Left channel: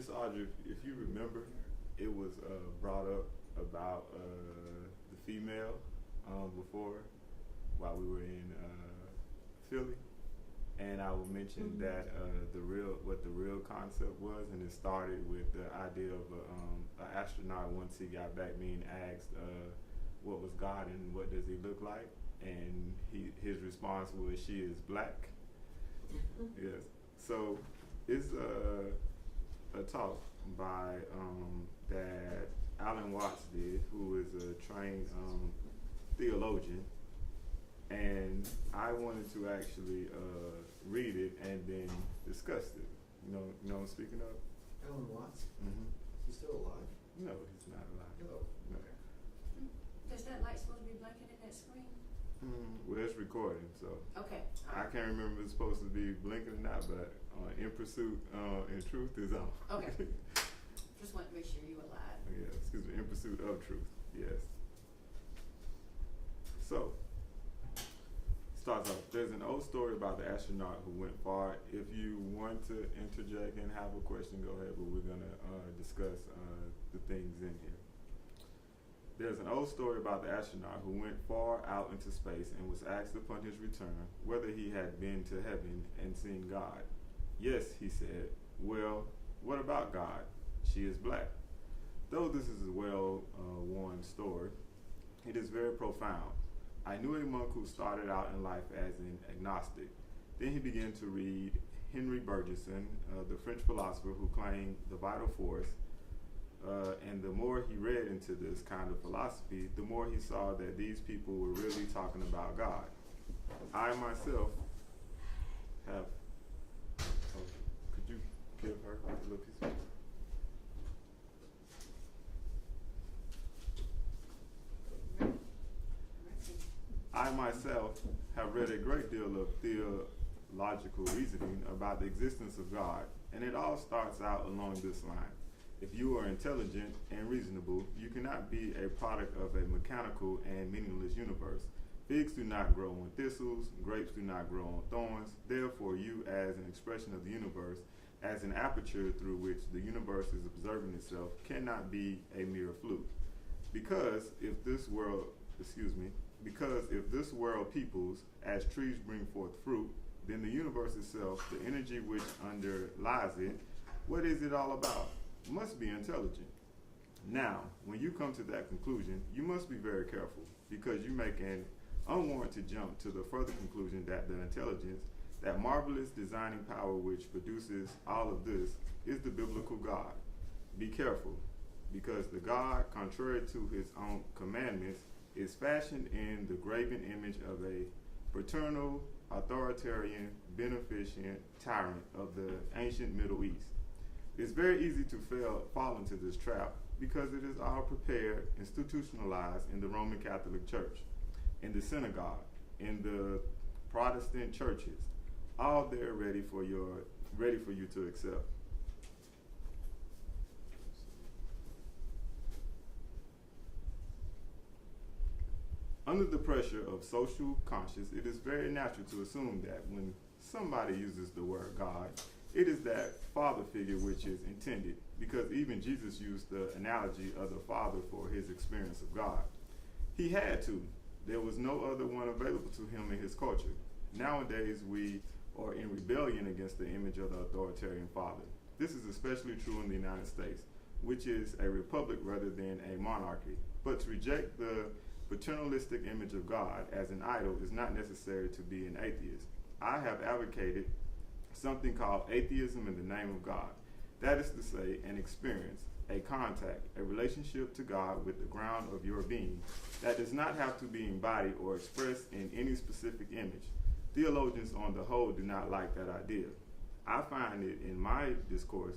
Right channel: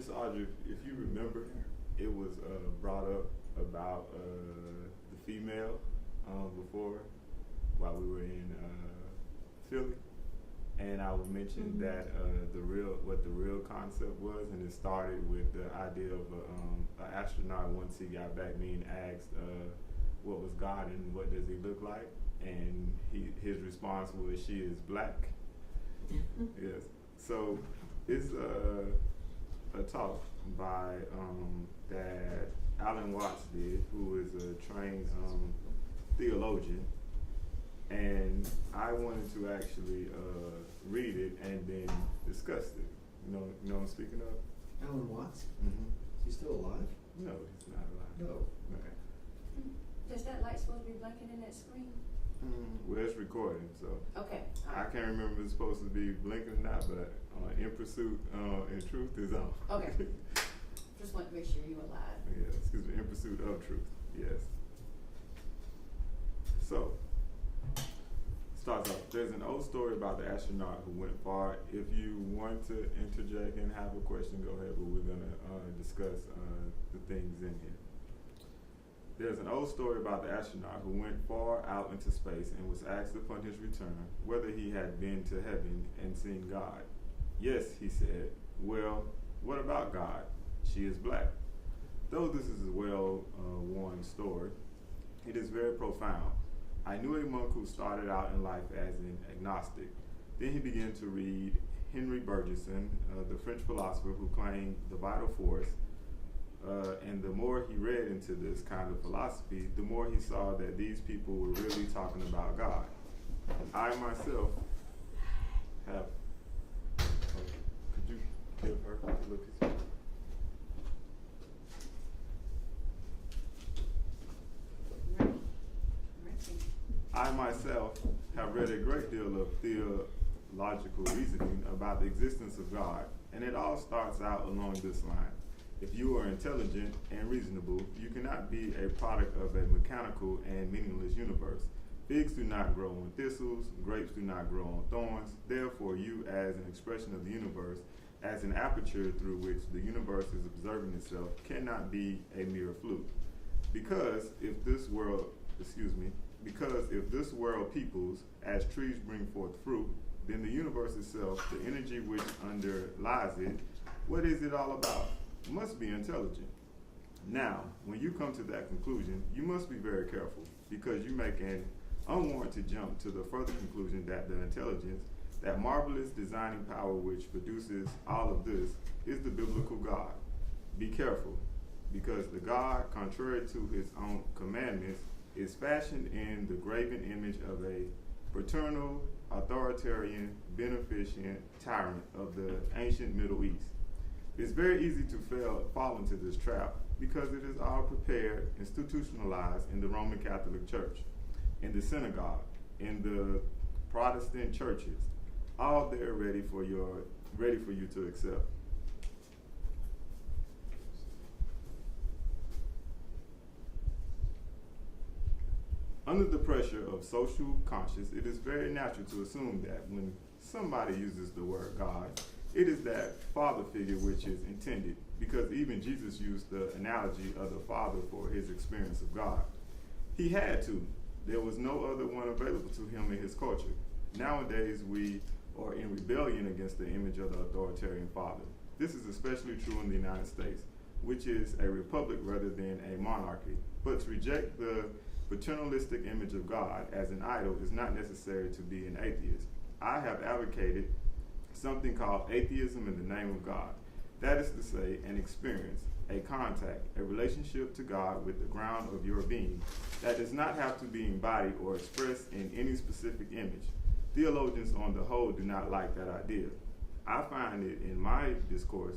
Miss Audrey, if you remember, it was brought up about the female before while we were in Philly, and I would mention that what the real concept was, and it started with the idea of an astronaut once he got back being asked what was God and what does he look like, and his response was, "She is black." Yes. So it's a talk by that Alan Watts did, who is a trained theologian, and I wanted to actually read it and then discuss it. You know what I'm speaking of? Alan Watts? Mm-hmm. Is he still alive? No, he's not alive. No. Okay. Does that light supposed to be blinking in that screen? Well, it's recording, so Okay. I can't remember if it's supposed to be blinking or not, but In Pursuit in Truth is on. Okay. Just want to make sure you were live. Yeah, excuse me, In Pursuit of Truth, yes. So, starts off, there's an old story about the astronaut who went far. If you want to interject and have a question, go ahead, but we're going to discuss the things in here. There's an old story about the astronaut who went far out into space and was asked upon his return whether he had been to heaven and seen God. Yes, he said. Well, what about God? She is black. Though this is a well-worn story, it is very profound. I knew a monk who started out in life as an agnostic. Then he began to read Henry Bergson, the French philosopher who claimed the vital force. And the more he read into this kind of philosophy, the more he saw that these people were really talking about God. I myself have, could you give her a little piece of I myself have read a great deal of theological reasoning about the existence of God, and it all starts out along this line. If you are intelligent and reasonable, you cannot be a product of a mechanical and meaningless universe. Figs do not grow on thistles, grapes do not grow on thorns. Therefore, you, as an expression of the universe, as an aperture through which the universe is observing itself, cannot be a mere fluke. Because if this world peoples, as trees bring forth fruit, then the universe itself, the energy which underlies it, what is it all about? Must be intelligent. Now, when you come to that conclusion, you must be very careful, because you make an unwarranted jump to the further conclusion that the intelligence, that marvelous designing power which produces all of this, is the biblical God. Be careful, because the God, contrary to his own commandments, is fashioned in the graven image of a paternal, authoritarian, beneficent tyrant of the ancient Middle East. It's very easy to fall into this trap because it is all prepared, institutionalized in the Roman Catholic Church, in the synagogue, in the Protestant churches, all there ready for you to accept. Under the pressure of social conscience, it is very natural to assume that when somebody uses the word God, it is that father figure which is intended, because even Jesus used the analogy of the father for his experience of God. He had to. There was no other one available to him in his culture. Nowadays, we are in rebellion against the image of the authoritarian father. This is especially true in the United States, which is a republic rather than a monarchy. But to reject the paternalistic image of God as an idol is not necessary to be an atheist. I have advocated something called atheism in the name of God. That is to say, an experience, a contact, a relationship to God with the ground of your being that does not have to be embodied or expressed in any specific image. Theologians on the whole do not like that idea. I find it in my discourse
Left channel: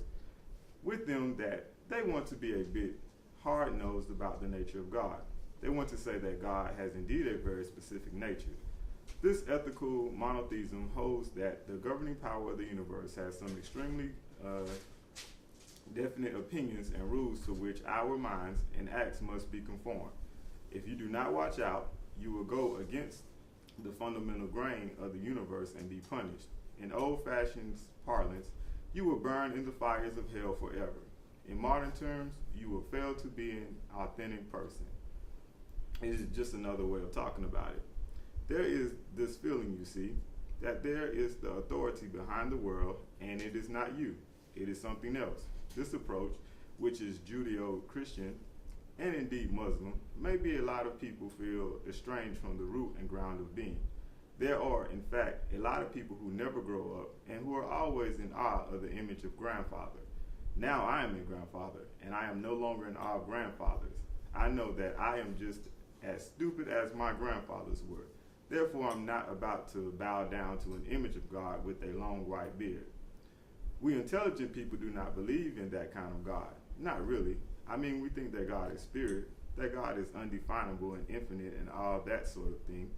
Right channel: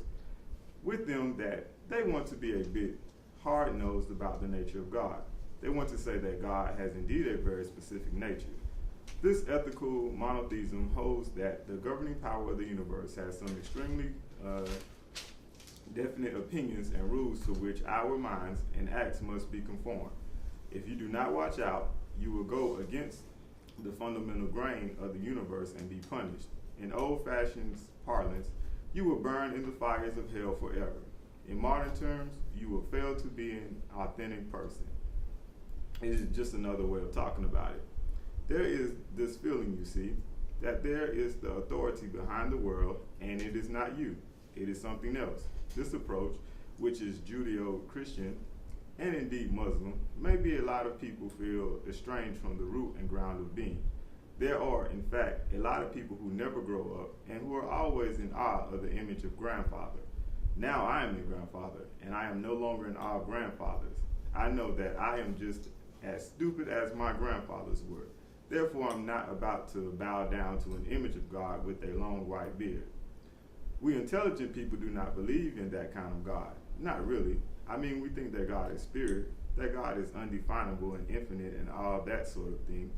with them that they want to be a bit hard-nosed about the nature of God. They want to say that God has indeed a very specific nature. This ethical monotheism holds that the governing power of the universe has some extremely definite opinions and rules to which our minds and acts must be conformed. If you do not watch out, you will go against the fundamental grain of the universe and be punished. In old-fashioned parlance, you will burn in the fires of hell forever. In modern terms, you will fail to be an authentic person. It is just another way of talking about it. There is this feeling, you see, that there is the authority behind the world, and it is not you. It is something else. This approach, which is Judeo-Christian and indeed Muslim, maybe a lot of people feel estranged from the root and ground of being. There are, in fact, a lot of people who never grow up and who are always in awe of the image of grandfather. Now I am a grandfather, and I am no longer in awe of grandfathers. I know that I am just as stupid as my grandfathers were. Therefore, I'm not about to bow down to an image of God with a long white beard. We intelligent people do not believe in that kind of God. Not really. I mean, we think that God is spirit, that God is undefinable and infinite and all that sort of thing.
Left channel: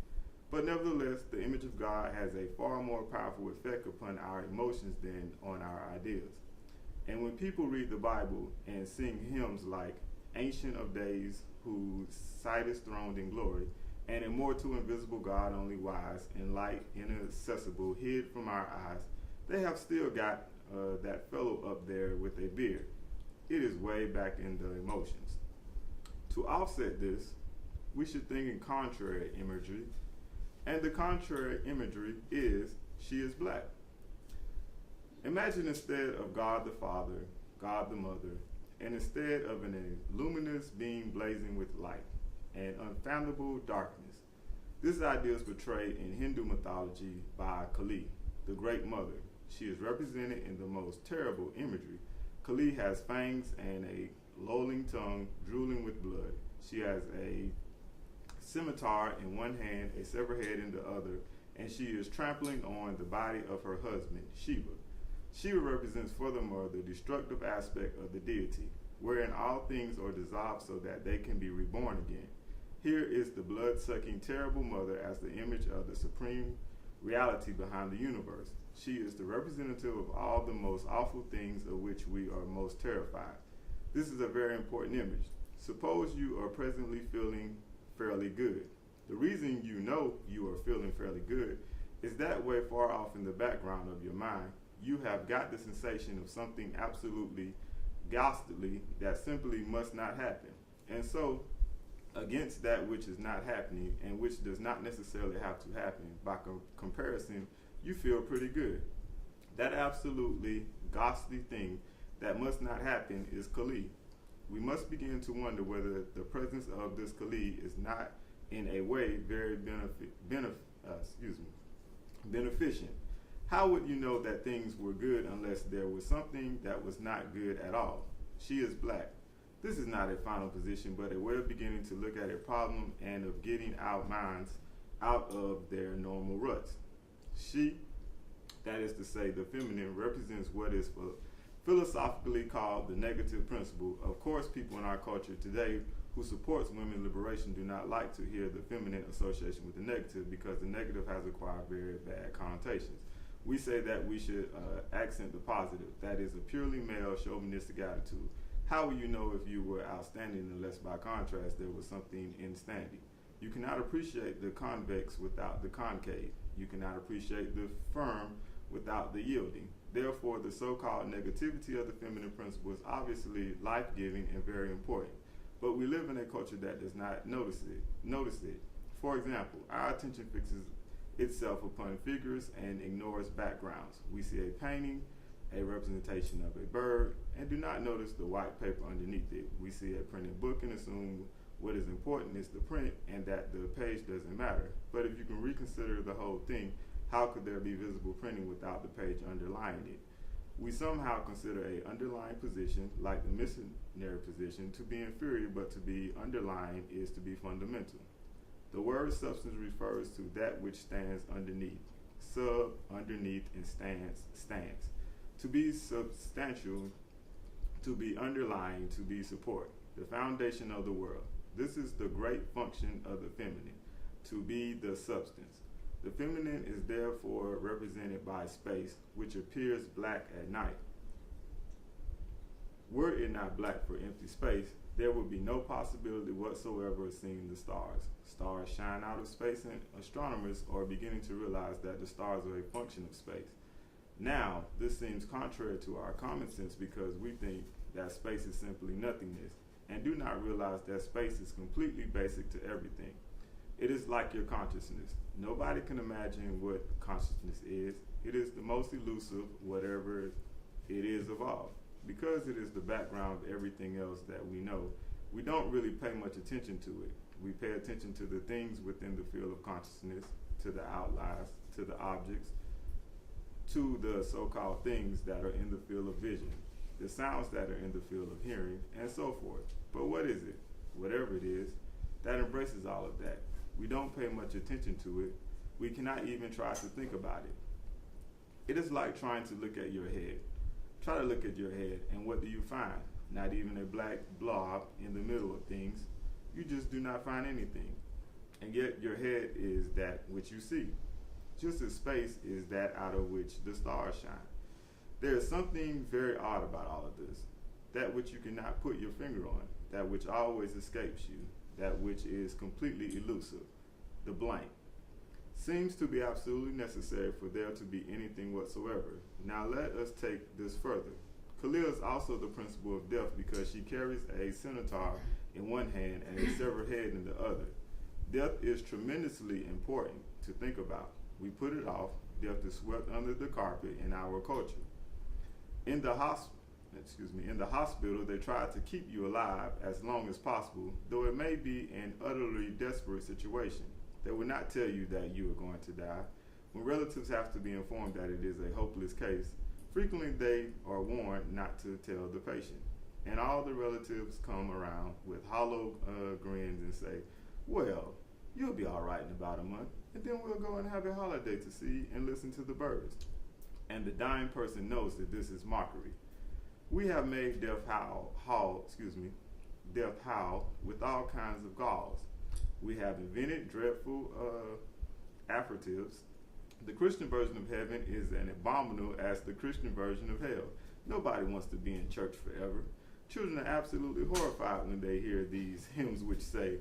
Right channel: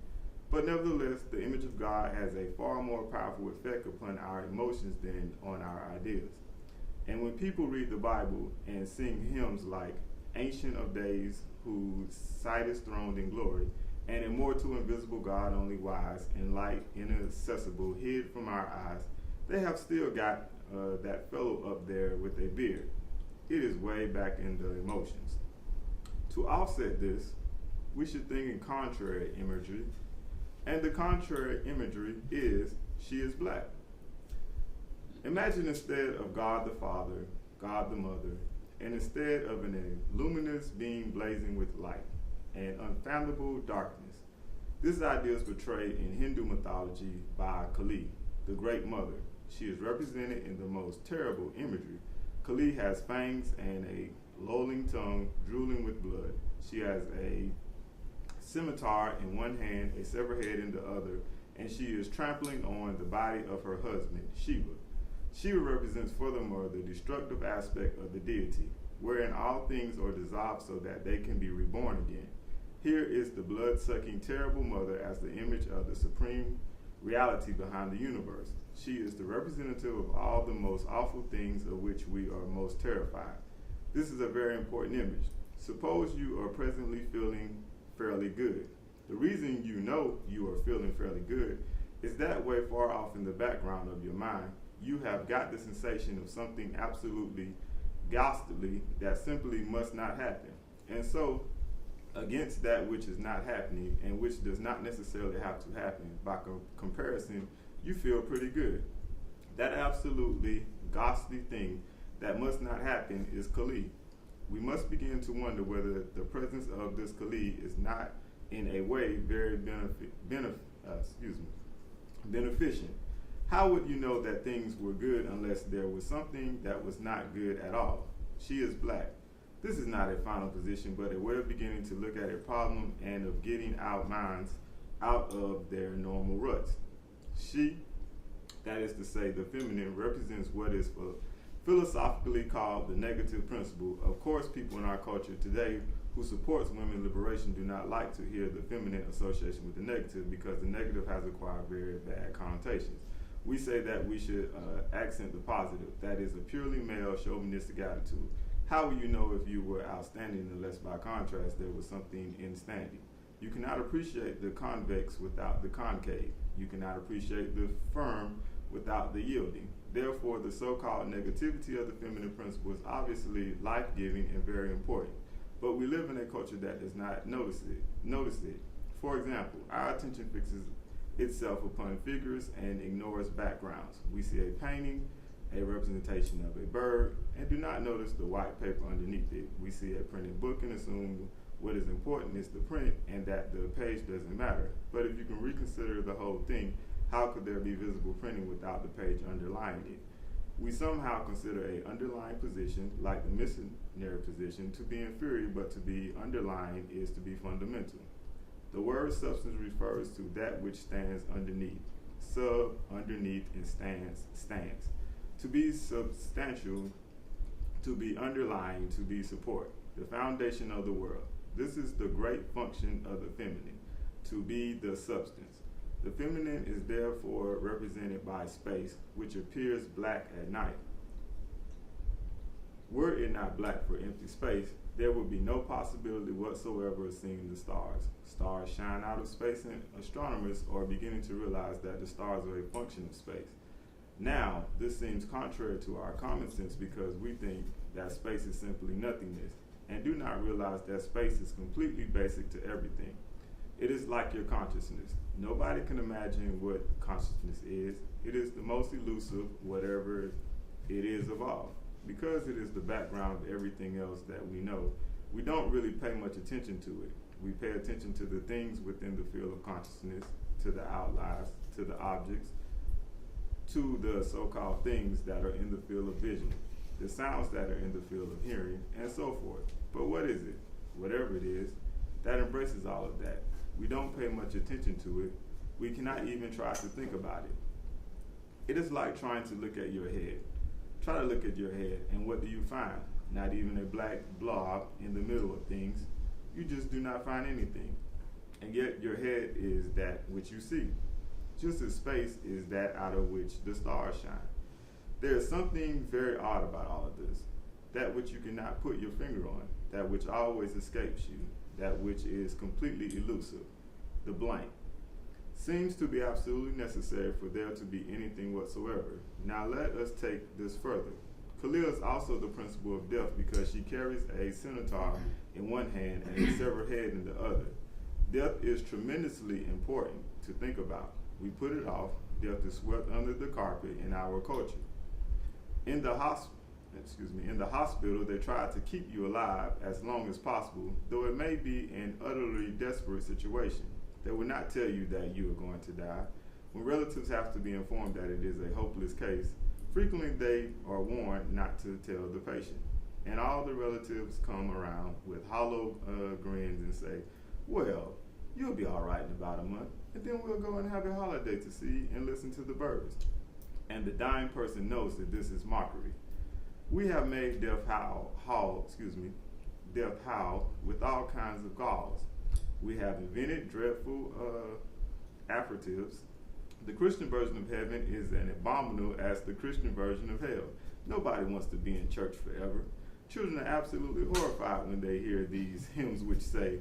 But nevertheless, the image of God has a far more powerful effect upon our emotions than on our ideas. And when people read the Bible and sing hymns like Ancient of Days, whose sight is throned in glory, and immortal, invisible God, only wise, and light, inaccessible, hid from our eyes, they have still got that fellow up there with a beard. It is way back in the emotions. To offset this, we should think in contrary imagery, and the contrary imagery is, she is black. Imagine instead of God the Father, God the Mother, and instead of an luminous being blazing with light and unfathomable darkness. This idea is portrayed in Hindu mythology by Kali, the Great Mother. She is represented in the most terrible imagery. Kali has fangs and a lolling tongue drooling with blood. She has a scimitar in one hand, a severed head in the other, and she is trampling on the body of her husband, Shiva. Shiva represents furthermore the destructive aspect of the deity, wherein all things are dissolved so that they can be reborn again. Here is the blood-sucking terrible mother as the image of the supreme reality behind the universe. She is the representative of all the most awful things of which we are most terrified. This is a very important image. Suppose you are presently feeling fairly good. The reason you know you are feeling fairly good is that way far off in the background of your mind, you have got the sensation of something absolutely ghastly that simply must not happen. And so, against that which is not happening and which does not necessarily have to happen, by comparison, you feel pretty good. That absolutely ghastly thing that must not happen is Kali. We must begin to wonder whether the presence of this Kali is not in a way very beneficent. How would you know that things were good unless there was something that was not good at all? She is black. This is not a final position, but a way of beginning to look at a problem and of getting our minds out of their normal ruts. She, that is to say, the feminine, represents what is philosophically called the negative principle. Of course, people in our culture today who supports women's liberation do not like to hear the feminine association with the negative because the negative has acquired very bad connotations. We say that we should accent the positive. That is a purely male chauvinistic attitude. How will you know if you were outstanding unless by contrast there was something in standing? You cannot appreciate the convex without the concave. You cannot appreciate the firm without the yielding. Therefore, the so-called negativity of the feminine principle is obviously life-giving and very important. But we live in a culture that does not notice it. For example, our attention fixes itself upon figures and ignores backgrounds. We see a painting, a representation of a bird, and do not notice the white paper underneath it. We see a printed book and assume what is important is the print and that the page doesn't matter. But if you can reconsider the whole thing, how could there be visible printing without the page underlying it? We somehow consider a underlying position, like the missionary position, to be inferior, but to be underlying is to be fundamental. The word substance refers to that which stands underneath. Sub, underneath, and stands. To be substantial, to be underlying, to be support, the foundation of the world. This is the great function of the feminine, to be the substance. The feminine is therefore represented by space, which appears black at night. Were it not black for empty space, there would be no possibility whatsoever of seeing the stars. Stars shine out of space, and astronomers are beginning to realize that the stars are a function of space. Now, this seems contrary to our common sense because we think that space is simply nothingness and do not realize that space is completely basic to everything. It is like your consciousness. Nobody can imagine what consciousness is. It is the most elusive, whatever it is of all. Because it is the background of everything else that we know, we don't really pay much attention to it. We pay attention to the things within the field of consciousness, to the outliers, to the objects, to the so-called things that are in the field of vision, the sounds that are in the field of hearing, and so forth. But what is it? Whatever it is, that embraces all of that. We don't pay much attention to it. We cannot even try to think about it. It is like trying to look at your head. Try to look at your head, and what do you find? Not even a black blob in the middle of things. You just do not find anything. And yet your head is that which you see. Just as space is that out of which the stars shine. There is something very odd about all of this. That which you cannot put your finger on, that which always escapes you, that which is completely elusive, the blank, seems to be absolutely necessary for there to be anything whatsoever. Now let us take this further. Kalia is also the principle of death because she carries a scimitar in one hand and a severed head in the other. Death is tremendously important to think about. We put it off. Death is swept under the carpet in our culture. In the hospital, they try to keep you alive as long as possible, though it may be an utterly desperate situation. They will not tell you that you are going to die. When relatives have to be informed that it is a hopeless case, frequently they are warned not to tell the patient. And all the relatives come around with hollow grins and say, well, you'll be all right in about a month, and then we'll go and have a holiday to see and listen to the birds. And the dying person knows that this is mockery. We have made death howl with all kinds of galls. We have invented dreadful affirmatives. The Christian version of heaven is as abominable as the Christian version of hell. Nobody wants to be in church forever. Children are absolutely horrified when they hear these hymns which say,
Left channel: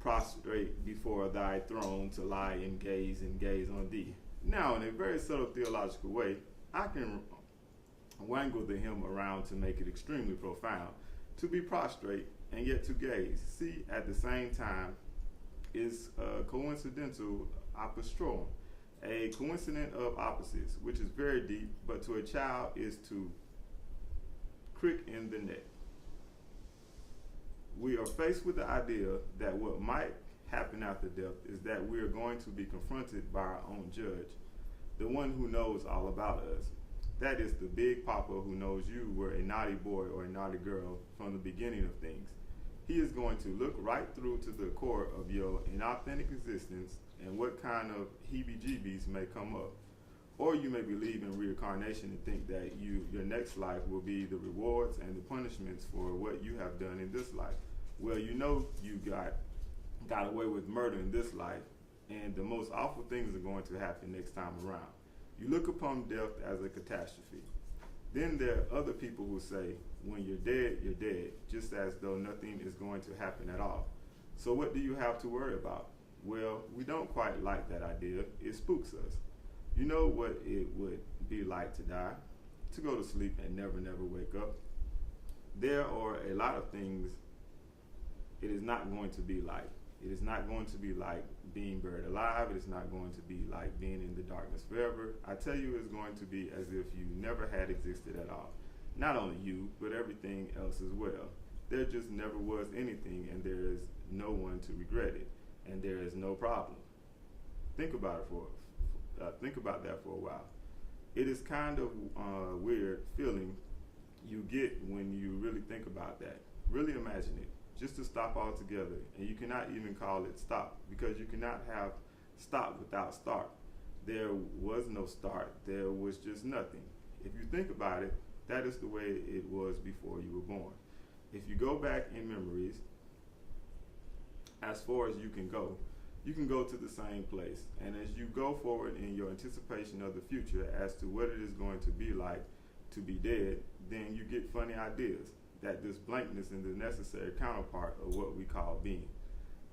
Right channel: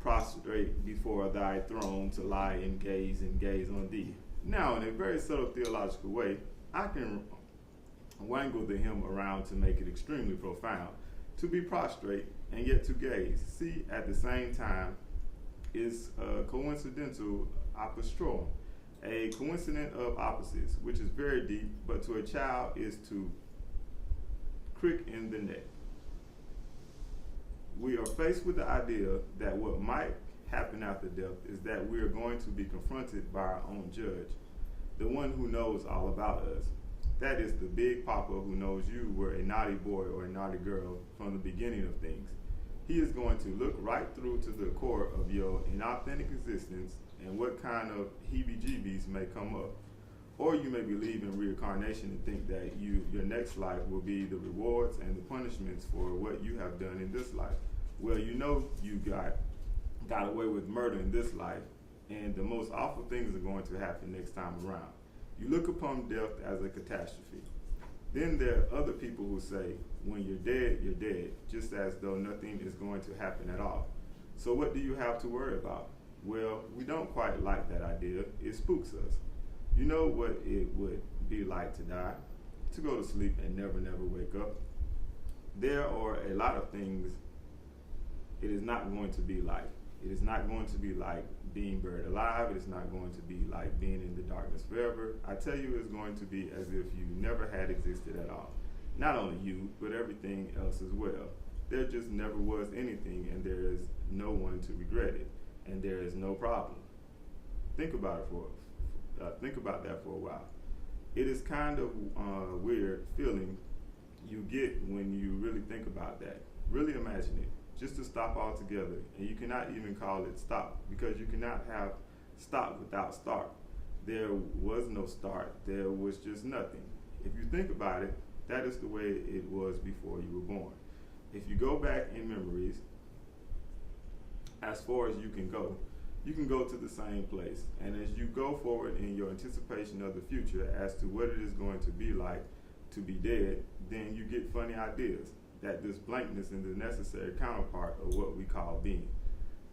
prostrate before thy throne to lie and gaze on thee. Now, in a very subtle theological way, I can wangle the hymn around to make it extremely profound. To be prostrate and yet to gaze, see at the same time, is a coincidental apostrophe, a coincidence of opposites, which is very deep, but to a child is to crick in the neck. We are faced with the idea that what might happen after death is that we are going to be confronted by our own judge, the one who knows all about us. That is the big papa who knows you were a naughty boy or a naughty girl from the beginning of things. He is going to look right through to the core of your inauthentic existence and what kind of heebie-jeebies may come up. Or you may believe in reincarnation and think that your next life will be the rewards and the punishments for what you have done in this life. Well, you know you got away with murder in this life, and the most awful things are going to happen next time around. You look upon death as a catastrophe. Then there are other people who say, when you're dead, just as though nothing is going to happen at all. So what do you have to worry about? Well, we don't quite like that idea. It spooks us. You know what it would be like to die, to go to sleep and never wake up. There are a lot of things it is not going to be like. It is not going to be like being buried alive. It is not going to be like being in the darkness forever. I tell you, it's going to be as if you never had existed at all. Not only you, but everything else as well. There just never was anything, and there is no one to regret it, and there is no problem. Think about that for a while. It is kind of weird feeling you get when you really think about that. Really imagine it. Just to stop altogether, and you cannot even call it stop because you cannot have stop without start. There was no start. There was just nothing. If you think about it, that is the way it was before you were born. If you go back in memories, as far as you can go to the same place. And as you go forward in your anticipation of the future as to what it is going to be like to be dead, then you get funny ideas that this blankness is the necessary counterpart of what we call being.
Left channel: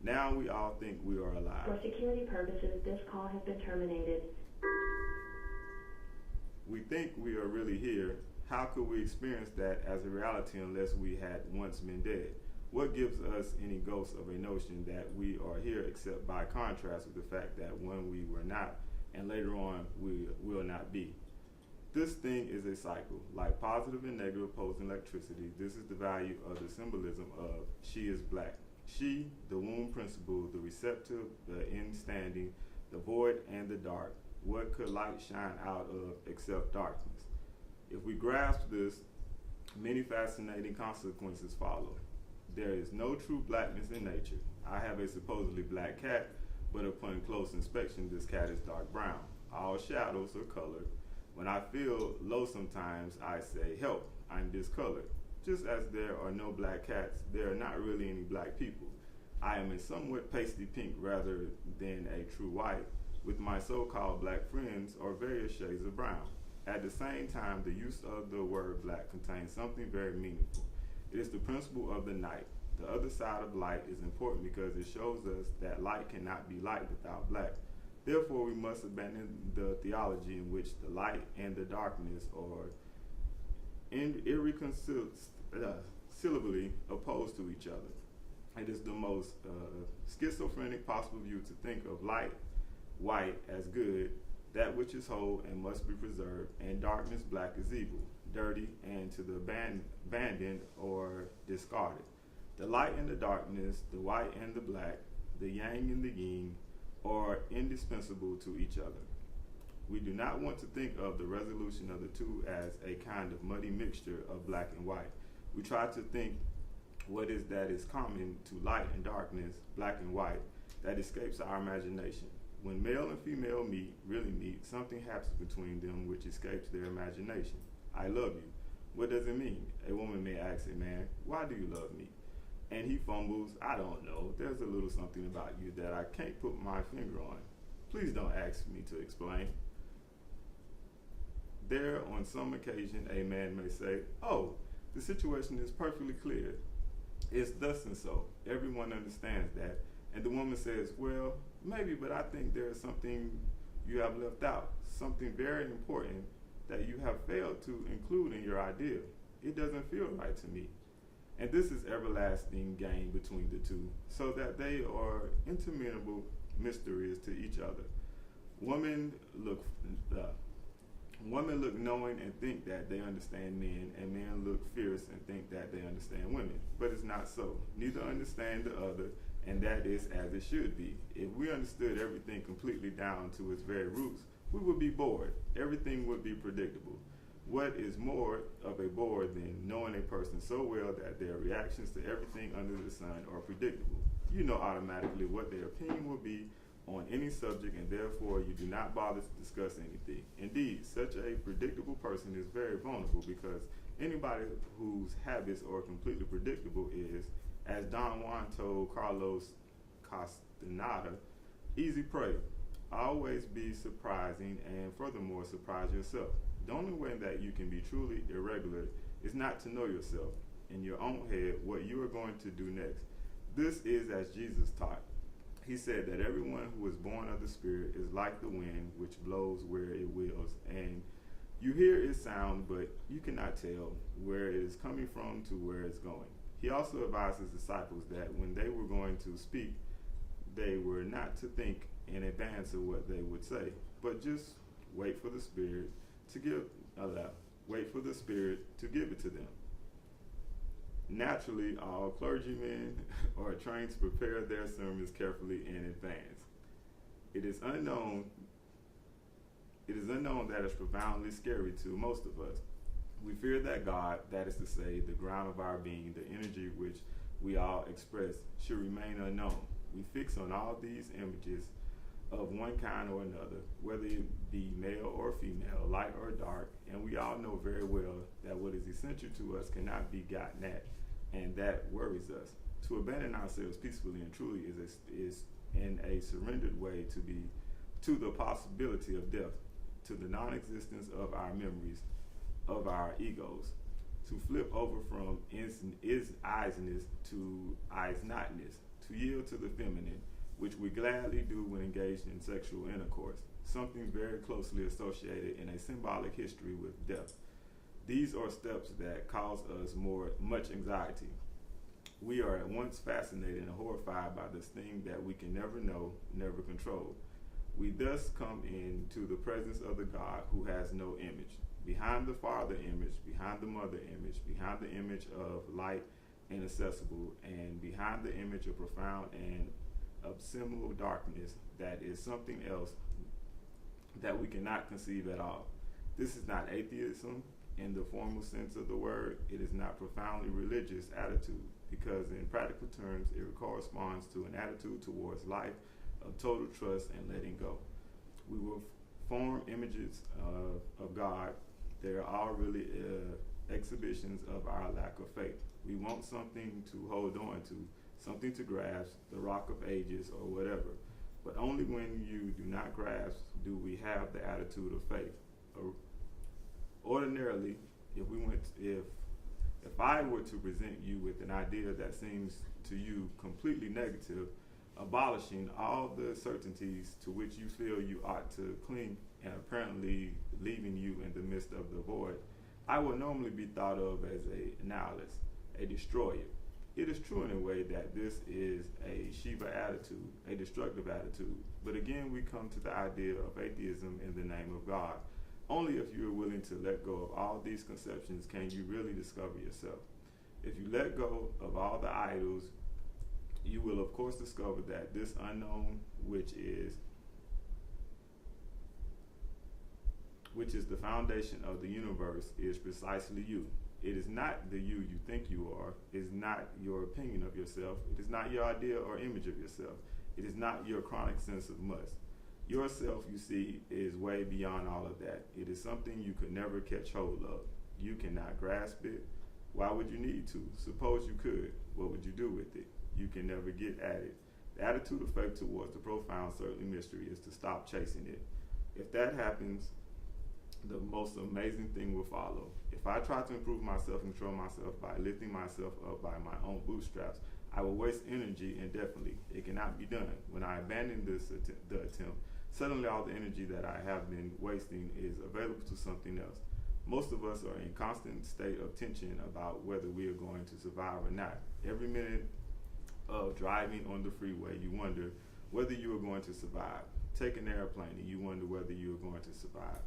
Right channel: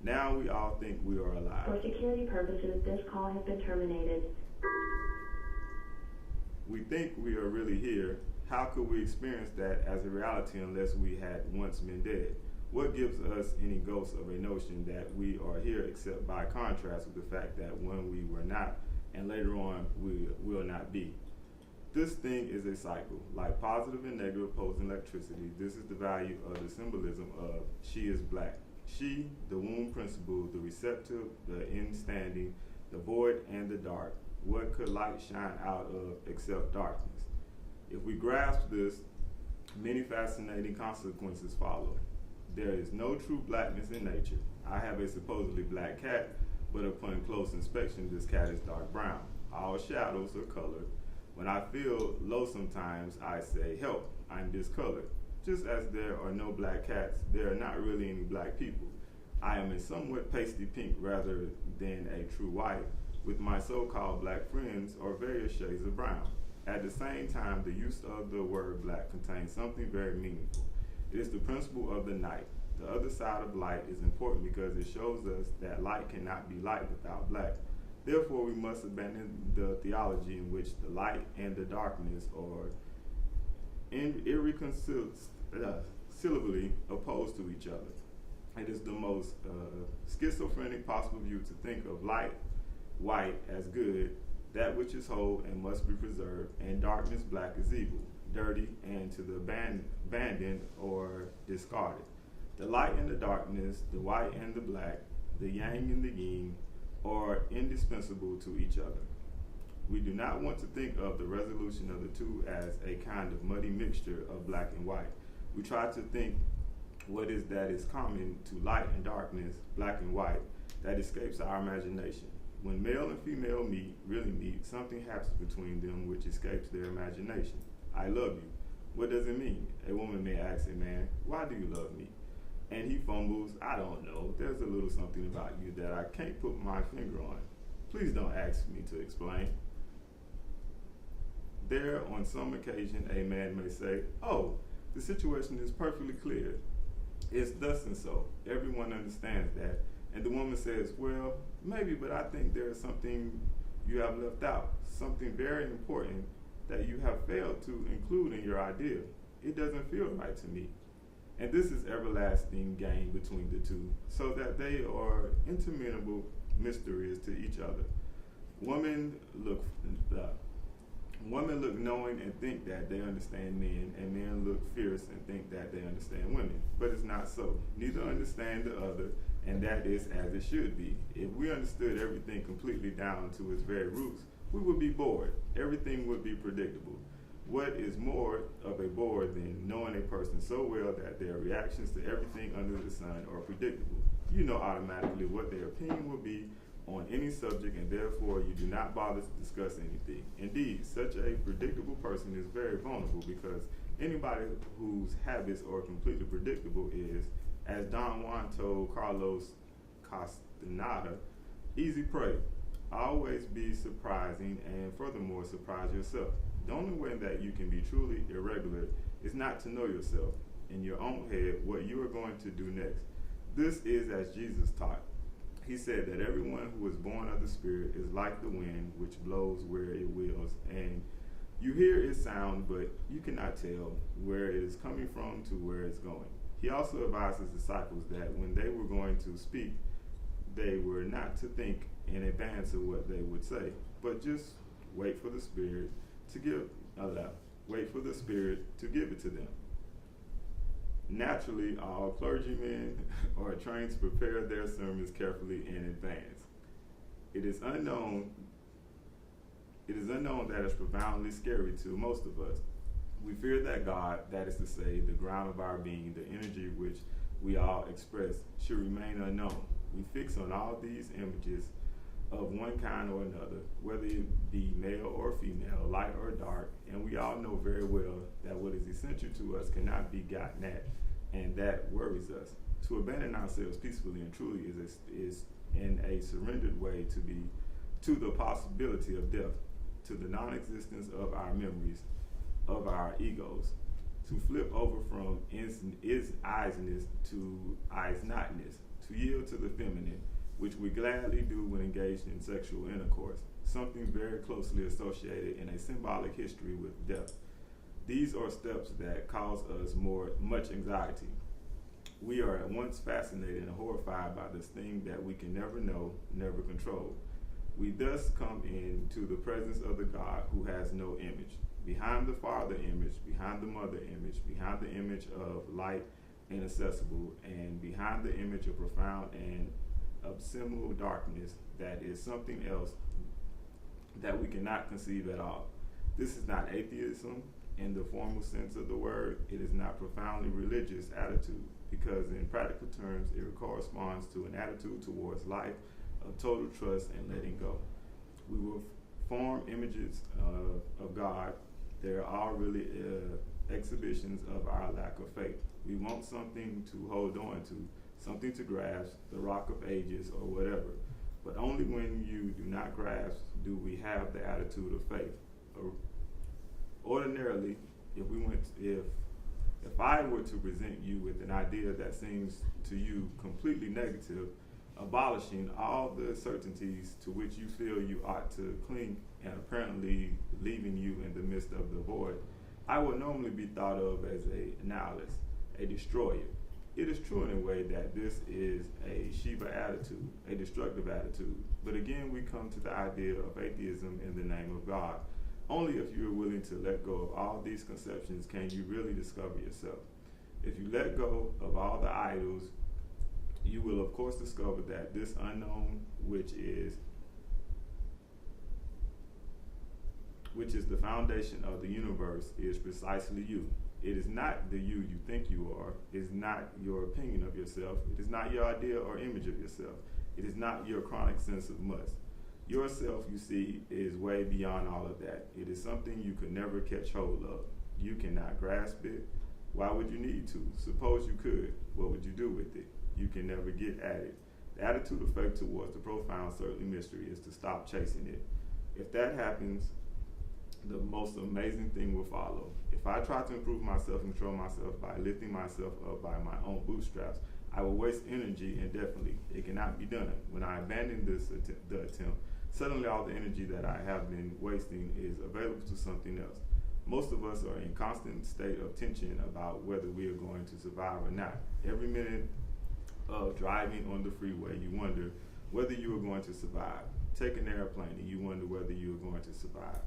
Now we all think we are alive. For security purposes, this call has been terminated. We think we are really here. How could we experience that as a reality unless we had once been dead? What gives us any ghost of a notion that we are here except by contrast with the fact that when we were not, and later on we will not be? This thing is a cycle, like positive and negative opposing electricity. This is the value of the symbolism of she is black. She, the womb principle, the receptive, the in-standing, the void and the dark. What could light shine out of except darkness? If we grasp this, many fascinating consequences follow. There is no true blackness in nature. I have a supposedly black cat, but upon close inspection, this cat is dark brown. All shadows are colored. When I feel low sometimes, I say, help, I'm discolored. Just as there are no black cats, there are not really any black people. I am a somewhat pasty pink rather than a true white, with my so-called black friends are various shades of brown. At the same time, the use of the word black contains something very meaningful. It is the principle of the night. The other side of light is important because it shows us that light cannot be light without black. Therefore, we must abandon the theology in which the light and the darkness are irreconcilably opposed to each other. It is the most schizophrenic possible view to think of light, white, as good, that which is whole and must be preserved, and darkness, black, is evil, dirty, and to the abandoned or discarded. The light and the darkness, the white and the black, the yang and the yin, are indispensable to each other. We do not want to think of the resolution of the two as a kind of muddy mixture of black and white. We try to think what is that is common to light and darkness, black and white, that escapes our imagination. When male and female really meet, something happens between them which escapes their imagination. I love you. What does it mean? A woman may ask a man, why do you love me? And he fumbles, I don't know. There's a little something about you that I can't put my finger on. Please don't ask me to explain. There, on some occasion, a man may say, oh, the situation is perfectly clear. It's thus and so. Everyone understands that. And the woman says, well, maybe, but I think there is something you have left out, something very important that you have failed to include in your idea. It doesn't feel right to me. And this is everlasting game between the two, so that they are interminable mysteries to each other. Women look knowing and think that they understand men, and men look fierce and think that they understand women. But it's not so. Neither understand the other, and that is as it should be. If we understood everything completely down to its very roots, we would be bored. Everything would be predictable. What is more of a bore than knowing a person so well that their reactions to everything under the sun are predictable? You know automatically what their opinion will be on any subject, and therefore you do not bother to discuss anything. Indeed, such a predictable person is very vulnerable because anybody whose habits are completely predictable is, as Don Juan told Carlos Castaneda, easy prey. Always be surprising, and furthermore surprise yourself. The only way that you can be truly irregular is not to know yourself in your own head what you are going to do next. This is as Jesus taught. He said that everyone who is born of the Spirit is like the wind which blows where it wills, and you hear its sound, but you cannot tell where it is coming from to where it's going. He also advised his disciples that when they were going to speak, they were not to think in advance of what they would say, but just wait for the Spirit to give it to them. Naturally, all clergymen are trained to prepare their sermons carefully in advance. It is unknown that is profoundly scary to most of us. We fear that God, that is to say, the ground of our being, the energy which we all express, should remain unknown. We fix on all these images of one kind or another, whether it be male or female, light or dark, and we all know very well that what is essential to us cannot be gotten at, and that worries us. To abandon ourselves peacefully and truly is in a surrendered way to the possibility of death, to the non-existence of our memories, of our egos, to flip over from is-isness to is-notness, to yield to the feminine, which we gladly do when engaged in sexual intercourse. something very closely associated in a symbolic history with death. These are steps that cause us much anxiety. We are at once fascinated and horrified by this thing that we can never know, never control. We thus come into the presence of the God who has no image. Behind the Father image, behind the Mother image, behind the image of light inaccessible, and behind the image of profound and abysmal darkness that is something else that we cannot conceive at all. This is not atheism in the formal sense of the word. It is not profoundly religious attitude, because in practical terms it corresponds to an attitude towards life of total trust and letting go. We will form images of God. They're all really exhibitions of our lack of faith. We want something to hold on to, something to grasp, the rock of ages or whatever. But only when you do not grasp do we have the attitude of faith. Ordinarily, if I were to present you with an idea that seems to you completely negative, abolishing all the certainties to which you feel you ought to cling and apparently leaving you in the midst of the void, I would normally be thought of as a nihilist, a destroyer. It is true in a way that this is a Shiva attitude, a destructive attitude. But again, we come to the idea of atheism in the name of God. Only if you are willing to let go of all these conceptions can you really discover yourself. If you let go of all the idols, you will of course discover that this unknown, which is the foundation of the universe, is precisely you. It is not the you think you are. It is not your opinion of yourself. It is not your idea or image of yourself. It is not your chronic sense of must. Yourself, you see, is way beyond all of that. It is something you could never catch hold of. You cannot grasp it. Why would you need to? Suppose you could. What would you do with it? You can never get at it. The attitude of faith towards the profound, certainly mystery, is to stop chasing it. If that happens, the most amazing thing will follow. If I try to improve myself and control myself by lifting myself up by my own bootstraps, I will waste energy indefinitely. It cannot be done. When I abandon the attempt, suddenly all the energy that I have been wasting is available to something else. Most of us are in constant state of tension about whether we are going to survive or not. Every minute of driving on the freeway, you wonder whether you are going to survive. Take an airplane and you wonder whether you are going to survive.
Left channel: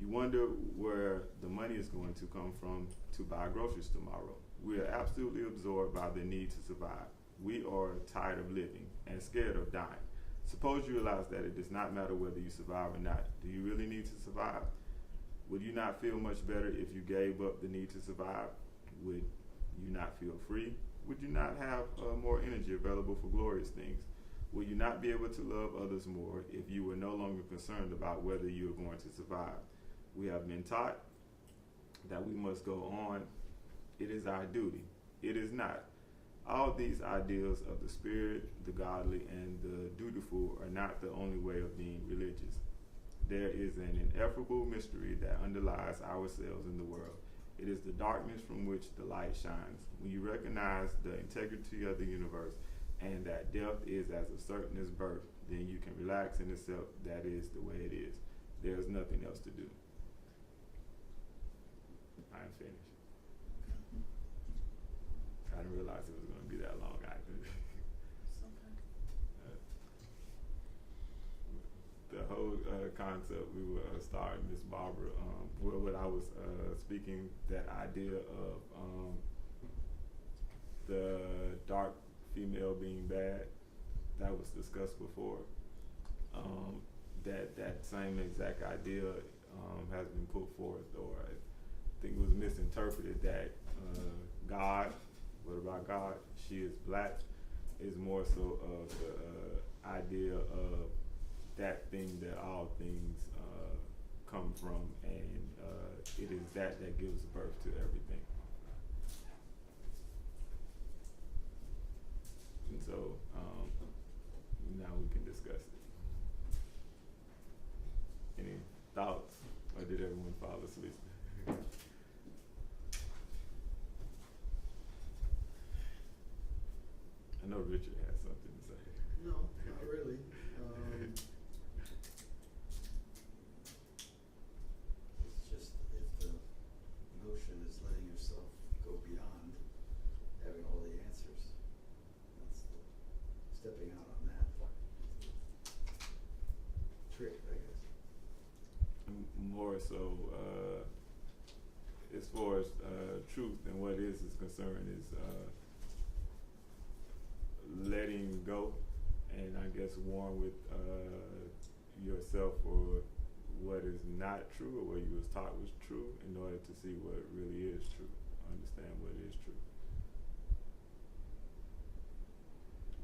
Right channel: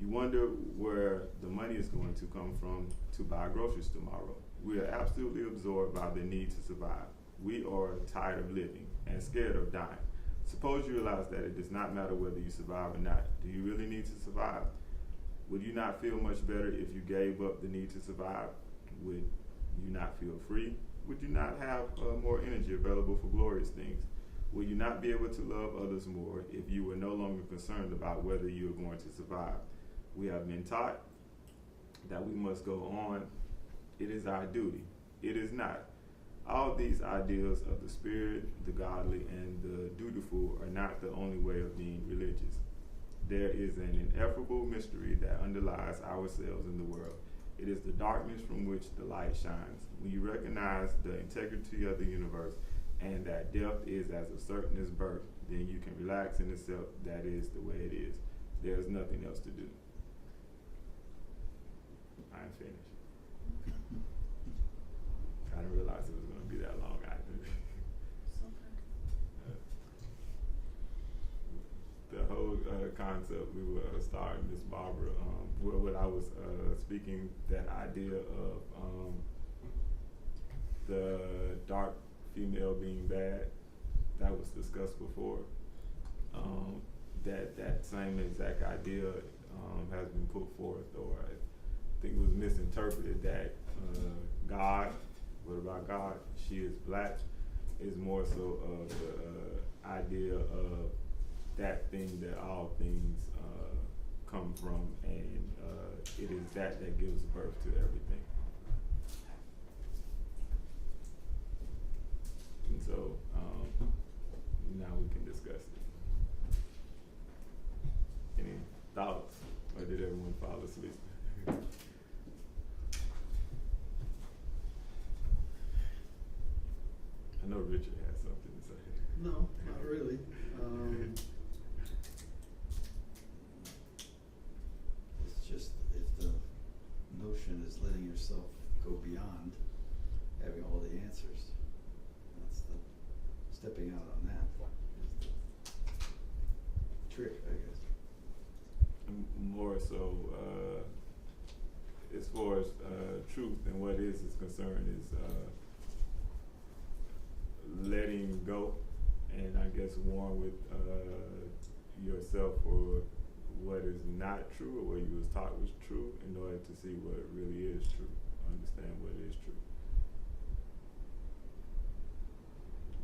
You wonder where the money is going to come from to buy groceries tomorrow. We are absolutely absorbed by the need to survive. We are tired of living and scared of dying. Suppose you realize that it does not matter whether you survive or not. Do you really need to survive? Would you not feel much better if you gave up the need to survive? Would you not feel free? Would you not have more energy available for glorious things? Will you not be able to love others more if you were no longer concerned about whether you are going to survive? We have been taught that we must go on. It is our duty. It is not. All these ideals of the spirit, the godly, and the dutiful are not the only way of being religious. There is an ineffable mystery that underlies ourselves in the world. It is the darkness from which the light shines. When you recognize the integrity of the universe and that death is as certain as birth, then you can relax in itself. That is the way it is. There is nothing else to do. I am finished. I didn't realize it was going to be that long either. The whole concept, we were starting Miss Barbara, what I was speaking, that idea of the dark female being bad, that was discussed before. That same exact idea has been put forth, or I think it was misinterpreted, that God, what about God? She is black, is more so of the idea of that thing that all things come from, and it is that gives birth to everything. And so now we can discuss it. Any thoughts, or did everyone fall asleep? I know Richard has something to say. No, not really. yourself go beyond having all the answers. That's the stepping out on that is the trick, I guess. More so, as far as truth and what is concerned, is letting go, and I guess warn with yourself for what is not true or what you was taught was true, in order to see what really is true, understand what is true,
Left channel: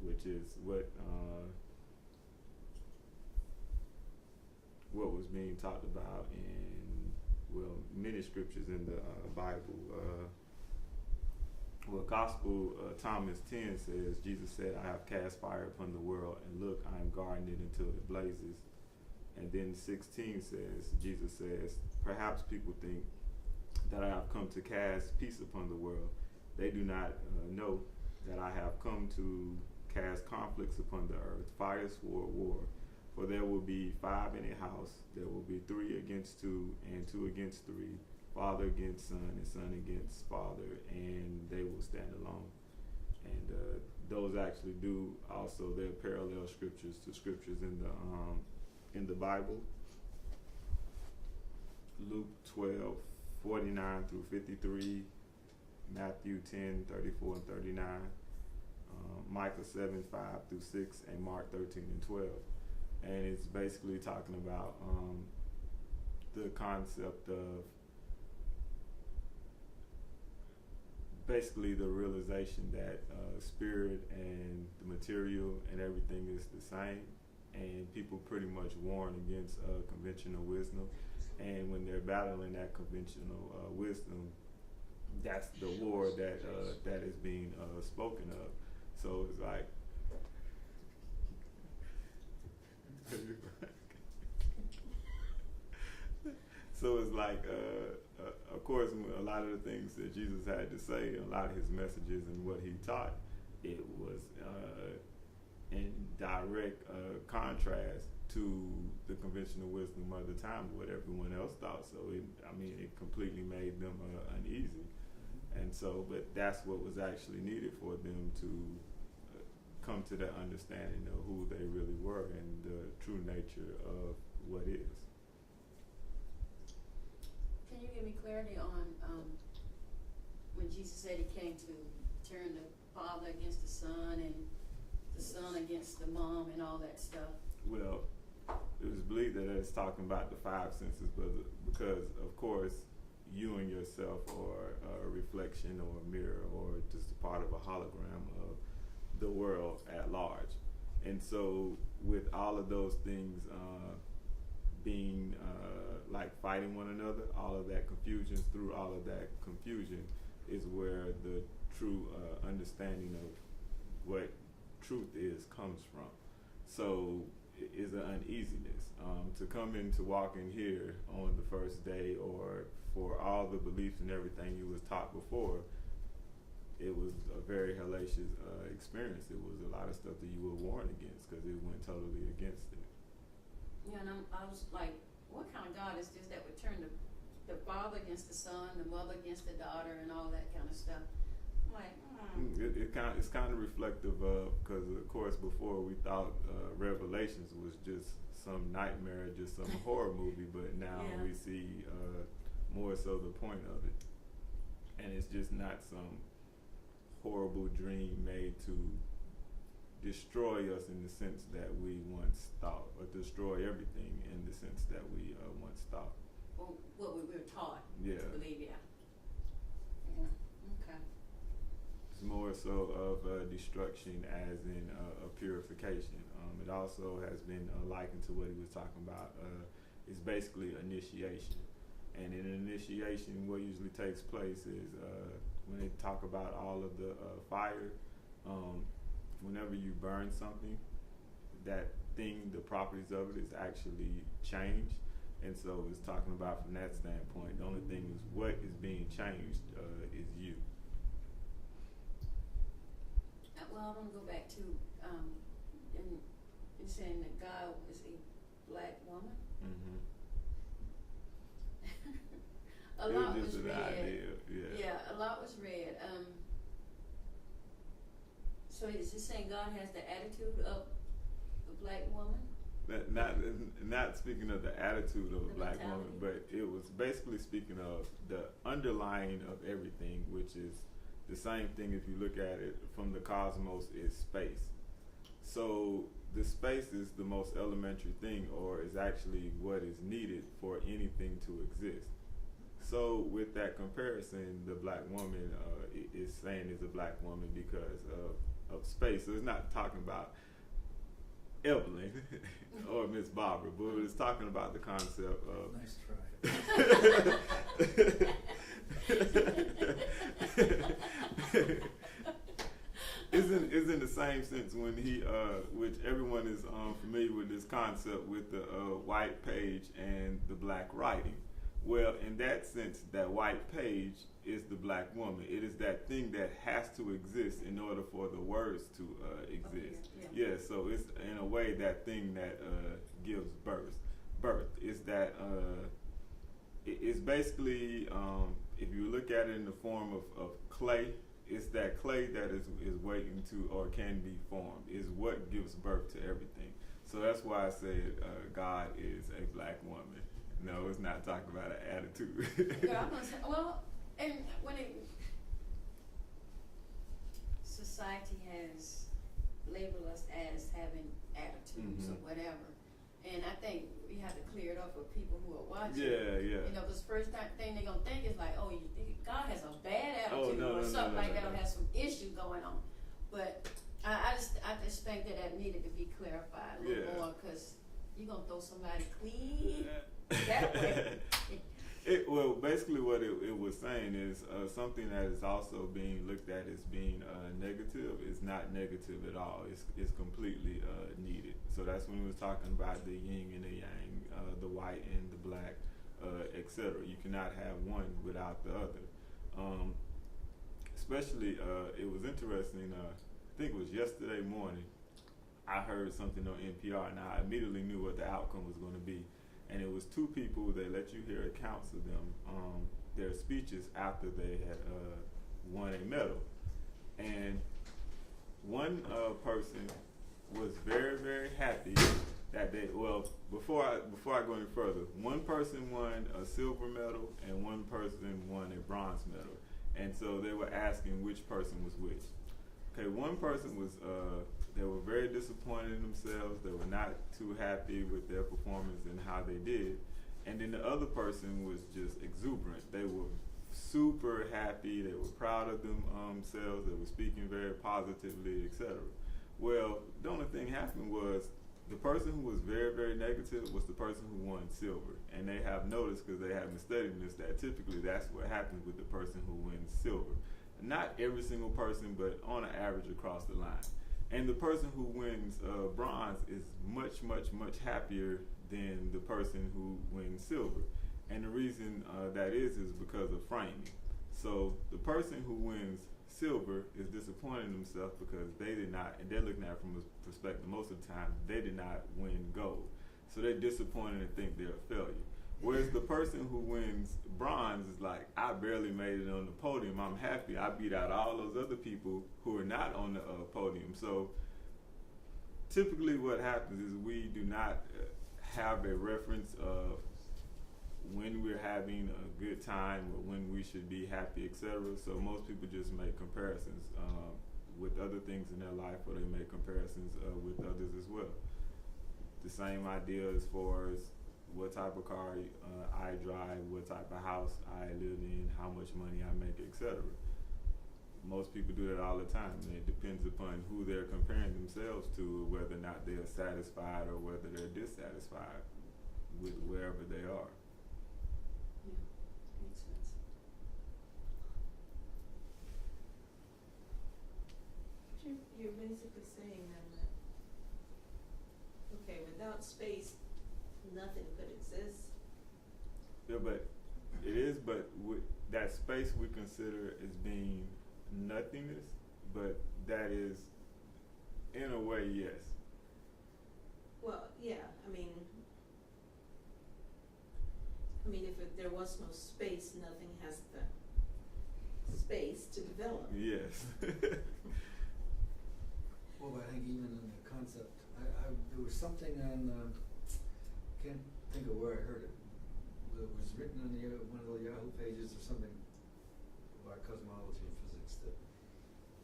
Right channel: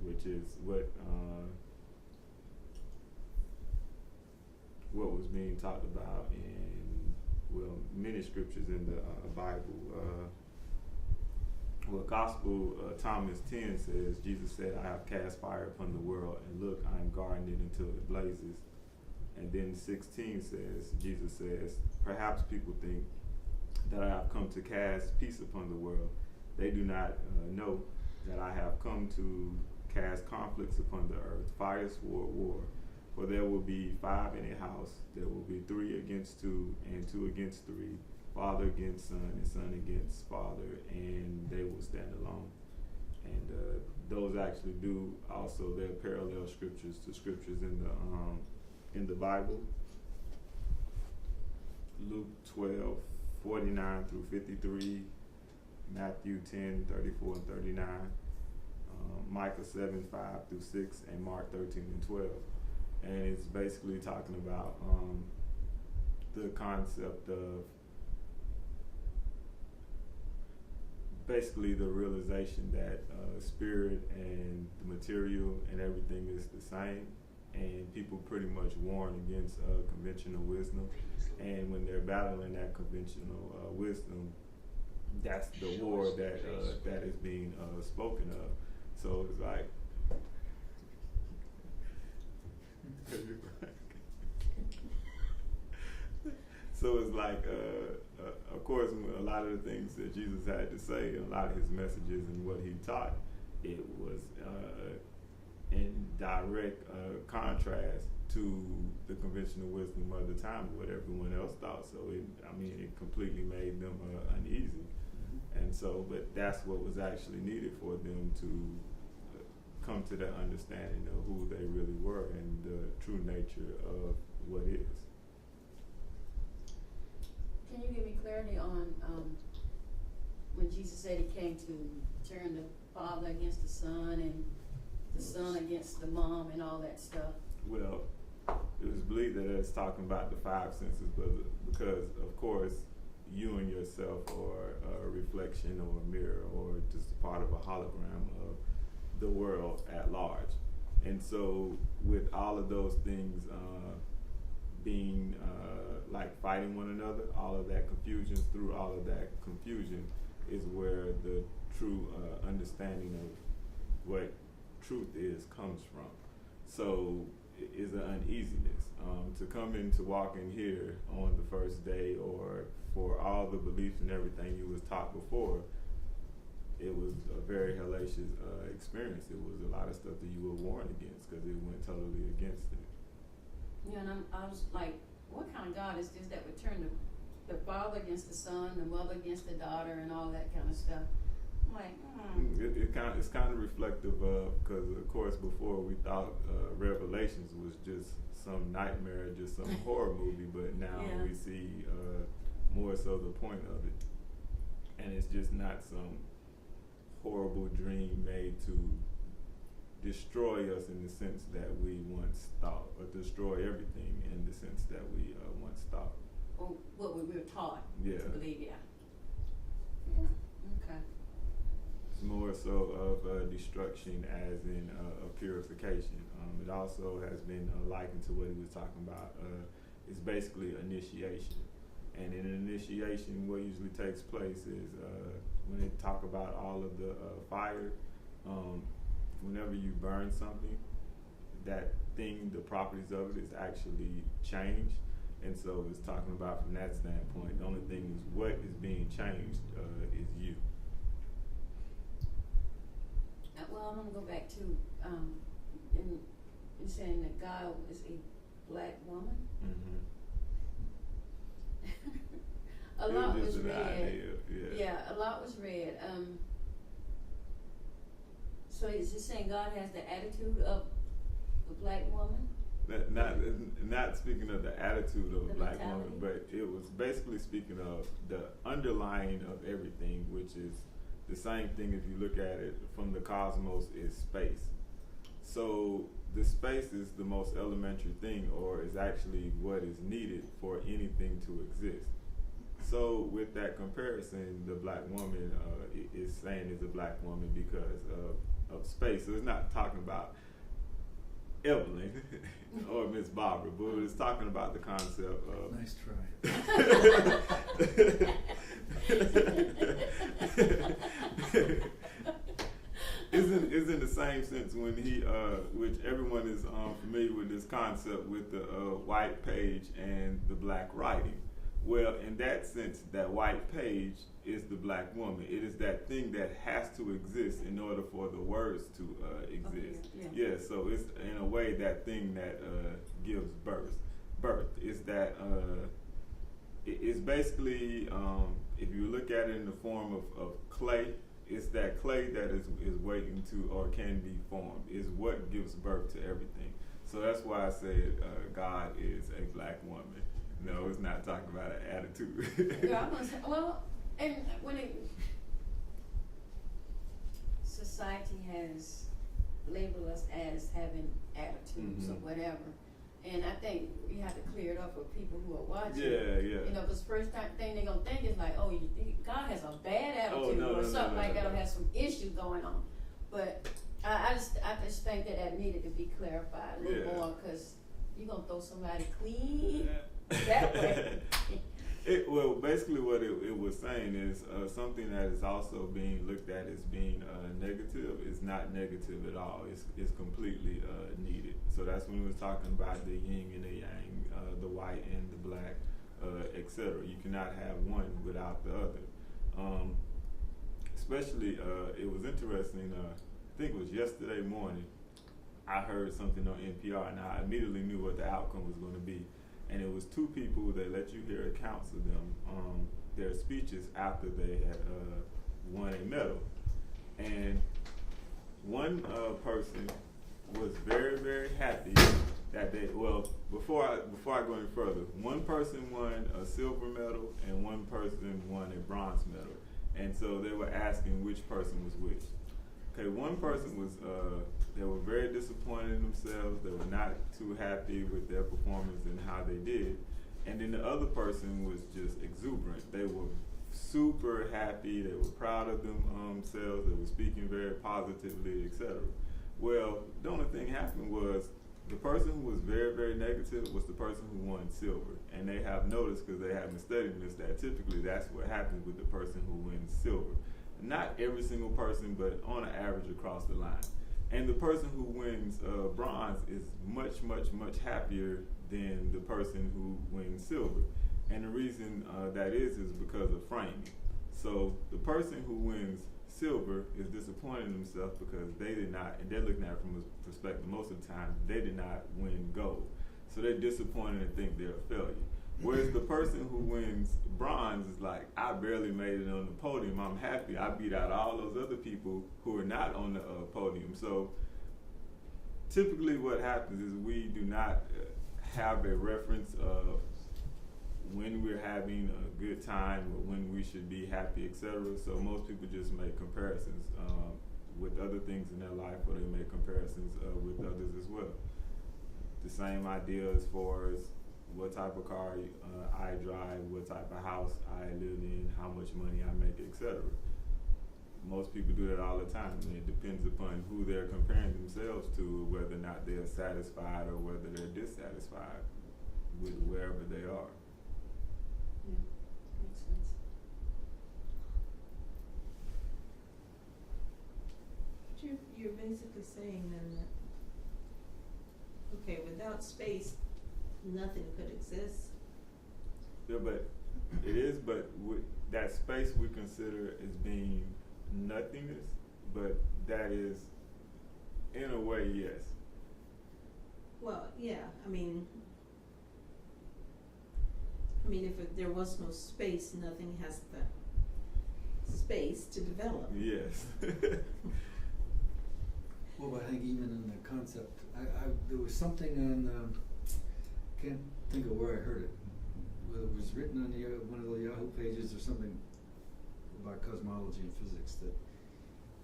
which is what was being talked about in, well, many scriptures in the Bible. Gospel Thomas 10 says, Jesus said, I have cast fire upon the world, and look, I am guarding it until it blazes. And then 16 says, Jesus says, perhaps people think that I have come to cast peace upon the world. They do not know that I have come to cast conflicts upon the earth, fire, sword, war. For there will be 5 in a house, there will be 3 against 2, and 2 against 3, father against son, and son against father, and they will stand alone. And those actually do also, they're parallel scriptures to scriptures in the Bible. Luke 12:49 through 53, Matthew 10:34 and 39, Micah 7:5 through 6, and Mark 13 and 12. And it's basically talking about the concept of basically the realization that spirit and the material and everything is the same, and people pretty much warn against conventional wisdom, and when they're battling that conventional wisdom, that's the war that is being spoken of. So it's like so it's like of course, a lot of the things that Jesus had to say, a lot of his messages and what he taught, it was in direct contrast to the conventional wisdom of the time, what everyone else thought. So it completely made them uneasy. And so, but that's what was actually needed for them to come to that understanding of who they really were and the true nature of what is. Can you give me clarity on when Jesus said he came to turn the father against the son and the son against the mom and all that stuff? Well, it was believed that it's talking about the 5 senses, but because of course you and yourself are a reflection or a mirror or just a part of a hologram of the world at large. And so with all of those things being like fighting one another, all of that confusion, through all of that confusion is where the true understanding of what truth is comes from. So it is an uneasiness to come in, to walk in here on the first day, or for all the beliefs and everything you was taught before. It was a very hellacious experience. It was a lot of stuff that you were warned against because it went totally against it. Yeah, and I was like, what kind of God is this that would turn the father against the son, the mother against the daughter, and all that kind of stuff? I'm like, It's kind of reflective of, because of course before we thought Revelations was just some nightmare, just some horror movie, but now we see more so the point of it. And it's just not some horrible dream made to destroy us in the sense that we once thought, or destroy everything in the sense that we once thought. Or what we were taught to believe, Yeah, okay. It's more so of destruction as in a purification. It also has been likened to what he was talking about. It's basically initiation. And in an initiation, what usually takes place is when they talk about all of the fire, whenever you burn something, that thing, the properties of it is actually changed. And so it's talking about from that standpoint, the only thing is what is being changed is you. Well, I'm going to go back to in saying that God is a black woman. Mm-hmm. a lot it was was just an read. idea. Yeah, a lot was read. So is it saying God has the attitude of the black woman? Not speaking of the attitude of a The black mentality? woman, but it was basically speaking of the underlying of everything, which is the same thing if you look at it from the cosmos is space. So the space is the most elementary thing, or is actually what is needed for anything to exist. So with that comparison, the black woman is saying is a black woman because of space. So it's not talking about Evelyn or Miss Barbara, but it's talking about the concept of. Nice try. Is in the same sense when he, which everyone is familiar with this concept with the white page and the black writing. Well, in that sense, that white page is the black woman. It is that thing that has to exist in order for the words to exist. Okay, Yeah, so it's in a way that thing that gives birth. Is that it's basically, if you look at it in the form of clay, it's that clay that is waiting to or can be formed, is what gives birth to everything. So that's why I said God is a black woman. No, it's not talking about an attitude. Yeah, I'm gonna say, well, and when society has labeled us as having attitudes or whatever, and I think we have to clear it up for people who are watching. Yeah. You know, because first thing they're gonna think is like, oh, God has a bad attitude no, or no, something no, like no, that, no. or has some issue going on. But I just think that needed to be clarified a little more, because you're gonna throw somebody clean that way. Well, basically what it was saying is something that is also being looked at as being negative is not negative at all. It's completely needed. So that's when we was talking about the yin and the yang, the white and the black, etc. You cannot have one without the other. Especially, it was interesting. I think it was yesterday morning. I heard something on NPR, and I immediately knew what the outcome was going to be. And it was two people. They let you hear accounts of them, their speeches after they had won a medal. And one person was very, very happy that they. Well, before I go any further, one person won a silver medal and one person won a bronze medal. And so they were asking which person was which. Okay, one person was. They were very disappointed in themselves. They were not too happy with their performance and how they did. And then the other person was just exuberant. They were super happy. They were proud of themselves. They were speaking very positively, etc. Well, the only thing happened was the person who was very, very negative was the person who won silver. And they have noticed, because they have been studying this, that typically that's what happens with the person who wins silver. Not every single person, but on an average across the line. And the person who wins bronze is much, much, much happier than the person who wins silver. And the reason that is because of framing. So the person who wins silver is disappointed in themselves because they did not, and they're looking at it from a perspective most of the time, they did not win gold. So they're disappointed and think they're a failure. Whereas the person who wins bronze is like, I barely made it on the podium. I'm happy. I beat out all those other people who are not on the podium. So typically what happens is we do not have a reference of when we're having a good time or when we should be happy, etc. So most people just make comparisons with other things in their life, or they make comparisons with others as well. The same idea as far as what type of car I drive, what type of house I live in, how much money I make, etc. Most people do that all the time, and it depends upon who they're comparing themselves to, whether or not they're satisfied or whether they're dissatisfied with wherever they are. Yeah, makes sense. But you're basically saying then that, okay, without space, nothing could exist. Yeah, but it is, but that space we consider as being nothingness, but that is, in a way, yes. Well, yeah, I mean, I mean, there was no space, nothing has the space to develop. Yes. Well, I think even in the concept, there was something on, can't think of where I heard it. Whether it was written on one of the Yahoo pages or something about cosmology and physics, that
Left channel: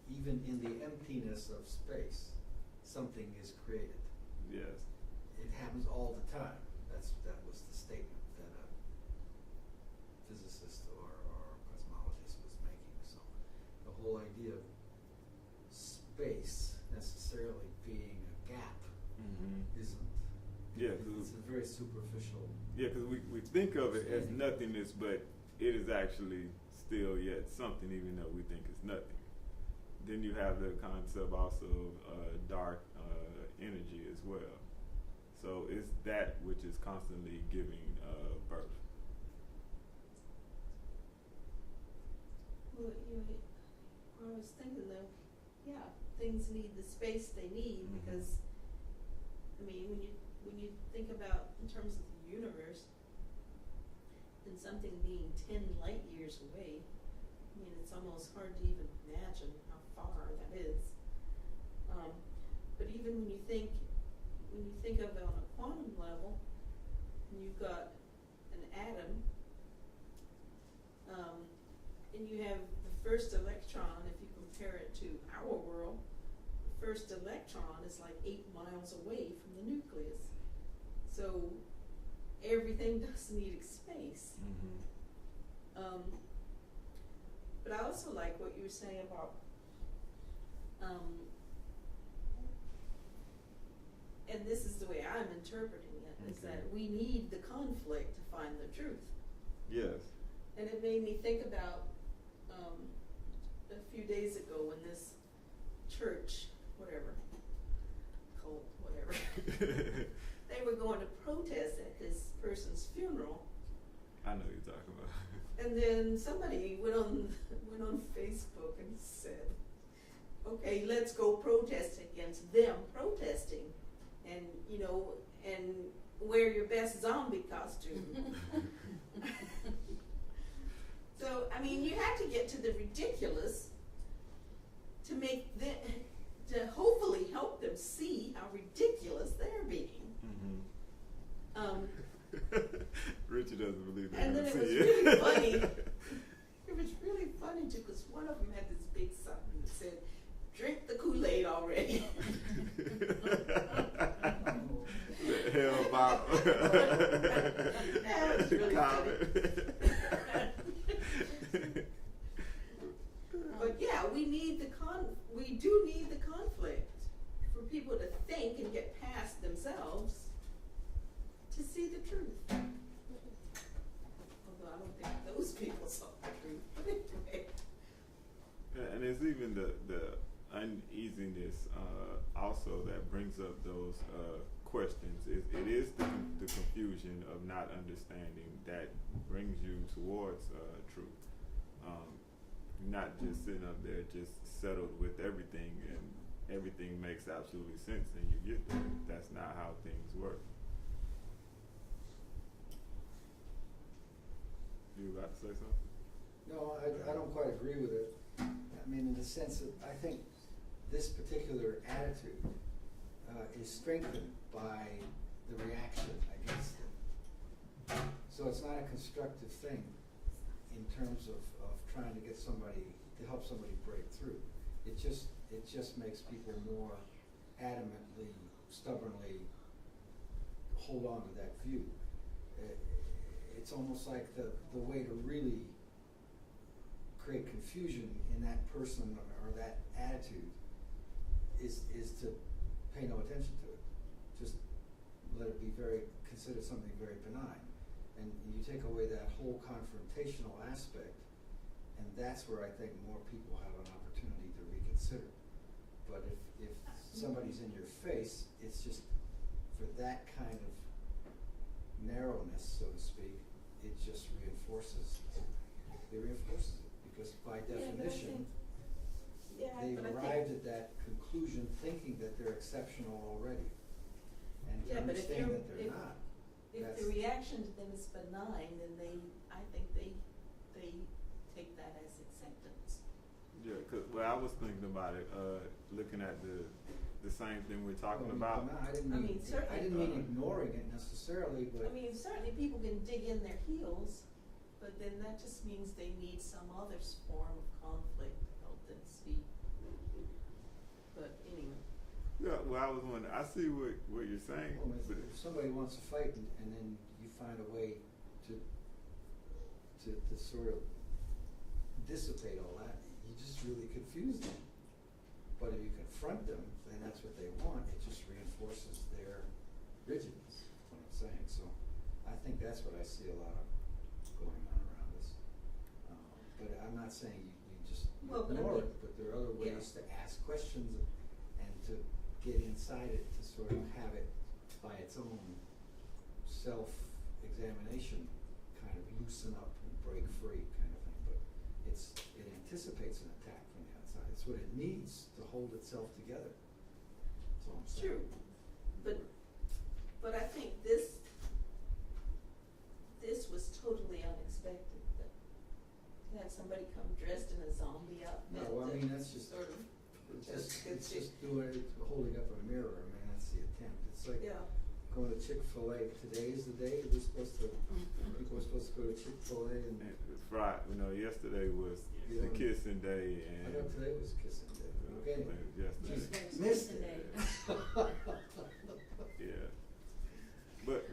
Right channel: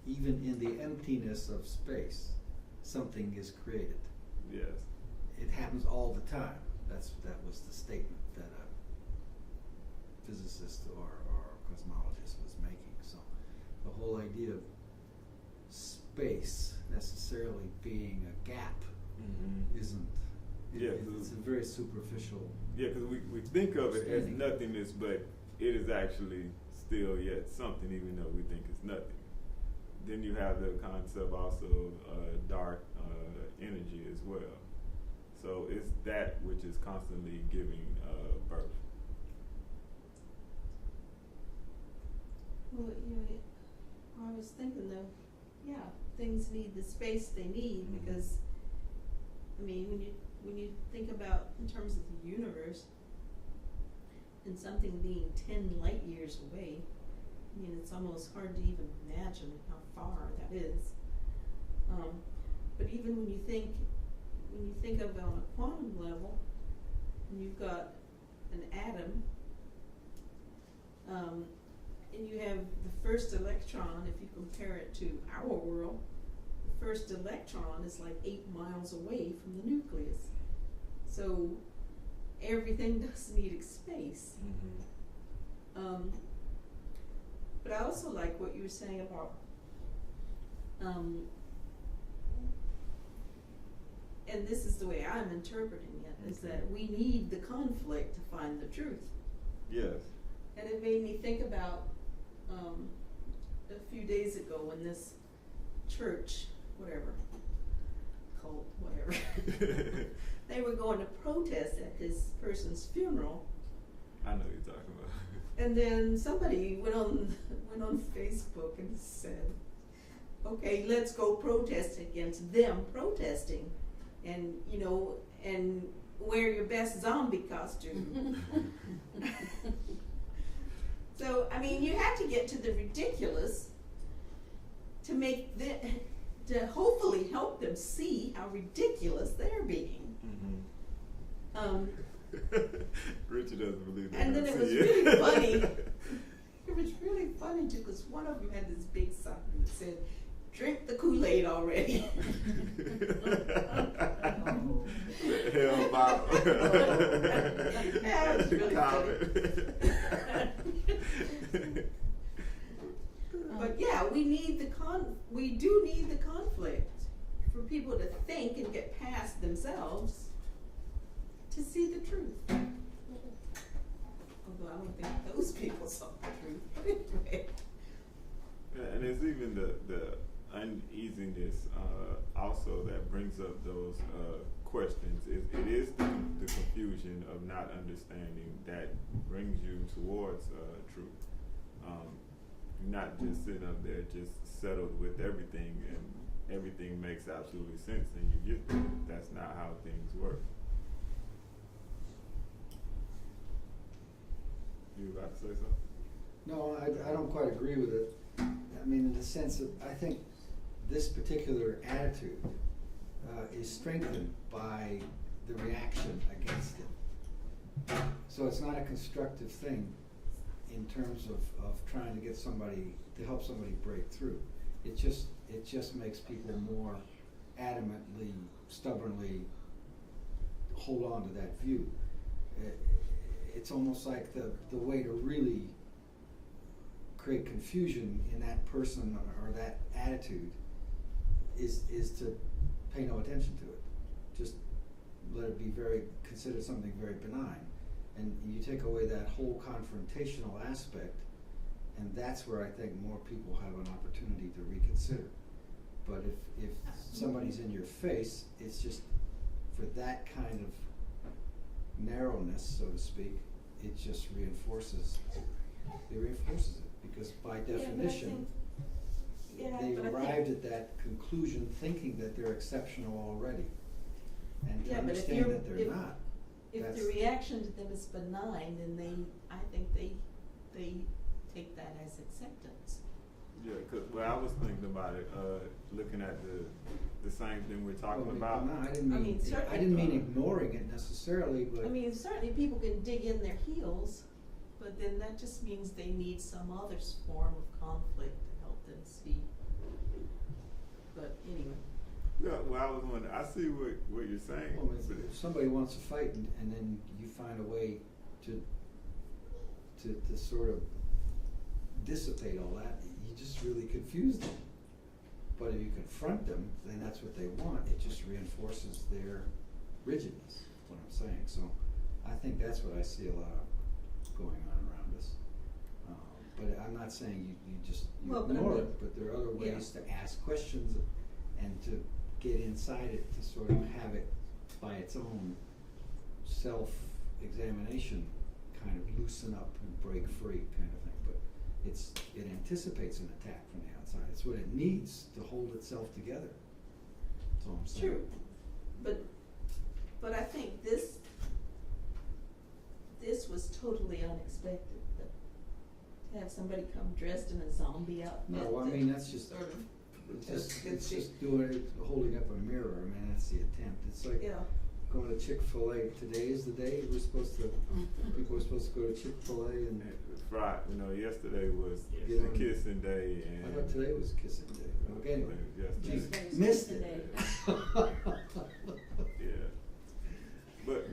even in the emptiness of space, something is created. Yes. It happens all the time. That was the statement that a physicist or cosmologist was making. So the whole idea of space necessarily being a gap isn't. Yeah, It's a very superficial. Yeah, because we think of it as nothingness, but it is actually still yet something, even though we think it's nothing. Then you have the concept also of dark energy as well. So it's that which is constantly giving birth. Well, I was thinking though, yeah, things need the space they need because, I mean, when you think about in terms of the universe and something being 10 light years away, I mean, it's almost hard to even imagine how far that is. But even when you think of it on a quantum level, and you've got an atom, and you have the first electron, if you compare it to our world, the first electron is like 8 miles away from the nucleus. So everything does need space. But I also like what you were saying about, and this is the way I'm interpreting it, is that we need the conflict to find the truth. Yes. And it made me think about a few days ago when this church, whatever, cult, whatever, they were going to protest at this person's funeral. I know what you're talking about. And then somebody went on Facebook and said, okay, let's go protest against them protesting, and and wear your best zombie costume. So I mean, you have to get to the ridiculous to make to hopefully help them see how ridiculous they're being. Richard doesn't believe that. And then it was really funny. It was really funny too, because one of them had this big sign that said, "Drink the Kool-Aid already." Hell, Bob. Yeah, it was really funny. But yeah, we do need the conflict for people to think and get past themselves to see the truth. Although I don't think those people saw the truth. But anyway. Yeah, and it's even the uneasiness also that brings up those questions. It is the confusion of not understanding that brings you towards truth. Not just sitting up there just settled with everything and everything makes absolutely sense and you get there. That's not how things work. You about to say something? No, I don't quite agree with it. I mean, in the sense of, I think this particular attitude is strengthened by the reaction against it. So it's not a constructive thing in terms of trying to get somebody, to help somebody break through. It just makes people more adamantly, stubbornly hold on to that view. It's almost like the way to really create confusion in that person or that attitude is to pay no attention to it. Just let it be considered something very benign. And you take away that whole confrontational aspect, and that's where I think more people have an opportunity to reconsider. But if somebody's in your face, it's just for that kind of narrowness, so to speak, it just reinforces it, because by definition, they've arrived at that conclusion thinking that they're exceptional already, and to understand that they're not. if That's- the reaction to them is benign, then I think they take that as acceptance. Yeah, cause I was thinking about it, looking at the same thing we're talking Well, about. no, I didn't I mean, mean, certainly- I didn't mean ignoring it necessarily, but. I mean, certainly people can dig in their heels, but then that just means they need some other form of conflict to help them speak. But anyway. Yeah, well, I was wondering, I see what you're saying, Well, but if somebody wants to fight and then you find a way to sort of dissipate all that, you just really confuse them. But if you confront them, then that's what they want, it just reinforces their rigidness, is what I'm saying. So I think that's what I see a lot of going on around us. But I'm not saying you just Well, but I ignore mean- it, but there are other yeah. ways to ask questions and to get inside it, to sort of have it by its own self-examination kind of loosen up and break free kind of thing. But it anticipates an attack from the outside. It's what it needs to hold itself together. That's all I'm saying. True, but I think this was totally unexpected, to have somebody come dressed in a zombie outfit. No, I mean, that's just, sort of, it's just doing it, holding up a mirror. I mean, that's the attempt. It's like yeah. going to Chick-fil-A. Today is the day people were supposed to go to Chick-fil-A and Friday, yesterday was Yeah. the kissing day, I and thought today was kissing day. Okay, anyway. yesterday. Yesterday was Missed kissing it. Yeah, but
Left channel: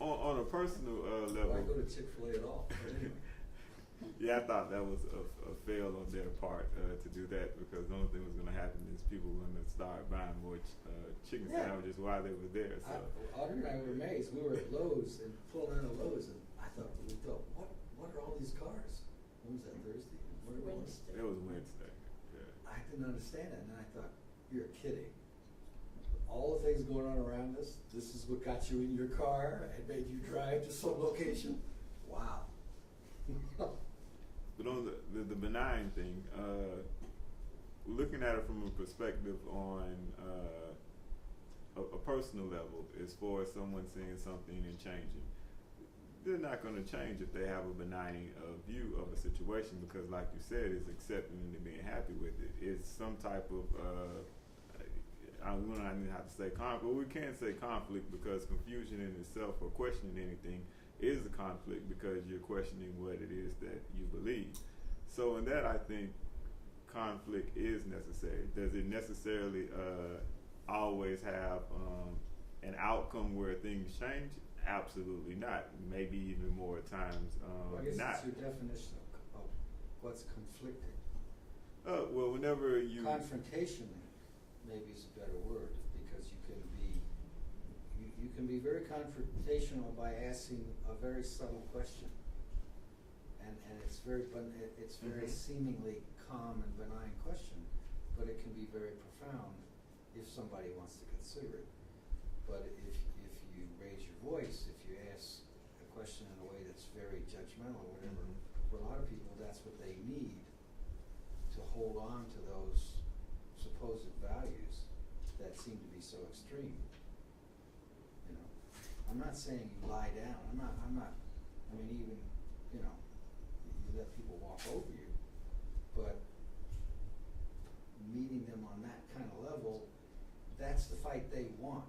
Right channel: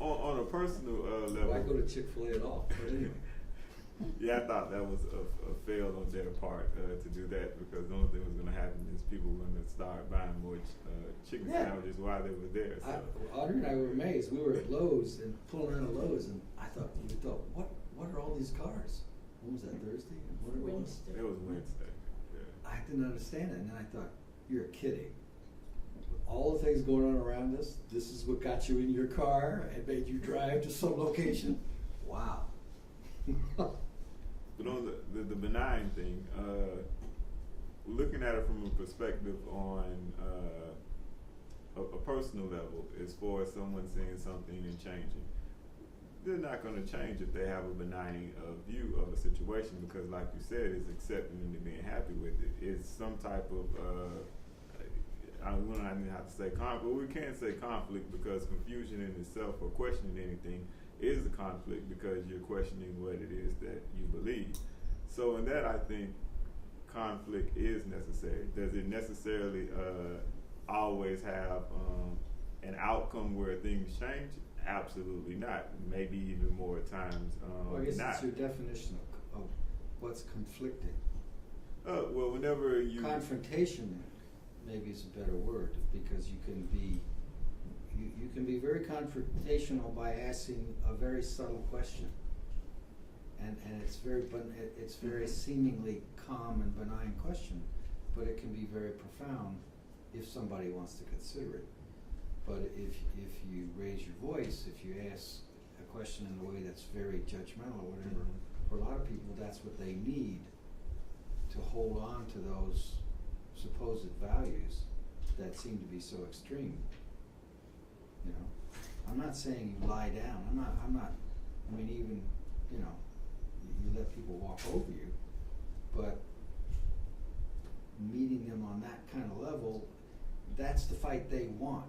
on a personal level, Why go to Chick-fil-A at all? But anyway. yeah, I thought that was a fail on their part to do that, because the only thing was going to happen is people were going to start buying more chicken Yeah. sandwiches while they were there. So Audrey and I were amazed. We were at Lowe's and pulling out of Lowe's, and we thought, what are all these cars? When was that, Thursday? What it was? Wednesday. it was Wednesday. Yeah. I didn't understand it, and then I thought, you're kidding. All the things going on around us, this is what got you in your car and made you drive to some location? Wow. But on the benign thing, looking at it from a perspective on a personal level, as far as someone saying something and changing, they're not going to change if they have a benign view of a situation, because, like you said, it's accepting and being happy with it. It's some type of we don't even have to say conflict. Well, we can't say conflict, because confusion in itself or questioning anything is a conflict, because you're questioning what it is that you believe. So in that, I think conflict is necessary. Does it necessarily always have an outcome where things change? Absolutely not. Maybe even more times Well, I guess not. it's your definition of what's conflicting. Well, whenever you Confrontation, maybe is a better word, because you can be very confrontational by asking a very subtle question, and it's very Mhm. seemingly calm and benign question, but it can be very profound if somebody wants to consider it. But if you raise your voice, if you ask a question in a way that's very judgmental or whatever, for a lot of people that's what they need to hold on to those supposed values that seem to be so extreme. You know, I'm not saying you lie down. I'm not. I mean, even you let people walk over you, but meeting them on that kind of level, that's the fight they want.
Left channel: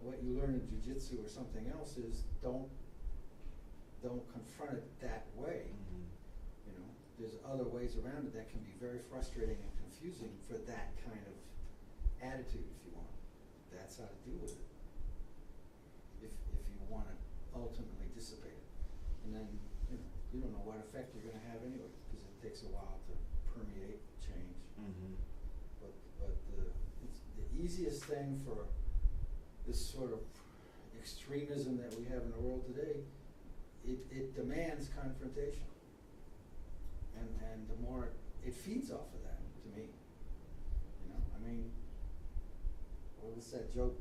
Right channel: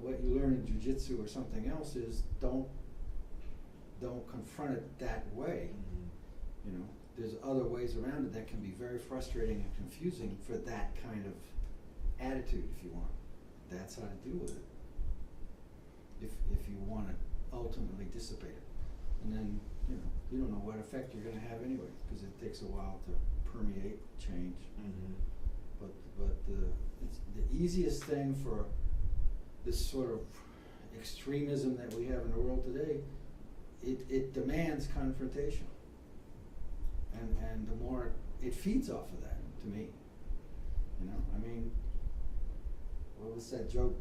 What you learn in jiu-jitsu or something else is don't confront it that way. You know, there's other ways around it that can be very frustrating and confusing for that kind of attitude, if you want. That's how to deal with it. If you want to ultimately dissipate it. And then, you don't know what effect you're going to have anyway, because it takes a while to permeate change. But it's the easiest thing for this sort of extremism that we have in the world today, it demands confrontation. And the more it feeds off of that, to me. I mean, what was that joke?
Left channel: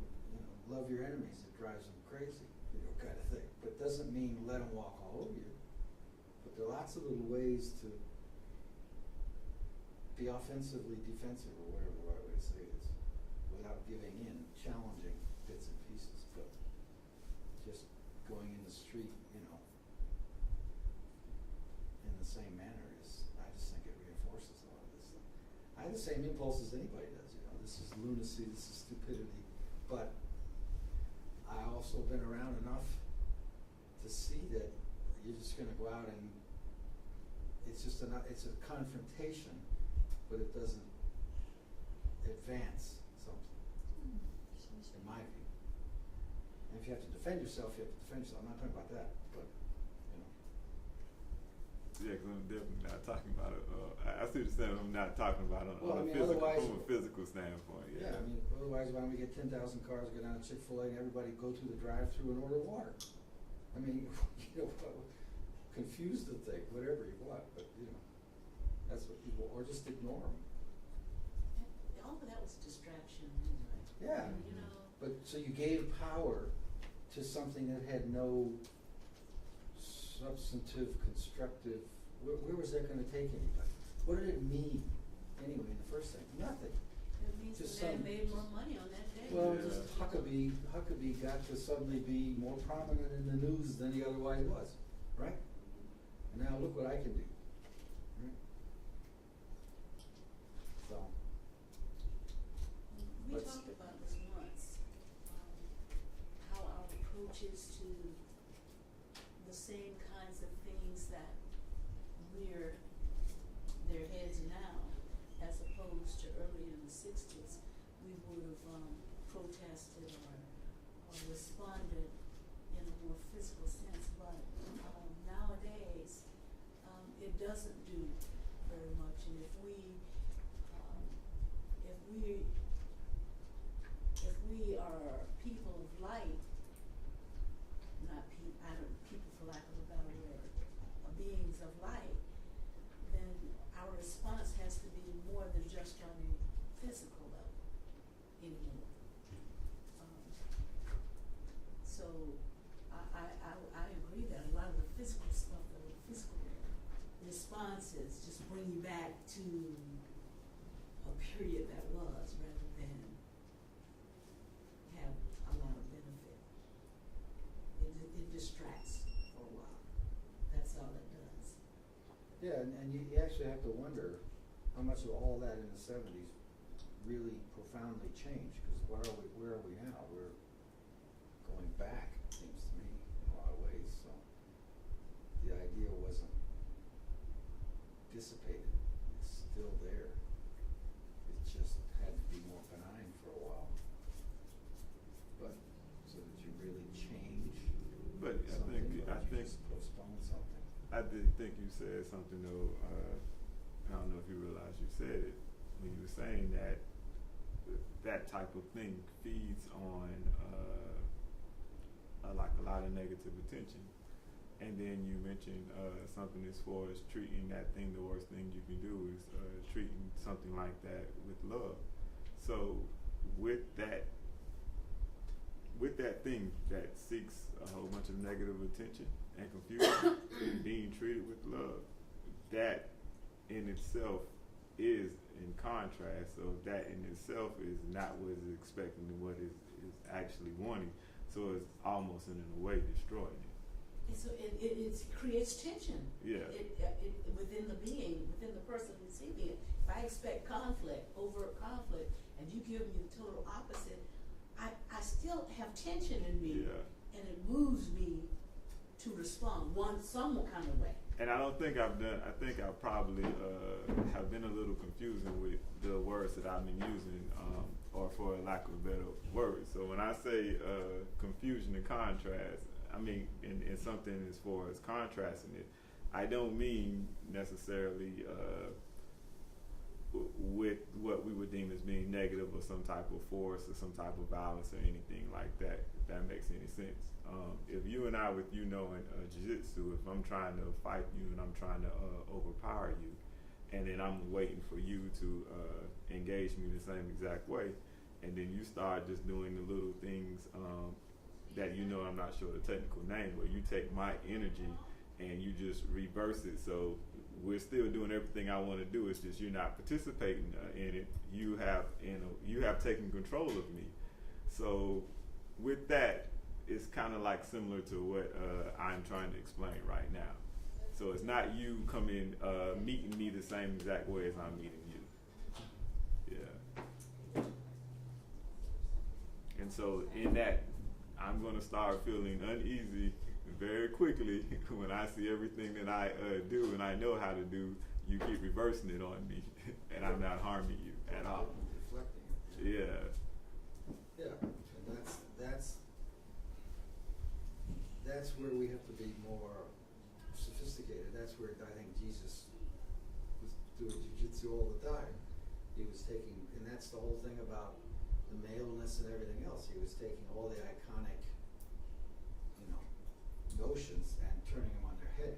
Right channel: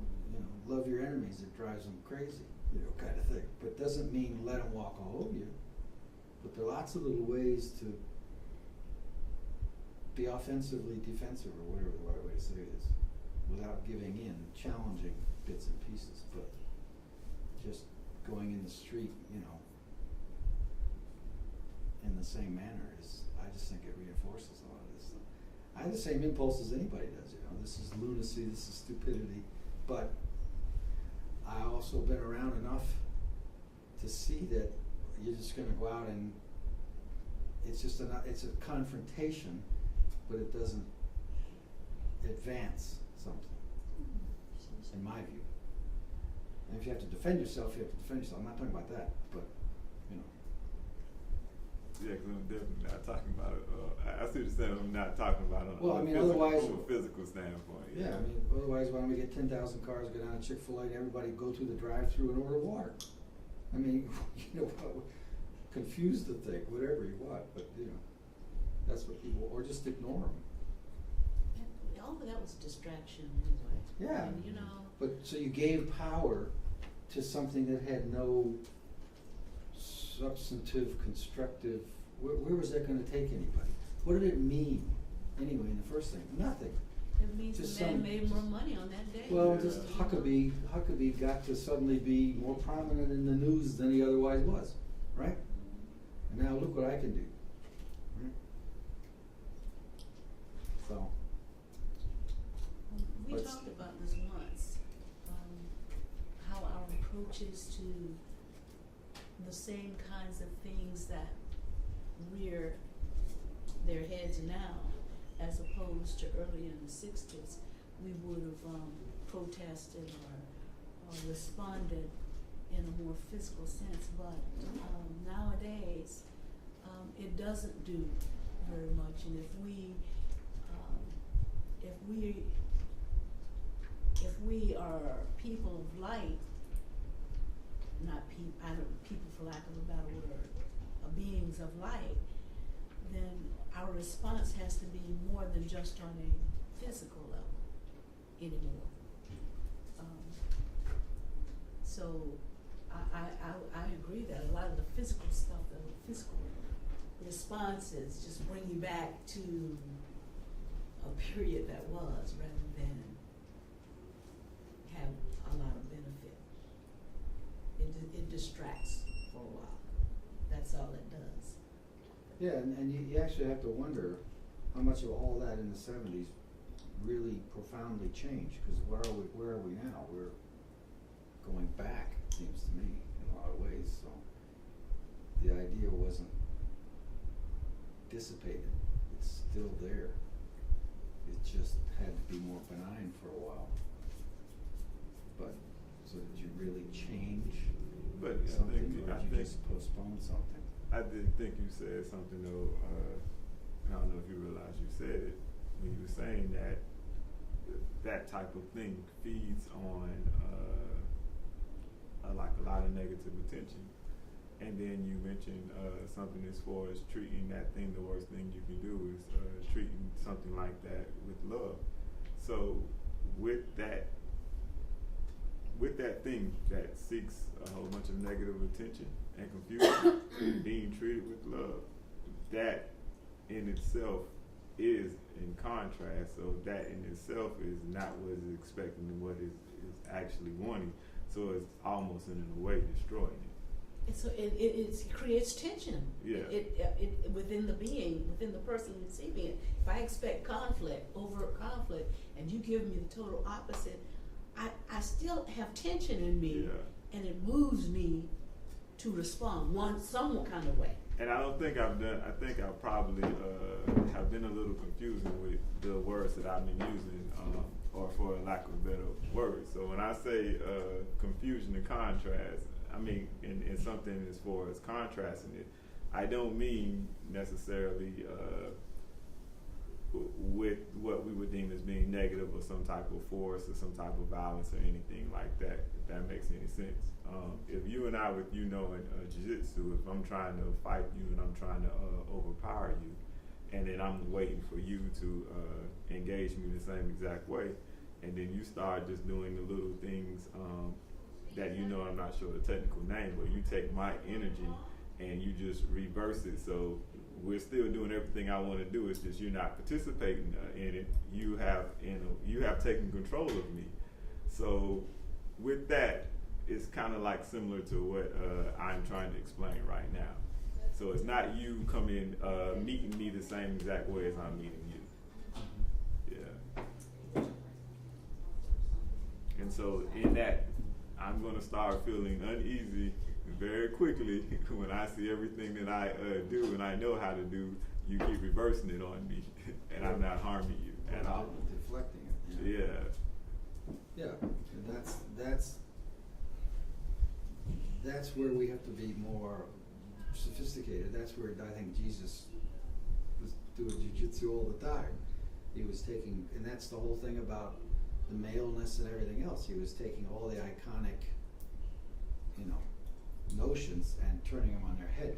Love your enemies, it drives them crazy, kind of thing. But doesn't mean let them walk all over you. But there are lots of little ways to be offensively defensive, or whatever the right way to say it is, without giving in, challenging bits and pieces. But just going in the street, you know, in the same manner is, I just think it reinforces a lot of this stuff. I have the same impulse as anybody does, you know, this is lunacy, this is stupidity, but I also been around enough to see that you're just gonna go out and it's just it's a confrontation, but it doesn't advance something, in my view. And if you have to defend yourself, you have to defend yourself. I'm not talking about that, but, you know. Yeah, because I'm definitely not talking about it. I see what you're saying. I'm not talking about it Well, I mean, from otherwise, a physical standpoint. yeah, I mean, otherwise, why don't we get 10,000 cars, go down to Chick-fil-A, and everybody go through the drive-through and order water? I mean, you know, confuse the thing, whatever you want, but, you know, that's what people, or just ignore them. And all of that was distraction anyway. Yeah. And, you know. But, so you gave power to something that had no substantive, constructive, where was that gonna take anybody? What did it mean, anyway, in the first thing? Nothing. It means Just the man some- made more money on that day. Well, Yeah. just Huckabee got to suddenly be more prominent in the news than he otherwise was, right? And now look what I can do. Right? So, We Let's- talked about this once, how our approaches to the same kinds of things that rear their heads now, as opposed to earlier in the 60s, we would have protested or responded in a more physical sense, but nowadays it doesn't do very much, and if we are people of light, people for lack of a better word, beings of light, then our response has to be more than just on a physical level anymore. So I agree that a lot of the physical stuff, the physical responses just bring you back to a period that was rather than have a lot of benefit. It distracts for a while. That's all it does. yeah, and you actually have to wonder how much of all that in the 70s really profoundly changed, because where are we now? We're going back, it seems to me, in a lot of ways, so the idea wasn't dissipated, it's still there. It just had to be more benign for a while. But, so did you really change But something, I or did you think just postpone something? I did think you said something though. I don't know if you realized you said it when you were saying that that type of thing feeds on like a lot of negative attention. And then you mentioned something as far as treating that thing, the worst thing you can do is treating something like that with love. So with that thing that seeks a whole bunch of negative attention and confusion, being treated with love, that in itself is in contrast. So that in itself is not what is expecting and what is actually wanting. So it's almost in a way destroying it. And so it creates tension. Yeah. It within the being, within the person receiving it. If I expect overt conflict, and you give me the total opposite, I still have tension in me, Yeah. and it moves me to respond some kind of way. And I don't think I've done. I think I probably have been a little confusing with the words that I've been using, or for lack of a better word. So when I say confusion and contrast, I mean in something as far as contrasting it, I don't mean necessarily with what we would deem as being negative or some type of force or some type of violence or anything like that, if that makes any sense. If you and I, with you knowing jiu-jitsu, if I'm trying to fight you and I'm trying to overpower you, and then I'm waiting for you to engage me the same exact way, and then you start just doing the little things that you know I'm not sure the technical name, but you take my energy and you just reverse it. So we're still doing everything I want to do. It's just you're not participating in it. You have taken control of me. So with that, it's kind of like similar to what I'm trying to explain right now. So it's not you coming meeting me the same exact way as I'm meeting you. Yeah. And so in that, I'm going to start feeling uneasy very quickly when I see everything that I do and I know how to do. You keep reversing it on me, and I'm not harming you at all. Deflecting it. Yeah. Yeah, and that's where we have to be more sophisticated. That's where I think Jesus was doing jiu-jitsu all the time. He was taking, and that's the whole thing about the maleness and everything else. He was taking all the iconic, notions and turning them on their head,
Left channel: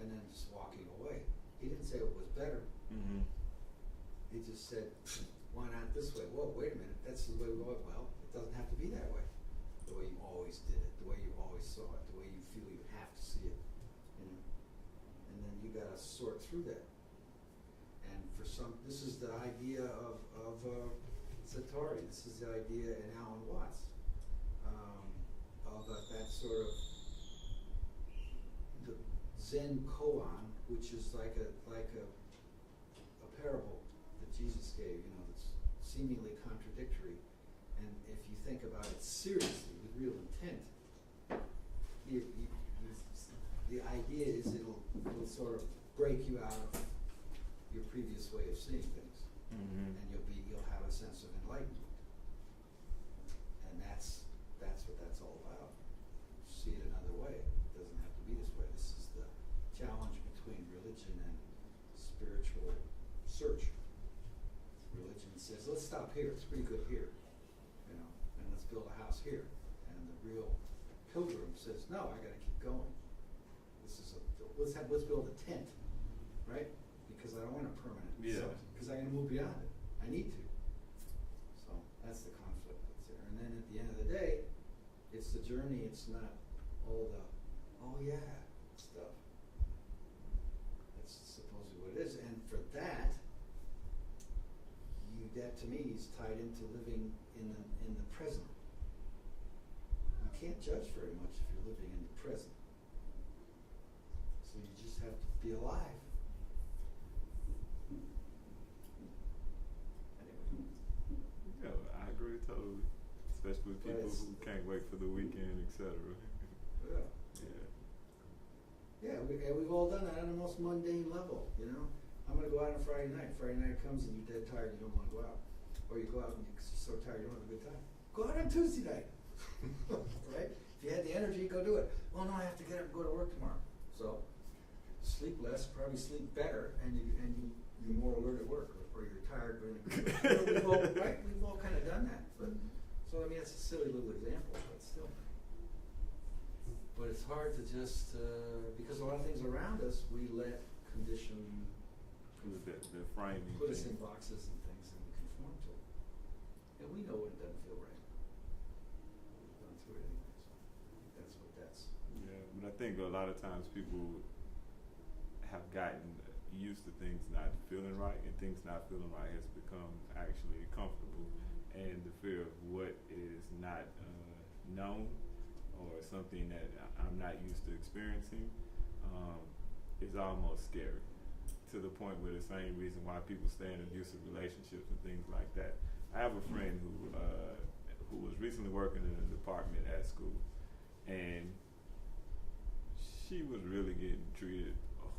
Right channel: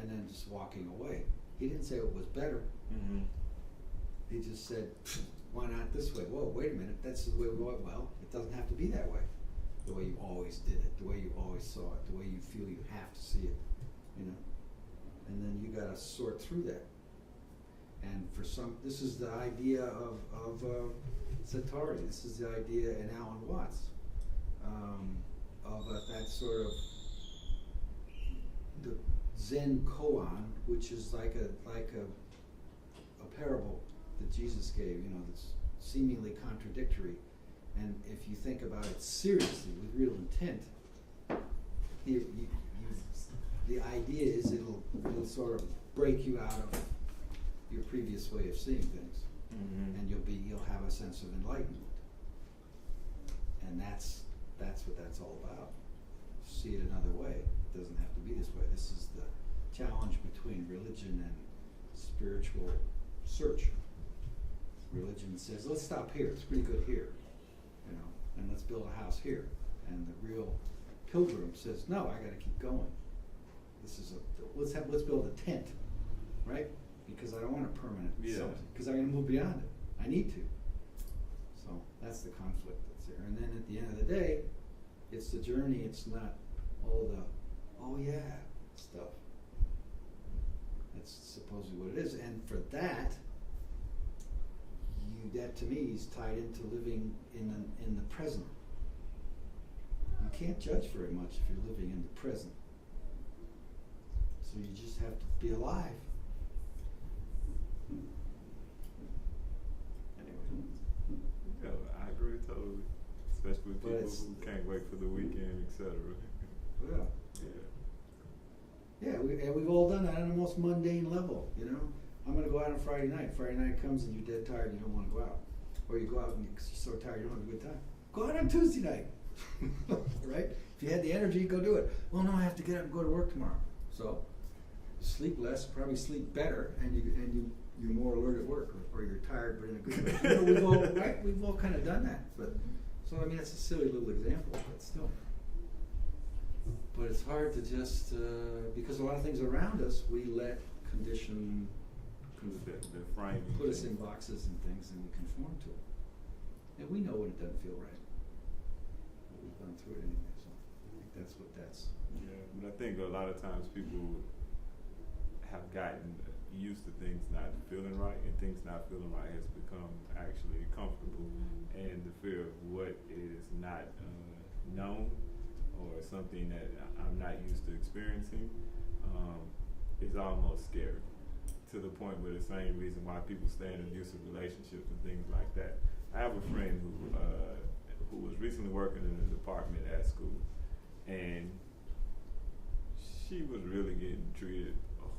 and then just walking away. He didn't say it was better. Mm-hmm. He just said, why not this way? Whoa, wait a minute, that's the way we go. Well, it doesn't have to be that way. The way you always did it, the way you always saw it, the way you feel you have to see it, And then you gotta sort through that. And for some, this is the idea of Satori. This is the idea in Alan Watts of that sort of the Zen koan, which is like a parable that Jesus gave, that's seemingly contradictory. And if you think about it seriously with real intent, the idea is it'll sort of break you out of your previous way of seeing things, and you'll have a sense of enlightenment, and that's what that's all about. See it another way. It doesn't have to be this way. This is the challenge between religion and spiritual search. Religion says, let's stop here. It's pretty good here, and let's build a house here. And the real pilgrim says, no, I got to keep going. This is let's build a tent, right? Because I don't want a permanent something, because I'm going to move beyond it. I need to. So that's the conflict that's there. And then at the end of the day, it's the journey. It's not all the stuff. That's supposedly what it is. And for that, that to me is tied into living in the present. You can't judge very much if you're living in the present. So you just have to be alive. Anyway. Yeah, I agree totally. Especially with people who can't wait for the weekend, etc. Yeah. Yeah, we've all done that on the most mundane level, I'm going to go out on Friday night. Friday night comes and you're dead tired, you don't want to go out. Or you go out and you're so tired you don't have a good time. Go out on Tuesday night, right? If you had the energy, go do it. Well, no, I have to get up and go to work tomorrow. So, sleep less, probably sleep better, and you're more alert at work, or you're tired but in a good way. We've all kind of done that. But so it's a silly little example, but still. But it's hard to just because a lot of things around us we let condition. The framing. Put us in boxes and things, and we conform to it. And we know when it doesn't feel right. We've gone through it anyway, so I think that's what that's. Yeah, but I think a lot of times people have gotten used to things not feeling right, and things not feeling right has become actually comfortable. And the fear of what is not known or something that I'm not used to experiencing is almost scary. To the point where the same reason why people stay in abusive relationships and things like that. I have a friend who was recently working in a department at school, and she was really getting treated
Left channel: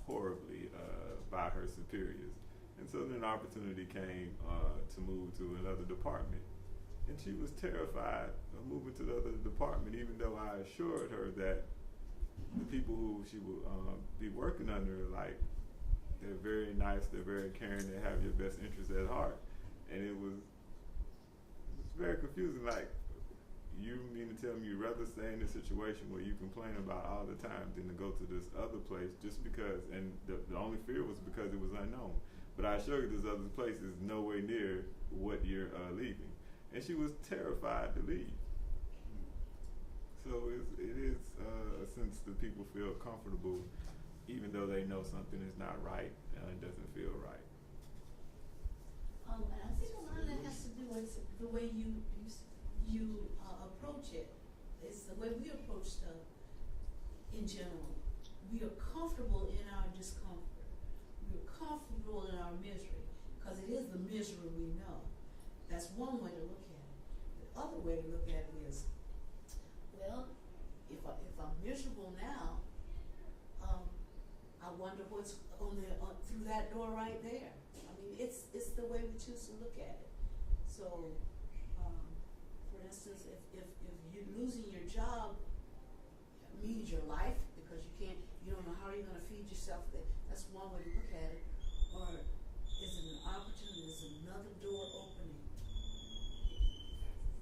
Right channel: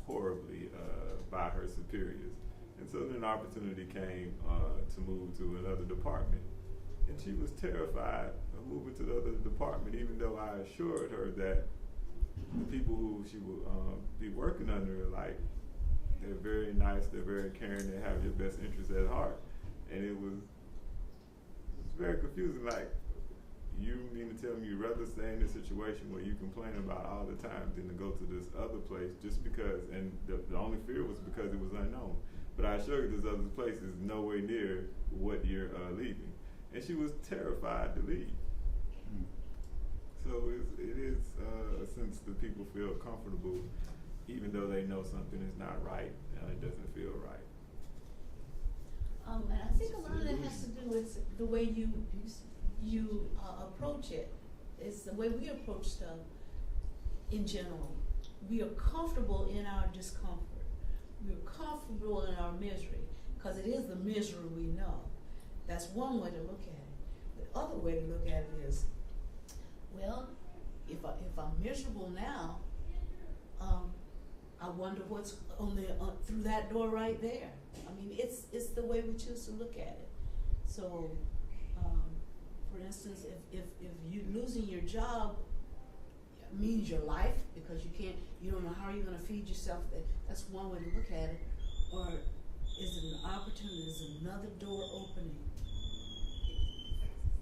horribly by her superiors. And so then an opportunity came to move to another department, and she was terrified of moving to the other department, even though I assured her that the people who she would be working under, they're very nice, they're very caring, they have your best interests at heart. And it was very confusing, you mean to tell me you'd rather stay in a situation where you complain about all the time than to go to this other place just because, and the only fear was because it was unknown. But I assure you this other place is nowhere near what you're leaving. And she was terrified to leave. So it is a sense that people feel comfortable even though they know something is not right, it doesn't feel right. And I think a lot of that has to do with the way you approach it. it's the way we approach stuff in general. We are comfortable in our discomfort. We're comfortable in our misery, because it is the misery we know. That's one way to look at it. The other way to look at it is, well, if I'm miserable now, I wonder what's on the through that door right there. I mean, it's the way we choose to look at it. So, for instance, if you losing your job means your life, because you don't know how you're going to feed yourself, that's one way to look at it. Or is it an opportunity? Is another door opening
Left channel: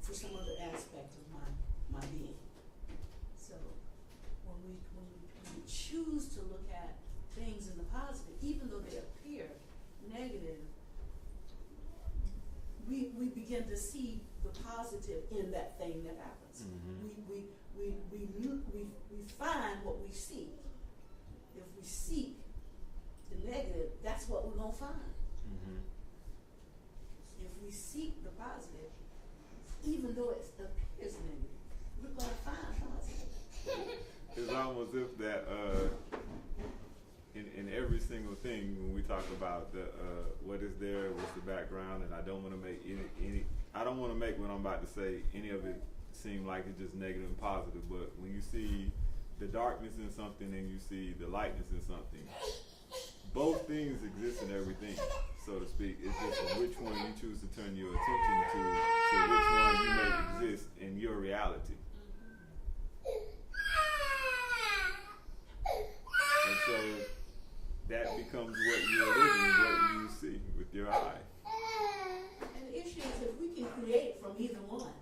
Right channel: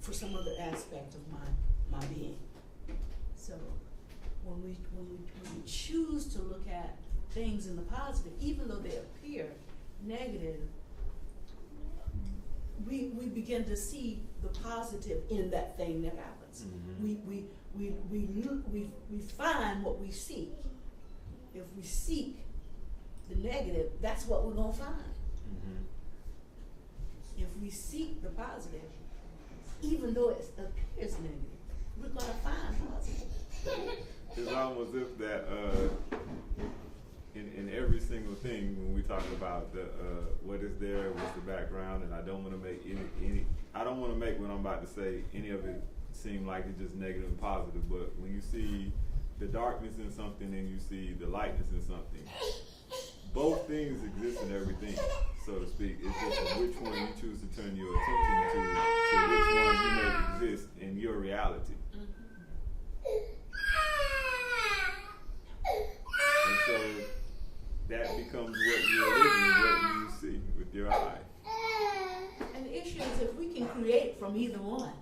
for some other aspect of my being? So when we choose to look at things in the positive, even though they appear negative, we begin to see the positive in that thing that happens. Mm-hmm. We find what we seek. If we seek the negative, that's what we're gonna find. Mm-hmm. If we seek the positive, even though it appears negative, we're gonna find positive. It's almost if that in every single thing when we talk about the what is there, what's the background, and I don't want to make I don't want to make what I'm about to say any of it seem like it's just negative and positive. But when you see the darkness in something and you see the lightness in something, both things exist in everything, so to speak. It's just which one you choose to turn your attention to which one you make exist in your reality. And so that becomes what you're living, what you see with your eye. And the issue is if we can create from either one,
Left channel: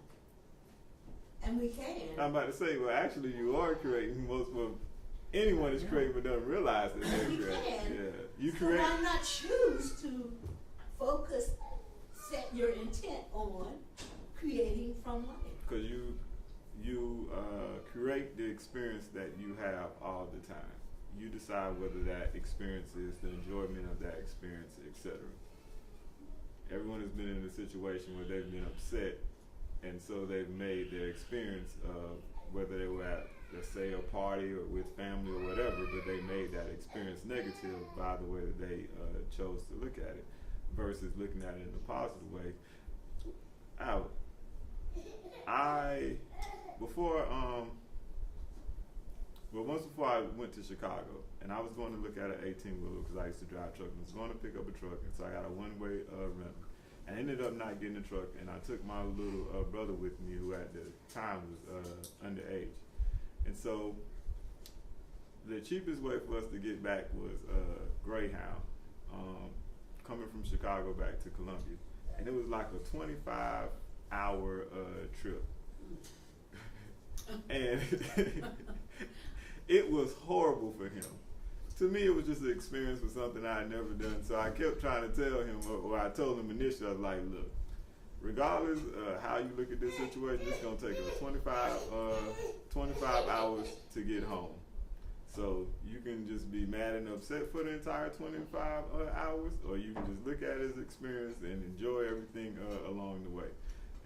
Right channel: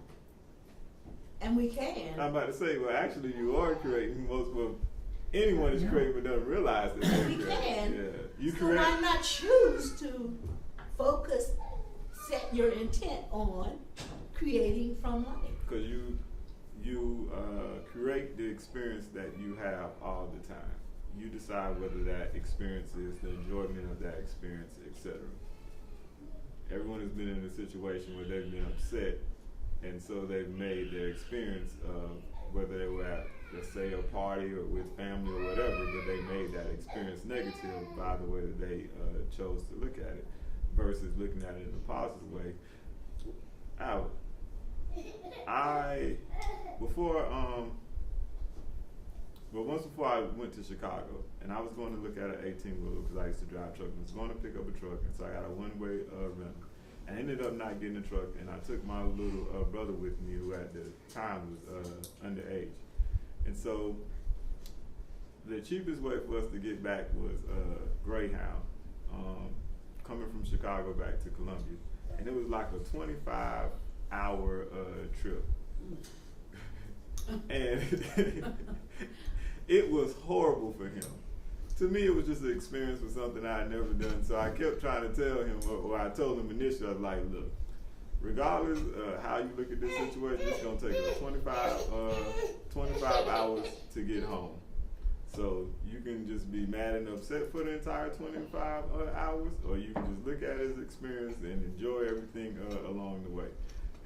and we can. I'm about to say, well, actually, you are creating most of anyone is creating but doesn't realize that they're creating. Yeah, you so create. why not choose to focus, set your intent on creating from life? Because you create the experience that you have all the time. You decide whether that experience is the enjoyment of that experience, etc. Everyone has been in a situation where they've been upset, and so they've made their experience of whether they were at, let's say, a party or with family or whatever, but they made that experience negative by the way that they chose to look at it, versus looking at it in a positive way. Once before I went to Chicago, and I was going to look at an 18-wheeler because I used to drive truck, and I was going to pick up a truck, and so I got a one-way rental. I ended up not getting a truck, and I took my little brother with me, who at the time was underage. And so the cheapest way for us to get back was Greyhound, coming from Chicago back to Columbia. And it was like a 25-hour trip. And it was horrible for him. To me, it was just an experience with something I had never done. So I kept trying to tell him, or I told him initially, I was like, look, regardless how you look at this situation, it's going to take us 25 hours to get home. So you can just be mad and upset for the entire 25 hours, or you can just look at his experience and enjoy everything along the way.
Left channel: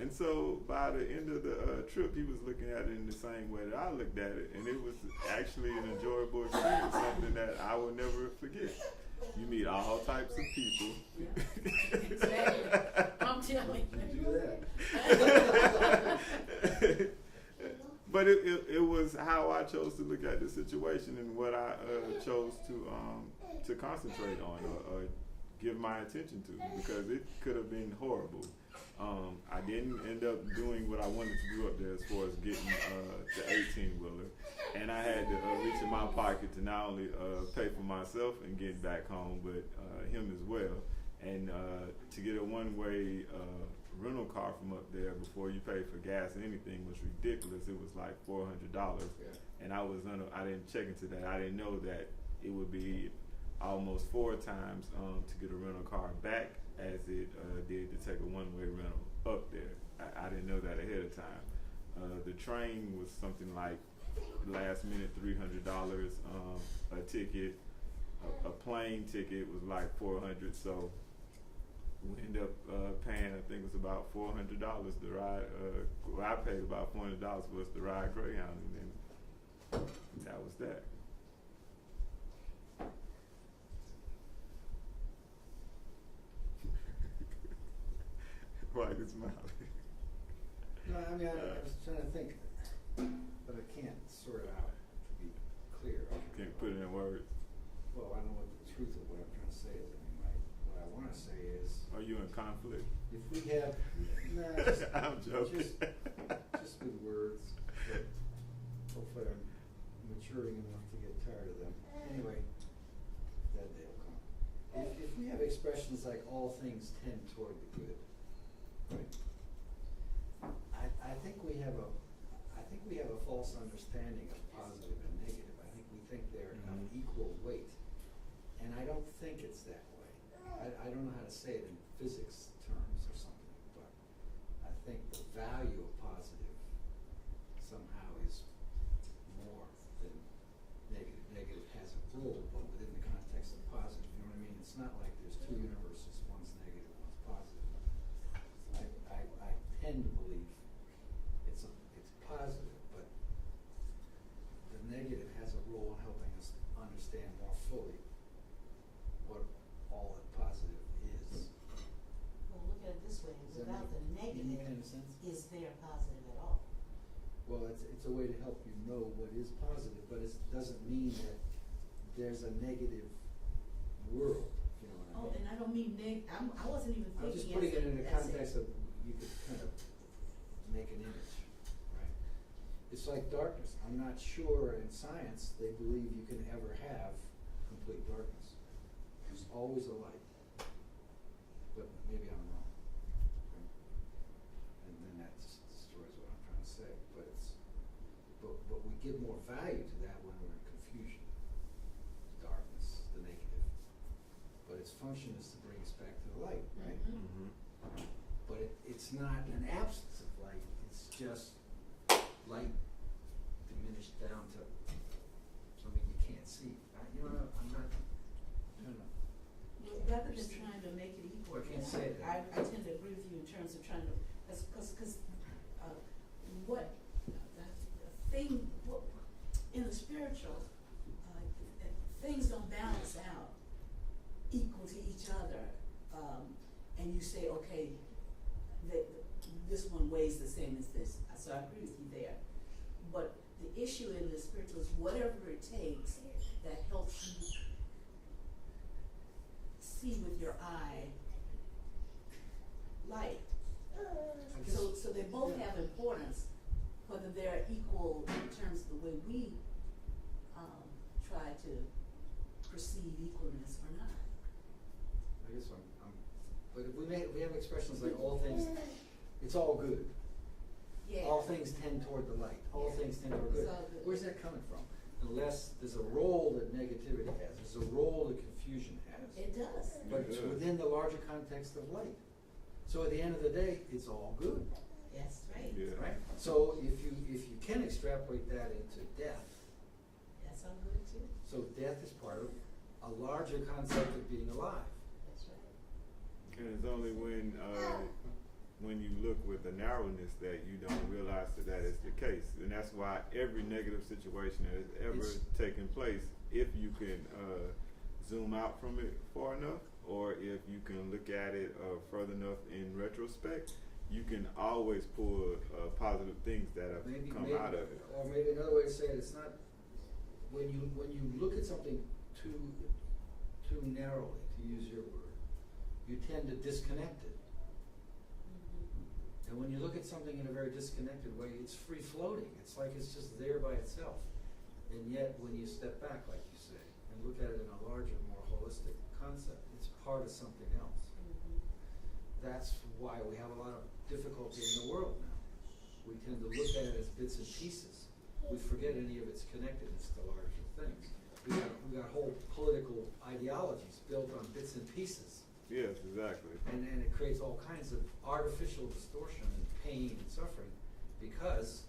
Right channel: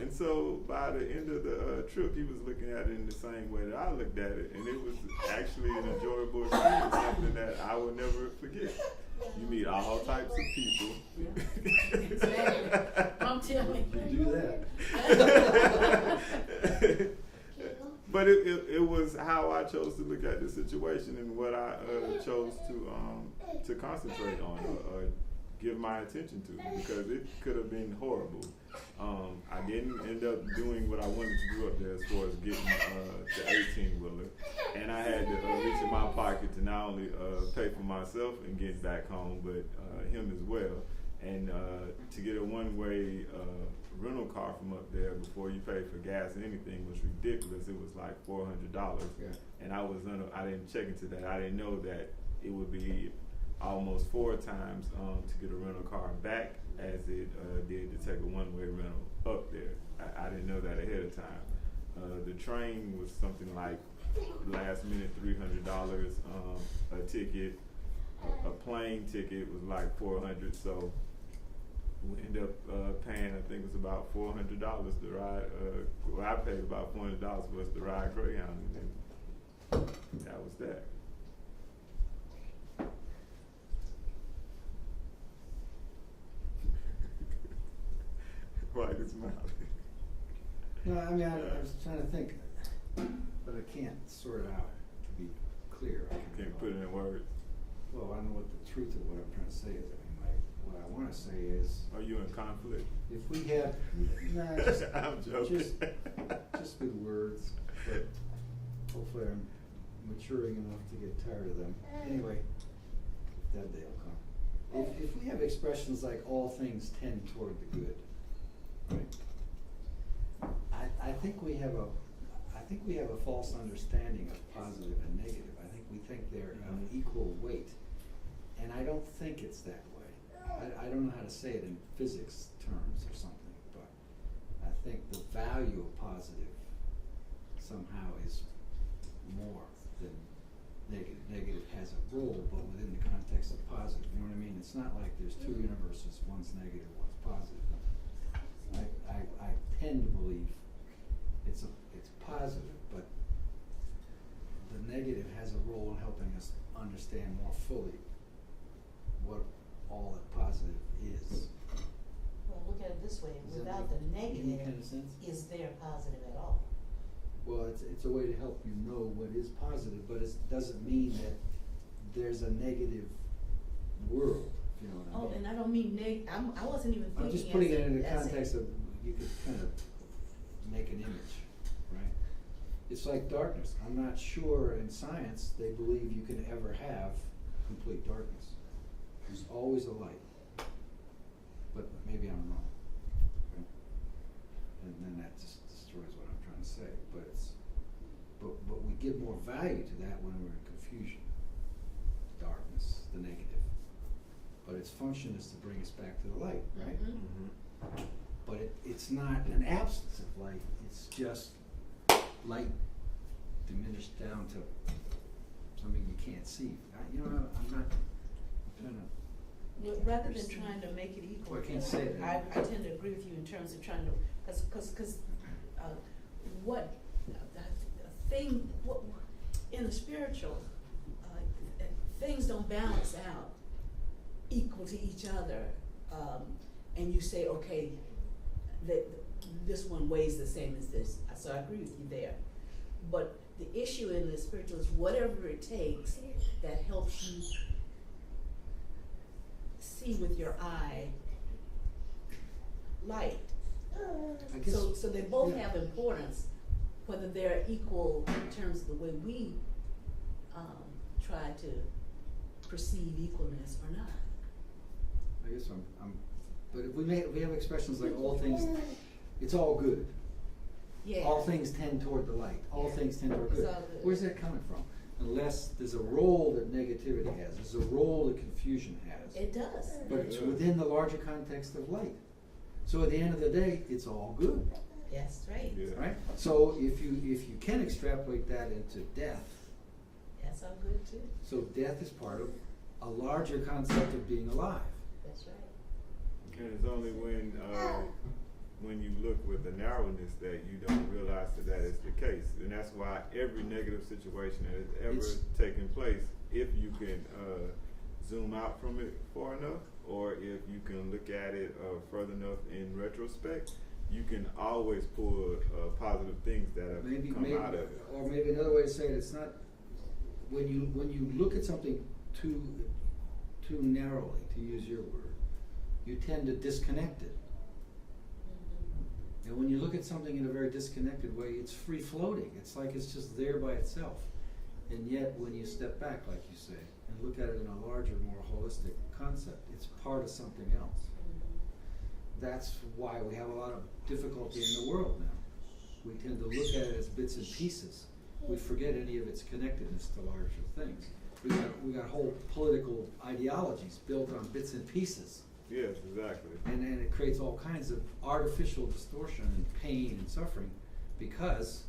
And so by the end of the trip, he was looking at it in the same way that I looked at it, and it was actually an enjoyable experience, something that I will never forget. You meet all types of people. Yeah. Exactly. I'm telling you. Do that. But it was how I chose to look at the situation and what I chose to concentrate on or give my attention to, because it could have been horrible. I didn't end up doing what I wanted to do up there as far as getting the 18-wheeler, and I had to reach in my pocket to not only pay for myself and get back home, but him as well. And to get a one-way rental car from up there before you pay for gas and anything was ridiculous. It was like $400, and I didn't check into that. I didn't know that it would be almost 4 times to get a rental car back as it did to take a one-way rental up there. I didn't know that ahead of time. The train was something like last minute $300 a ticket. A plane ticket was like $400. So we end up paying, I think it was about $400 to ride. Well, I paid about $400 for us to ride Greyhound, and then that was that. Why is smiling? No, I mean, I was trying to think, but I can't sort it out to be clear. Can't put it in words. Well, I know what the truth of what I'm trying to say is. I mean, what I want to say is, Are you in conflict? if we have, nah, just, I'm joking. just with words, but hopefully I'm maturing enough to get tired of them. Anyway, that day will come. If we have expressions like all things tend toward the good, right? I think we have a false understanding of positive and negative. I think we think they're of equal weight, and I don't think it's that way. I don't know how to say it in physics terms or something, but I think the value of positive somehow is more than negative. Negative has a role, but within the context of positive. You know what I mean? It's not like there's two universes, one's negative, one's positive. I tend to believe it's positive, but the negative has a role in helping us understand more fully what all that positive is. Well, look at it this way, Does that without make the any negative, kind of sense? is there positive at all? Well, it's a way to help you know what is positive, but it doesn't mean that there's a negative world, if you know what I mean. Oh, and I don't mean I wasn't even thinking I'm just putting it in the as context of, you could kind of make an image, right? It's like darkness. I'm not sure in science they believe you can ever have complete darkness. There's always a light. But maybe I'm wrong. Okay? And then that just destroys what I'm trying to say. But we give more value to that when we're in confusion. Darkness, the negative. But its function is to bring us back to the light, right? Mm-hmm. But it's not an absence of light, it's just light diminished down to something you can't see. I'm not trying to. Rather than trying to make it equal, Well, I can't say that. I tend to agree with you in terms of trying to, cause what, in the spiritual, things don't balance out equal to each other, and you say, okay, that this one weighs the same as this, so I agree with you there. But the issue in the spiritual is whatever it takes that helps you see with your eye light. I guess, So they both have importance, whether they're equal in terms of the way we try to perceive equalness or not. I guess I'm but if we have expressions like all things, it's all good. Yeah. All things tend toward the light. All things tend toward It's good. all good. Where's that coming from? Unless there's a role that negativity has, there's a role that confusion has. It does. But it's within the larger context of light. So at the end of the day, it's all good, That's right. Yeah. right? So if you can extrapolate that into death, That's all good too. so death is part of a larger concept of being alive. That's right. And it's only when you look with the narrowness that you don't realize that is the case. And that's why every negative situation that has ever taken place, if you can zoom out from it far enough, or if you can look at it further enough in retrospect, you can always pull positive things that have come out of it. Or maybe another way to say it, it's not when you look at something too narrowly, to use your word, you tend to disconnect it. And when you look at something in a very disconnected way, it's free floating. It's like it's just there by itself. And yet when you step back, like you say, and look at it in a larger, more holistic concept, it's part of something else. That's why we have a lot of difficulty in the world now. We tend to look at it as bits and pieces. We forget any of its connectedness to larger things. We got whole political ideologies built on bits and pieces. Yes, exactly. And then it creates all kinds of artificial distortion and pain and suffering because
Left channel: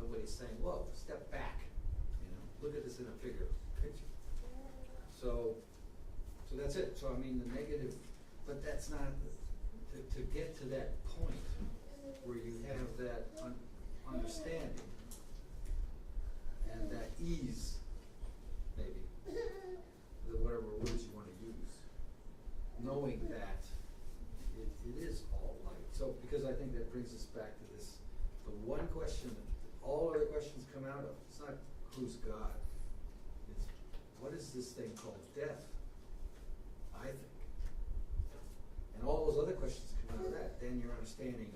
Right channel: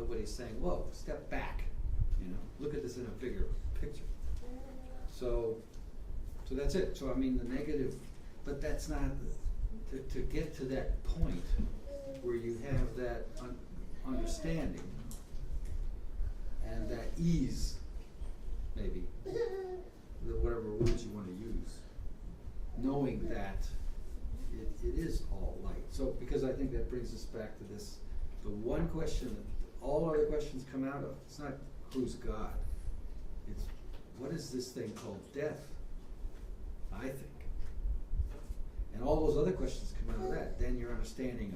nobody's saying, whoa, step back, look at this in a bigger picture. So that's it. So I mean, the negative but that's not, to get to that point where you have that understanding and that ease, maybe, whatever words you want to use, knowing that it is all light. So, because I think that brings us back to this, the one question that all other questions come out of, it's not who's God, it's what is this thing called death, I think. And all those other questions come out of that, then your understanding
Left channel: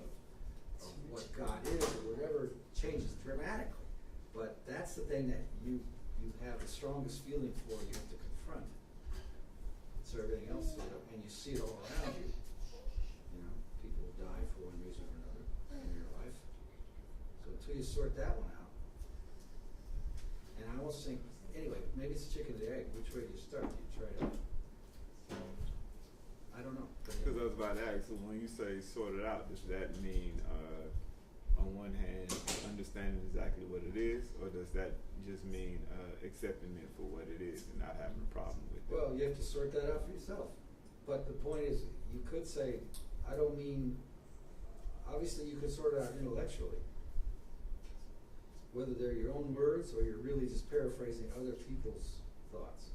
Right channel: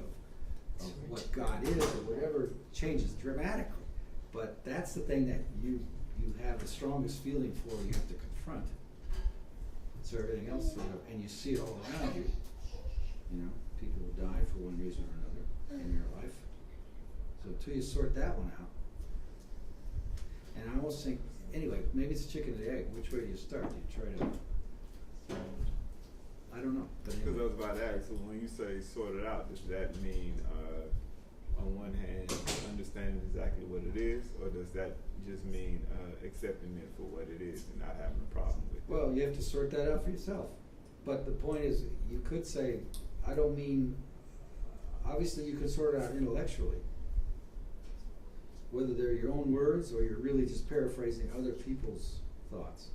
of what God is or whatever changes dramatically. But that's the thing that you have the strongest feeling for, you have to confront. So everything else, and you see it all around you. You know, people die for one reason or another in your life. So until you sort that one out, and I almost think, anyway, maybe it's chicken or the egg. Which way do you start? Do you try to? I don't know. Because I was about to ask, so when you say sort it out, does that mean, on one hand, understanding exactly what it is, or does that just mean accepting it for what it is and not having a problem with it? Well, you have to sort that out for yourself. But the point is, you could say, I don't mean, obviously you could sort it out intellectually, whether they're your own words or you're really just paraphrasing other people's thoughts.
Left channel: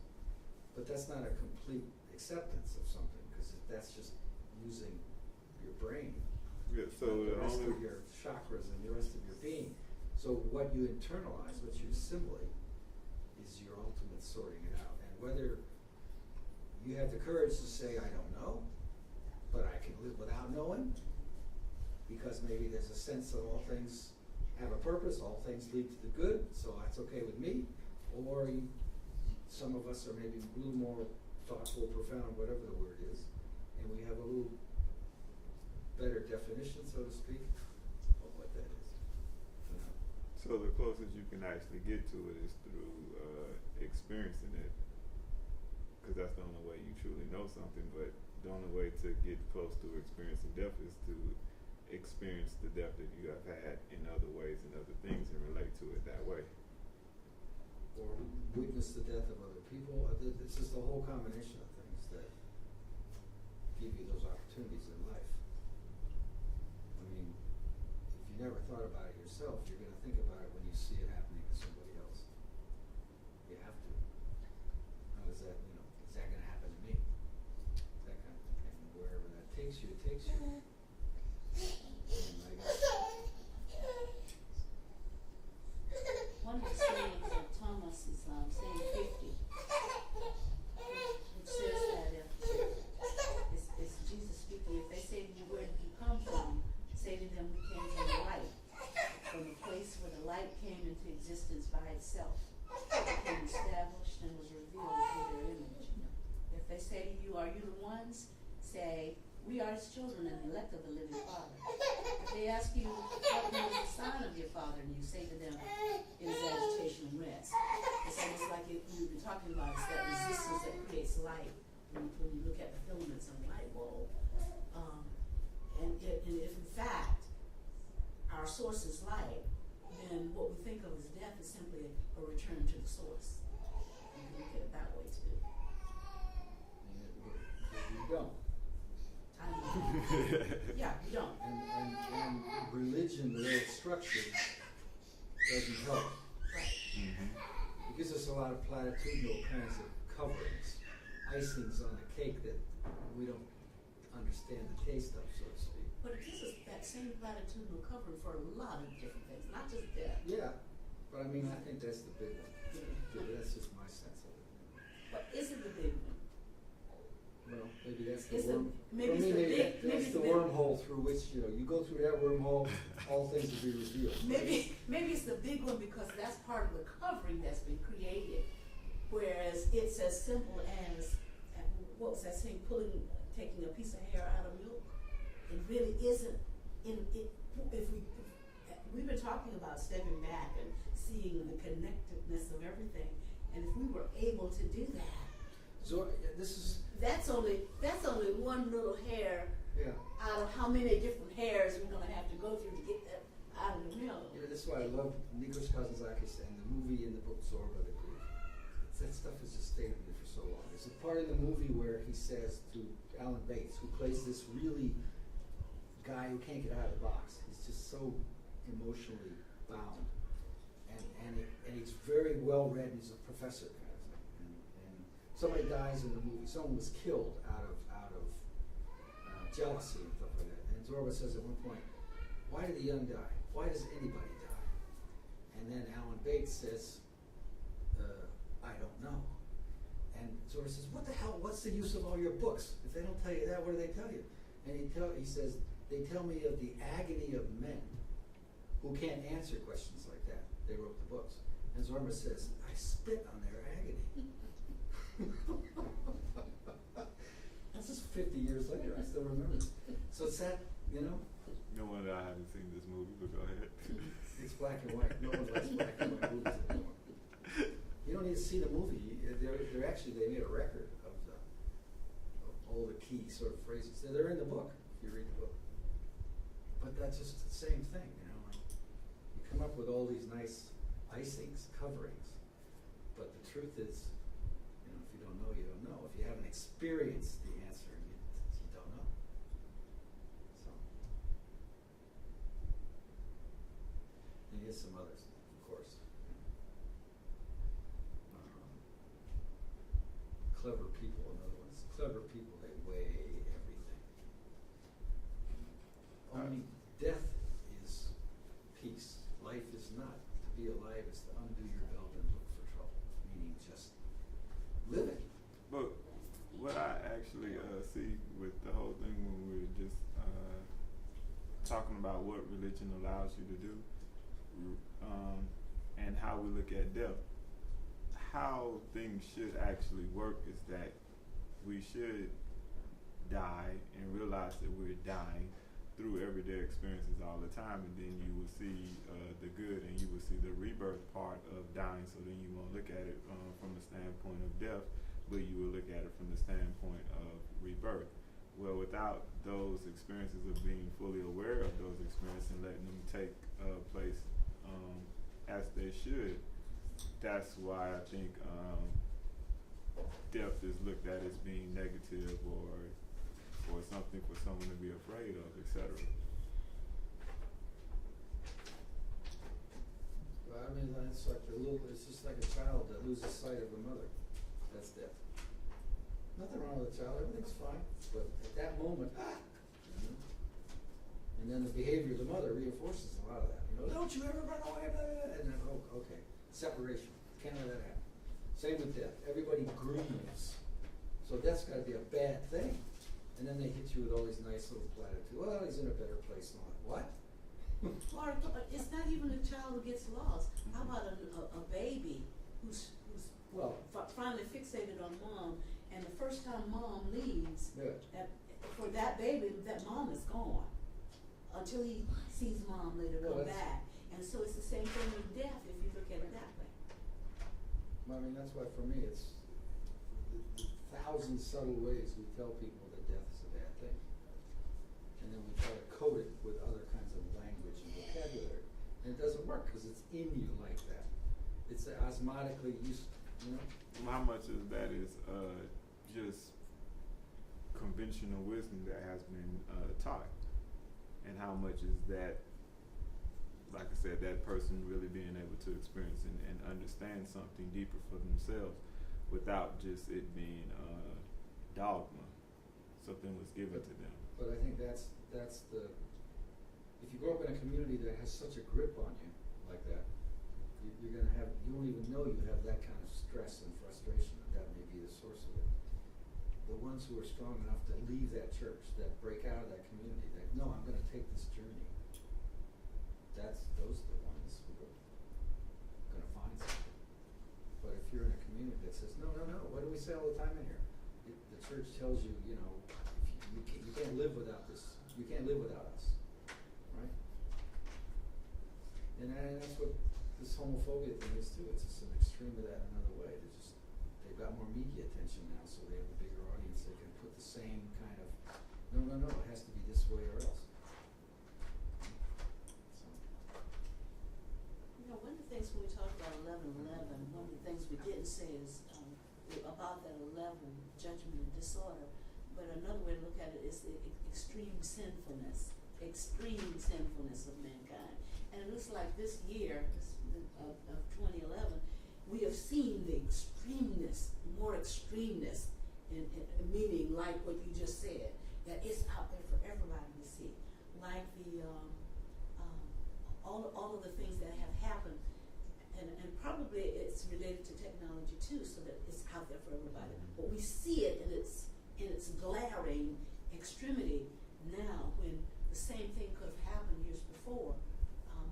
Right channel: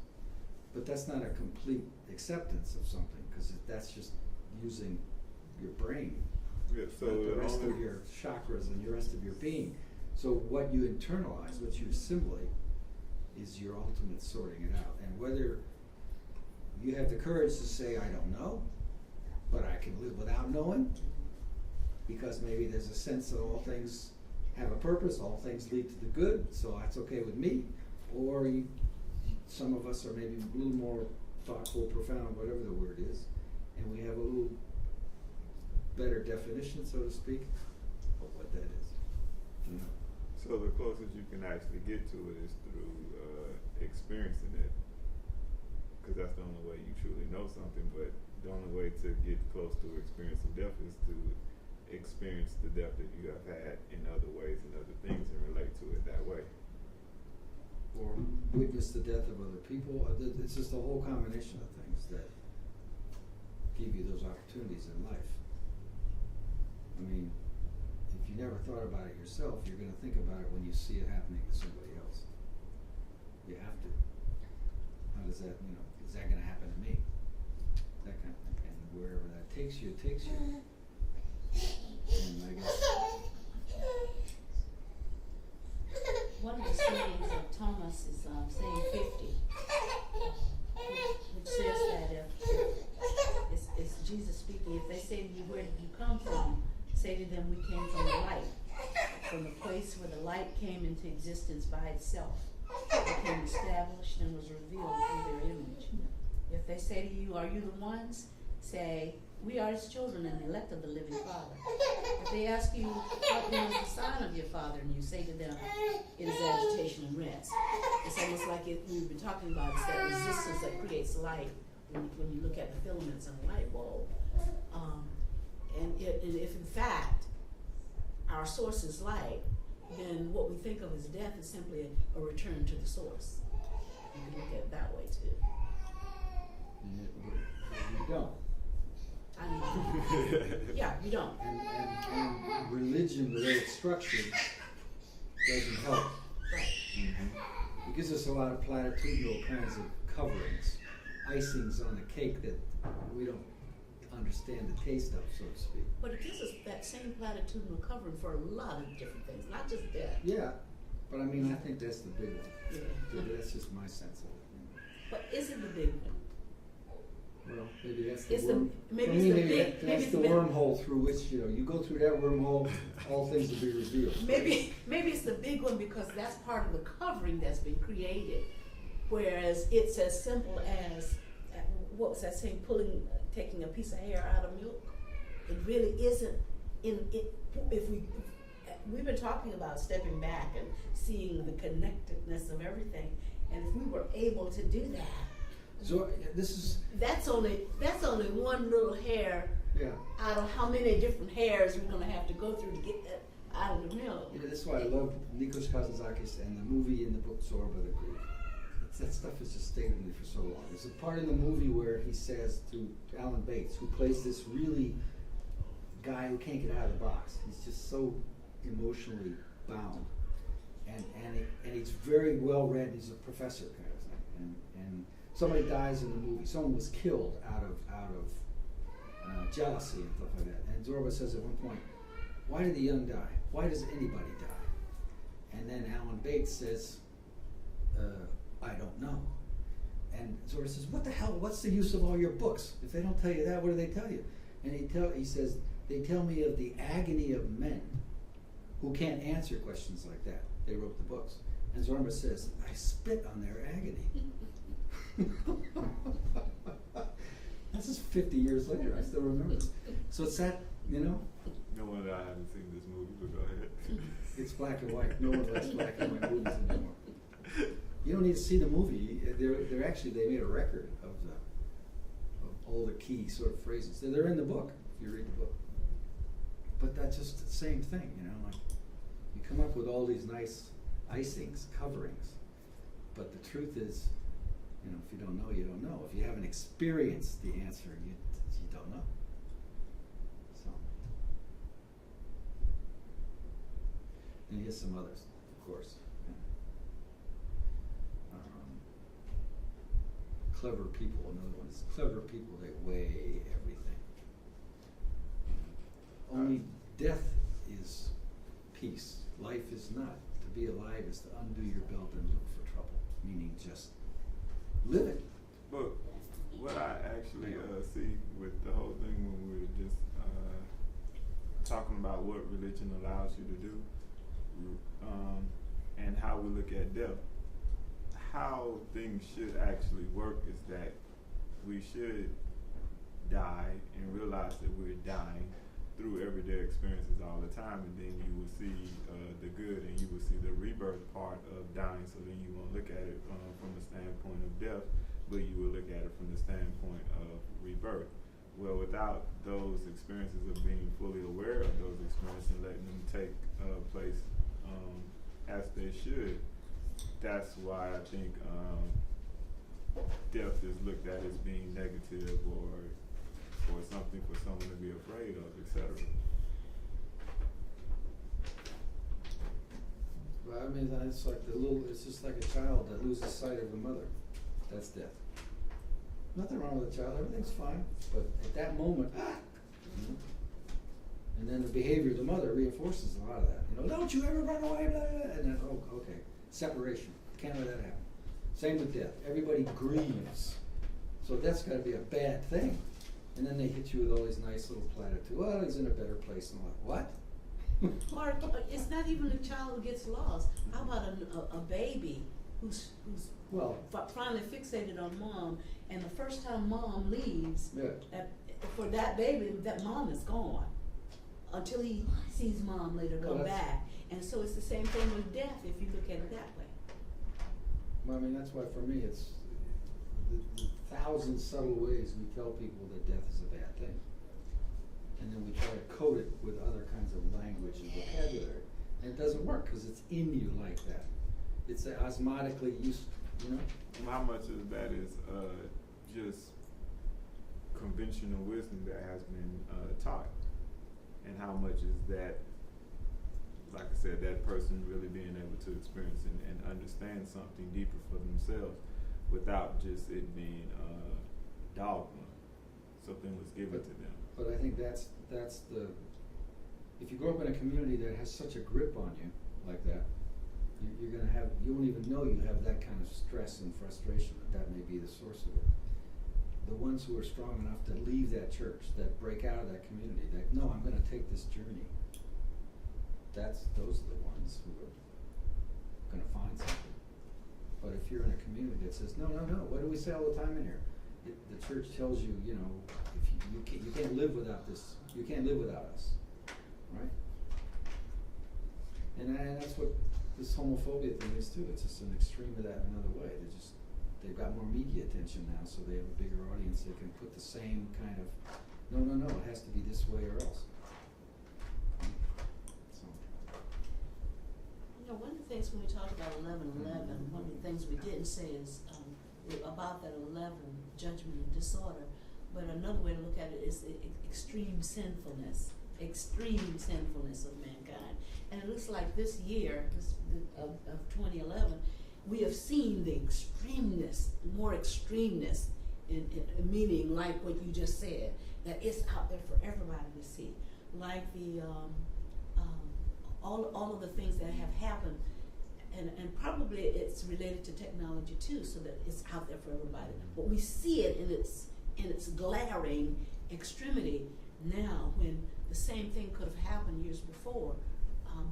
But that's not a complete acceptance of something, because that's just using your brain. Yeah, so the rest of your chakras and the rest of your being. So what you internalize, what you assimilate, is your ultimate sorting it out. And whether you have the courage to say, I don't know, but I can live without knowing, because maybe there's a sense that all things have a purpose, all things lead to the good, so that's okay with me. Or some of us are maybe a little more thoughtful, profound, whatever the word is, and we have a little better definition, so to speak, of what that is. You know? So the closest you can actually get to it is through experiencing it, because that's the only way you truly know something. But the only way to get close to experiencing death is to experience the death that you have had in other ways and other things and relate to it that way. Or witness the death of other people. It's just a whole combination of things that give you those opportunities in life. I mean, if you never thought about it yourself, you're going to think about it when you see it happening to somebody else. You have to. How does that, is that going to happen to me? That kind of thing. And wherever that takes you, it takes you. And I guess one of the sayings of Thomas is saying 50, which says that if it's Jesus speaking, if they say to you, where did you come from? Say to them, we came from the light, from the place where the light came into existence by itself, became established and was revealed through their image. If they say to you, are you the ones? Say, we are his children and the elect of the living Father. If they ask you, what is the sign of your Father? And you say to them, it is agitation and rest. It's almost like we've been talking about, it's that resistance that creates light when you look at the filaments in a light bulb. And if in fact our source is light, then what we think of as death is simply a return to the source. You can look at it that way too. you don't. I mean, yeah, you don't. And religion, the way it's structured, doesn't help. Right. Mm-hmm. It gives us a lot of platitudinal kinds of coverings, icings on the cake that we don't understand the taste of, so to speak. But it gives us that same platitudinal covering for a lot of different things, not just death. Yeah, but I mean, I think that's the big one. Yeah. That's just my sense of it. But is it the big one? Well, maybe that's the It's worm. maybe For it's me, the maybe big. Maybe that's it's the big. wormhole through which you go through that wormhole, all things will be revealed. Maybe it's the big one because that's part of the covering that's been created. Whereas it's as simple as what was that saying? Taking a piece of hair out of milk. It really isn't. If we've been talking about stepping back and seeing the connectedness of everything, and if we were able to do that. So this is That's only one little hair out of how many different hairs we're gonna have to go through to get that out of the milk. Yeah, that's why I love Nikos Kazantzakis and the movie and the book Zorba the Greek. that stuff has just stayed with me for so long. There's a part in the movie where he says to Alan Bates, who plays this really guy who can't get out of the box. He's just so emotionally bound, and he's very well read. He's a professor kind of thing, and somebody dies in the movie. Someone was killed out of jealousy and stuff like that. And Zorba says at one point, "Why do the young die? Why does anybody die?" And then Alan Bates says, "I don't know." And Zorba says, "What the hell? What's the use of all your books? If they don't tell you that, what do they tell you?" And he says, "They tell me of the agony of men who can't answer questions like that. They wrote the books." And Zorba says, "I spit on their agony." That's just 50 years later. I still remember. So it's that, you know. No wonder I haven't seen this movie, but go ahead. It's black and white. No one likes black and white movies anymore. You don't need to see the movie. They're actually, they made a record of all the key sort of phrases. They're in the book if you read the book. But that's just the same thing, you know. Like, you come up with all these nice icings, coverings, but the truth is, you know, if you don't know, you don't know. If you haven't experienced the answer, you don't know. So, and here's some others, of course. Clever people, another one is clever people, they weigh everything. Only death is peace. Life is not. To be alive is to undo your belt and look for trouble, meaning just live it. But what I actually see with the whole thing when we're just talking about what religion allows you to do, and how we look at death, how things should actually work is that we should die and realize that we're dying through everyday experiences all the time, and then you will see the good and you will see the rebirth part of dying, so then you won't look at it from the standpoint of death, but you will look at it from the standpoint of rebirth. Well, without those experiences of being fully aware of those experiences and letting them take place as they should, that's why I think death is looked at as being negative or something for someone to be afraid of, etc. Well, I mean, it's like it's just like a child that loses sight of the mother. That's death. Nothing wrong with the child, everything's fine. But at that moment, and then the behavior of the mother reinforces a lot of that. You know, don't you ever run away, blah, blah, blah. And then, oh, okay, separation. Can't let that happen. Same with death. Everybody grieves. So death's got to be a bad thing. And then they hit you with all these nice little platitudes. Well, he's in a better place and all that. What? Or it's not even a child who gets lost. How about a baby who's finally fixated on mom, and the first time mom leaves, for that baby, that mom is gone until he sees mom later come back. And so it's the same thing with death if you look at it that way. Well, I mean, that's why for me it's the thousand subtle ways we tell people that death is a bad thing. And then we try to code it with other kinds of language and vocabulary. And it doesn't work because it's in you like that. It's osmotically used, you know? How much of that is just conventional wisdom that has been taught? And how much is that, like I said, that person really being able to experience and understand something deeper for themselves without just it being dogma. Something was given to them. But I think that's the, if you grow up in a community that has such a grip on you like that, you're going to have, you don't even know you have that kind of stress and frustration, that may be the source of it. The ones who are strong enough to leave that church, that break out of that community, that, no, I'm going to take this journey. Those are the ones who are going to find something. But if you're in a community that says, no, what do we say all the time in here? The church tells you, you know, if you can't live without this, you can't live without us, right? And that's what this homophobia thing is too. It's just an extreme of that in another way. They've got more media attention now, so they have a bigger audience. They can put the same kind of, no, it has to be this way or else. No, Now, one of the things when we talk about 11:11, one of the things we didn't say is about that 11, judgment and disorder. But another way to look at it is the extreme sinfulness of mankind. And it looks like this year of 2011, we have seen the more extremeness, in meaning like what you just said, that it's out there for everybody to see. Like the all of the things that have happened, and probably it's related to technology too, so that it's out there for everybody. But we see it in its glaring extremity now, when the same thing could have happened years before,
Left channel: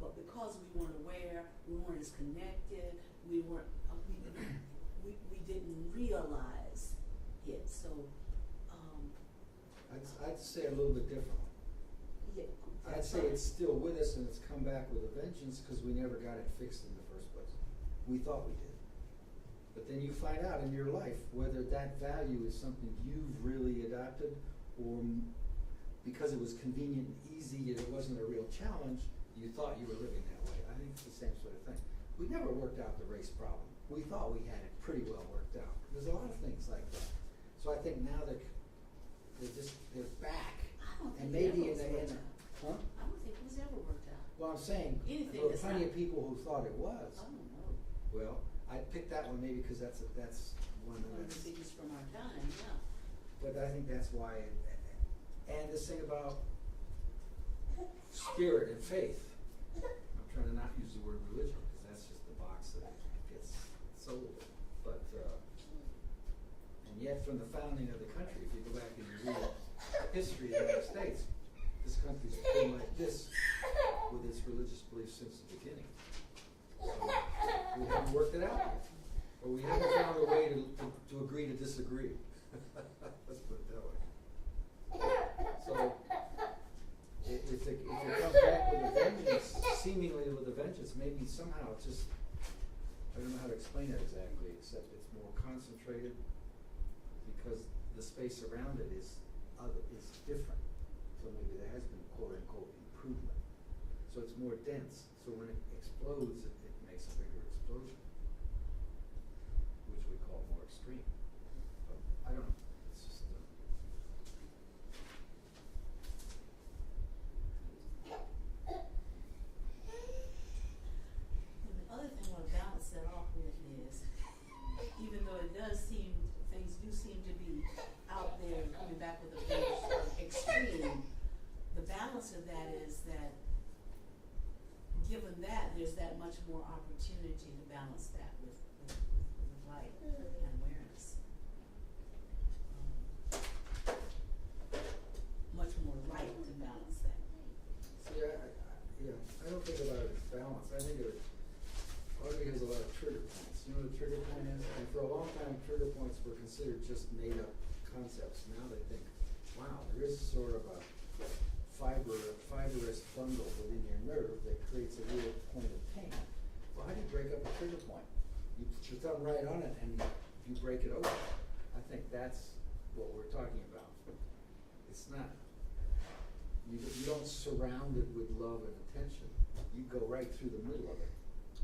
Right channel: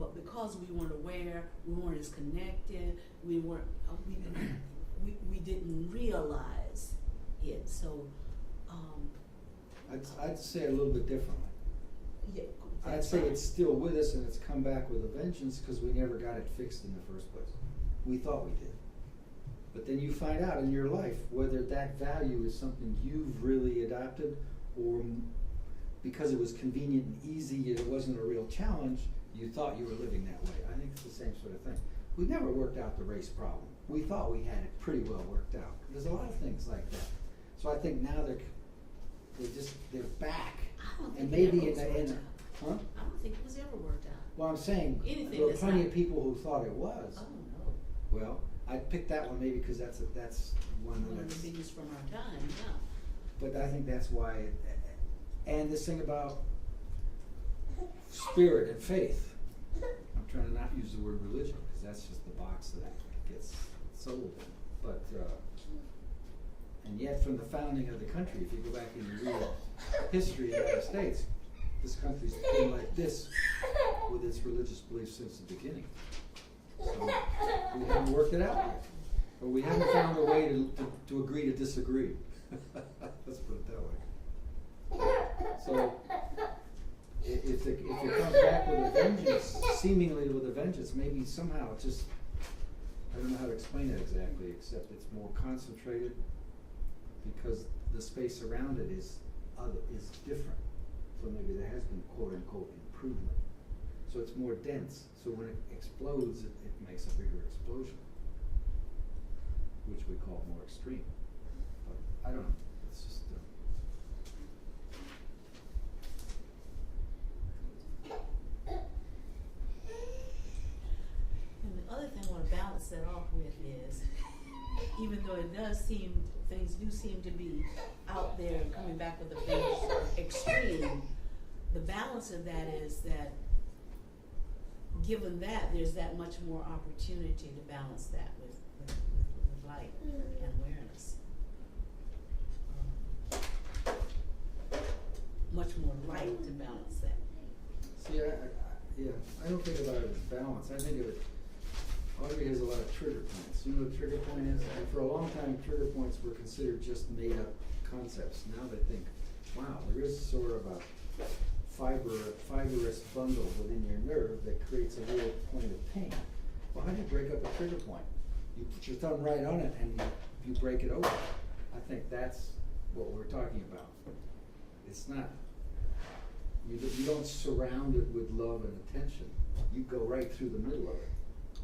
but because we weren't aware, we weren't as connected, we didn't realize it. So I'd say it a little bit differently. yeah, I'd say it's still with us and it's come back with a vengeance because we never got it fixed in the first place. We thought we did. But then you find out in your life whether that value is something you've really adopted, or because it was convenient and easy and it wasn't a real challenge, you thought you were living that way. I think it's the same sort of thing. We never worked out the race problem. We thought we had it pretty well worked out. There's a lot of things like that. So I think now they're back. I don't think And maybe it ever was worked out. huh? I don't think it was ever worked out. Well, I'm saying Anything there were that's plenty not- of people who thought it was. I don't know. Well, I picked that one maybe because that's one One of that's. the biggest from our time, yeah. But I think that's why. And this thing about spirit and faith. I'm trying to not use the word religion because that's just the box that gets sold. But and yet, from the founding of the country, if you go back and you read history of the United States, this country's been like this with its religious beliefs since the beginning. So we haven't worked it out yet. Or we haven't found a way to agree to disagree. Let's put it that way. So if it comes back with a vengeance, seemingly with a vengeance, maybe somehow it just, I don't know how to explain it exactly, except it's more concentrated because the space around it is different. So maybe there has been quote unquote improvement. So it's more dense. So when it explodes, it makes a bigger explosion, which we call more extreme. But I don't know. It's just. And the other thing I want to balance that off with is, even though things do seem to be out there coming back with a big extreme, the balance of that is that given that, there's that much more opportunity to balance that with light and awareness. Much more light to balance that. See, I don't think about it as balance. I think of it, Audrey has a lot of trigger points. You know what a trigger point is? And for a long time, trigger points were considered just made up concepts. Now they think, wow, there is sort of a fibrous bundle within your nerve that creates a real point of pain. Well, how do you break up a trigger point? You put your thumb right on it and you break it open. I think that's what we're talking about. It's not, you don't surround it with love and attention. You go right through the middle of it to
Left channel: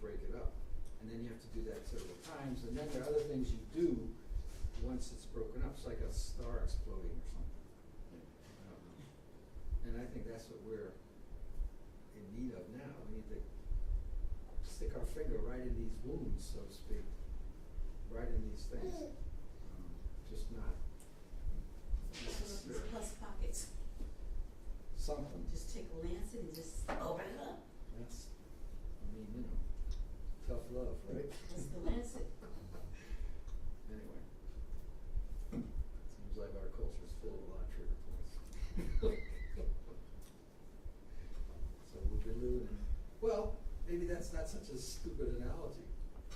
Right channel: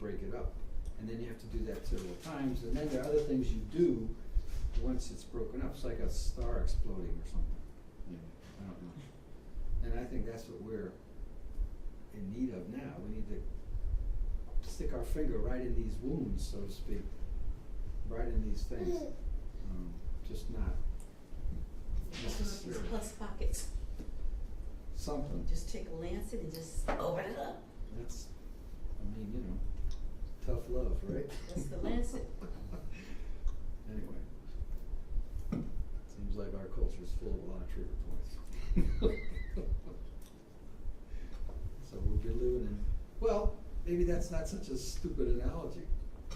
break it up. And then you have to do that several times. And then there are other things you do once it's broken up. It's like a star exploding or something. I don't know. And I think that's what we're in need of now. We need to stick our finger right in these wounds, so to speak, right in these things. Just not Open up these necessarily plus pockets. something. Just take a lancet and just open it up. That's, tough love, right? That's the lancet. Anyway, seems like our culture is full of a lot of trigger points. So we've been living in, well, maybe that's not such a stupid analogy,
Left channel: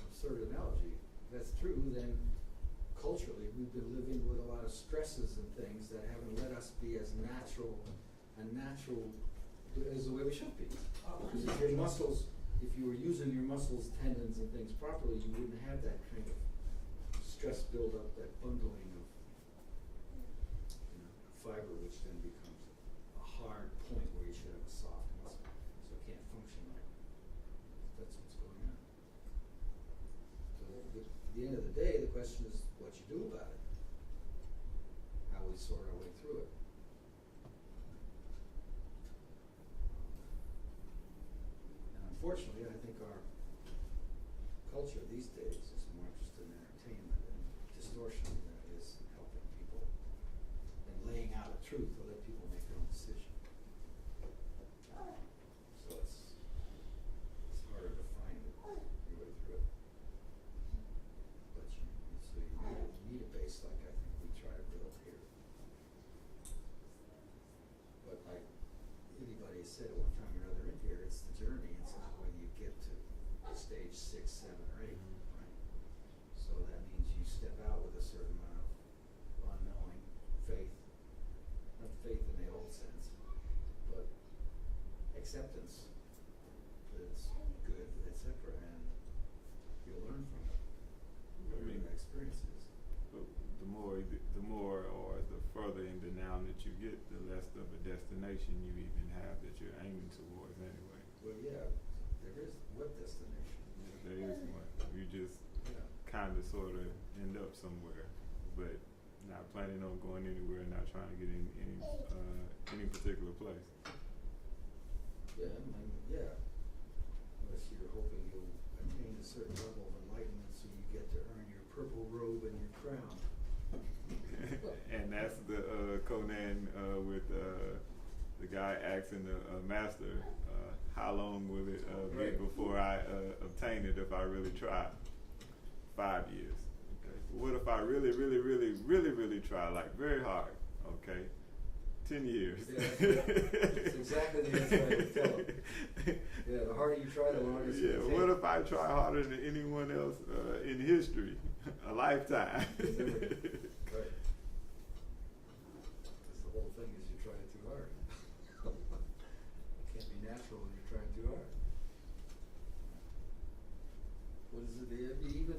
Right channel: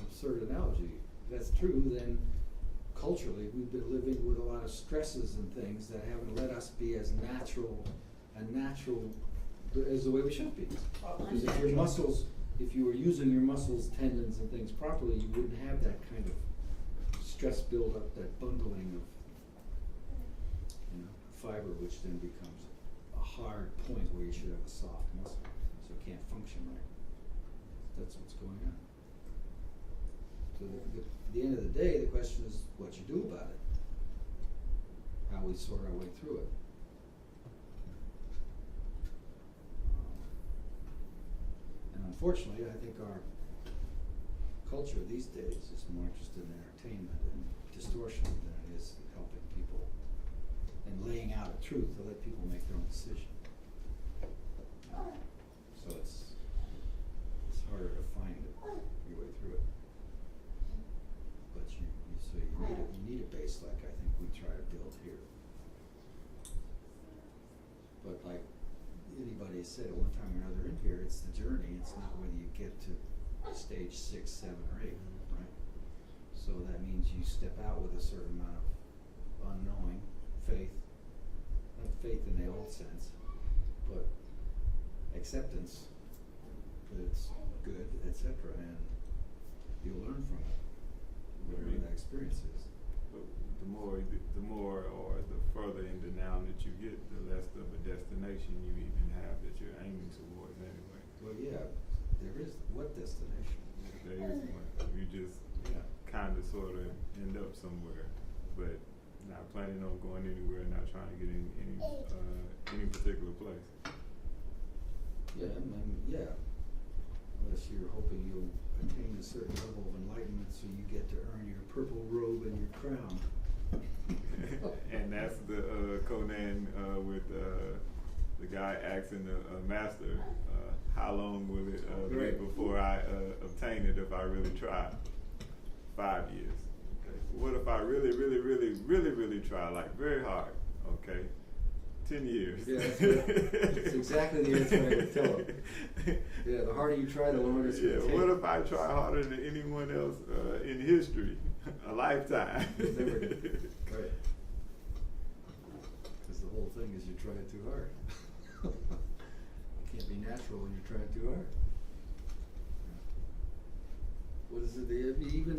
absurd analogy. If that's true, then culturally we've been living with a lot of stresses and things that haven't let us be as natural as the way we should be. Because if you were using your muscles, tendons and things properly, you wouldn't have that kind of stress buildup, that bundling of fiber, which then becomes a hard point where you should have a soft muscle, so it can't function right. That's what's going on. So at the end of the day, the question is what you do about it. How we sort our way through it. And unfortunately, I think our culture these days is more interested in entertainment and distortion than it is in helping people and laying out a truth to let people make their own decision. So it's harder to find your way through it. But you need a base like I think we try to build here. But like anybody said at one time or another in here, it's the journey. It's not whether you get to stage 6, 7, or 8, right? So that means you step out with a certain amount of unknowing, faith, not faith in the old sense, but acceptance that it's good, etc., and you'll learn from it, whatever that experience is. The more or the further in denial that you get, the less of a destination you even have that you're aiming towards anyway. Well, yeah, there is what destination? There is one. You just kind of sort of end up somewhere, but not planning on going anywhere, not trying to get in any particular place. Yeah, I mean, yeah. Unless you're hoping you'll attain a certain level of enlightenment so you get to earn your purple robe and your crown. And that's the Conan with the guy asking the master, how long will it be before I obtain it if I really try? 5 years. Okay. What if I really try, like very hard? Okay. 10 years. Yeah, that's exactly the answer I would tell him. Yeah, the harder you try, the longer it's going to take. What if I try harder than anyone else in history? A lifetime. Right. Because the whole thing is you're trying too hard. It can't be natural when you're trying too hard. What is it? Even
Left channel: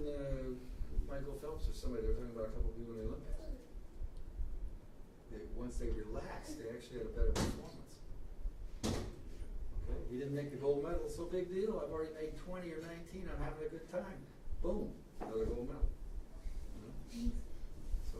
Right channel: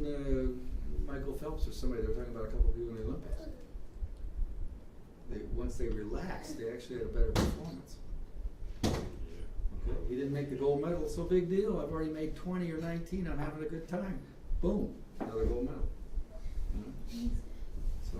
Michael Phelps or somebody, they were talking about a couple of people in the Olympics. Once they relaxed, they actually had a better performance. Okay, he didn't make the gold medal, so big deal. I've already made 20 or 19. I'm having a good time. Boom, another gold medal. You know? So.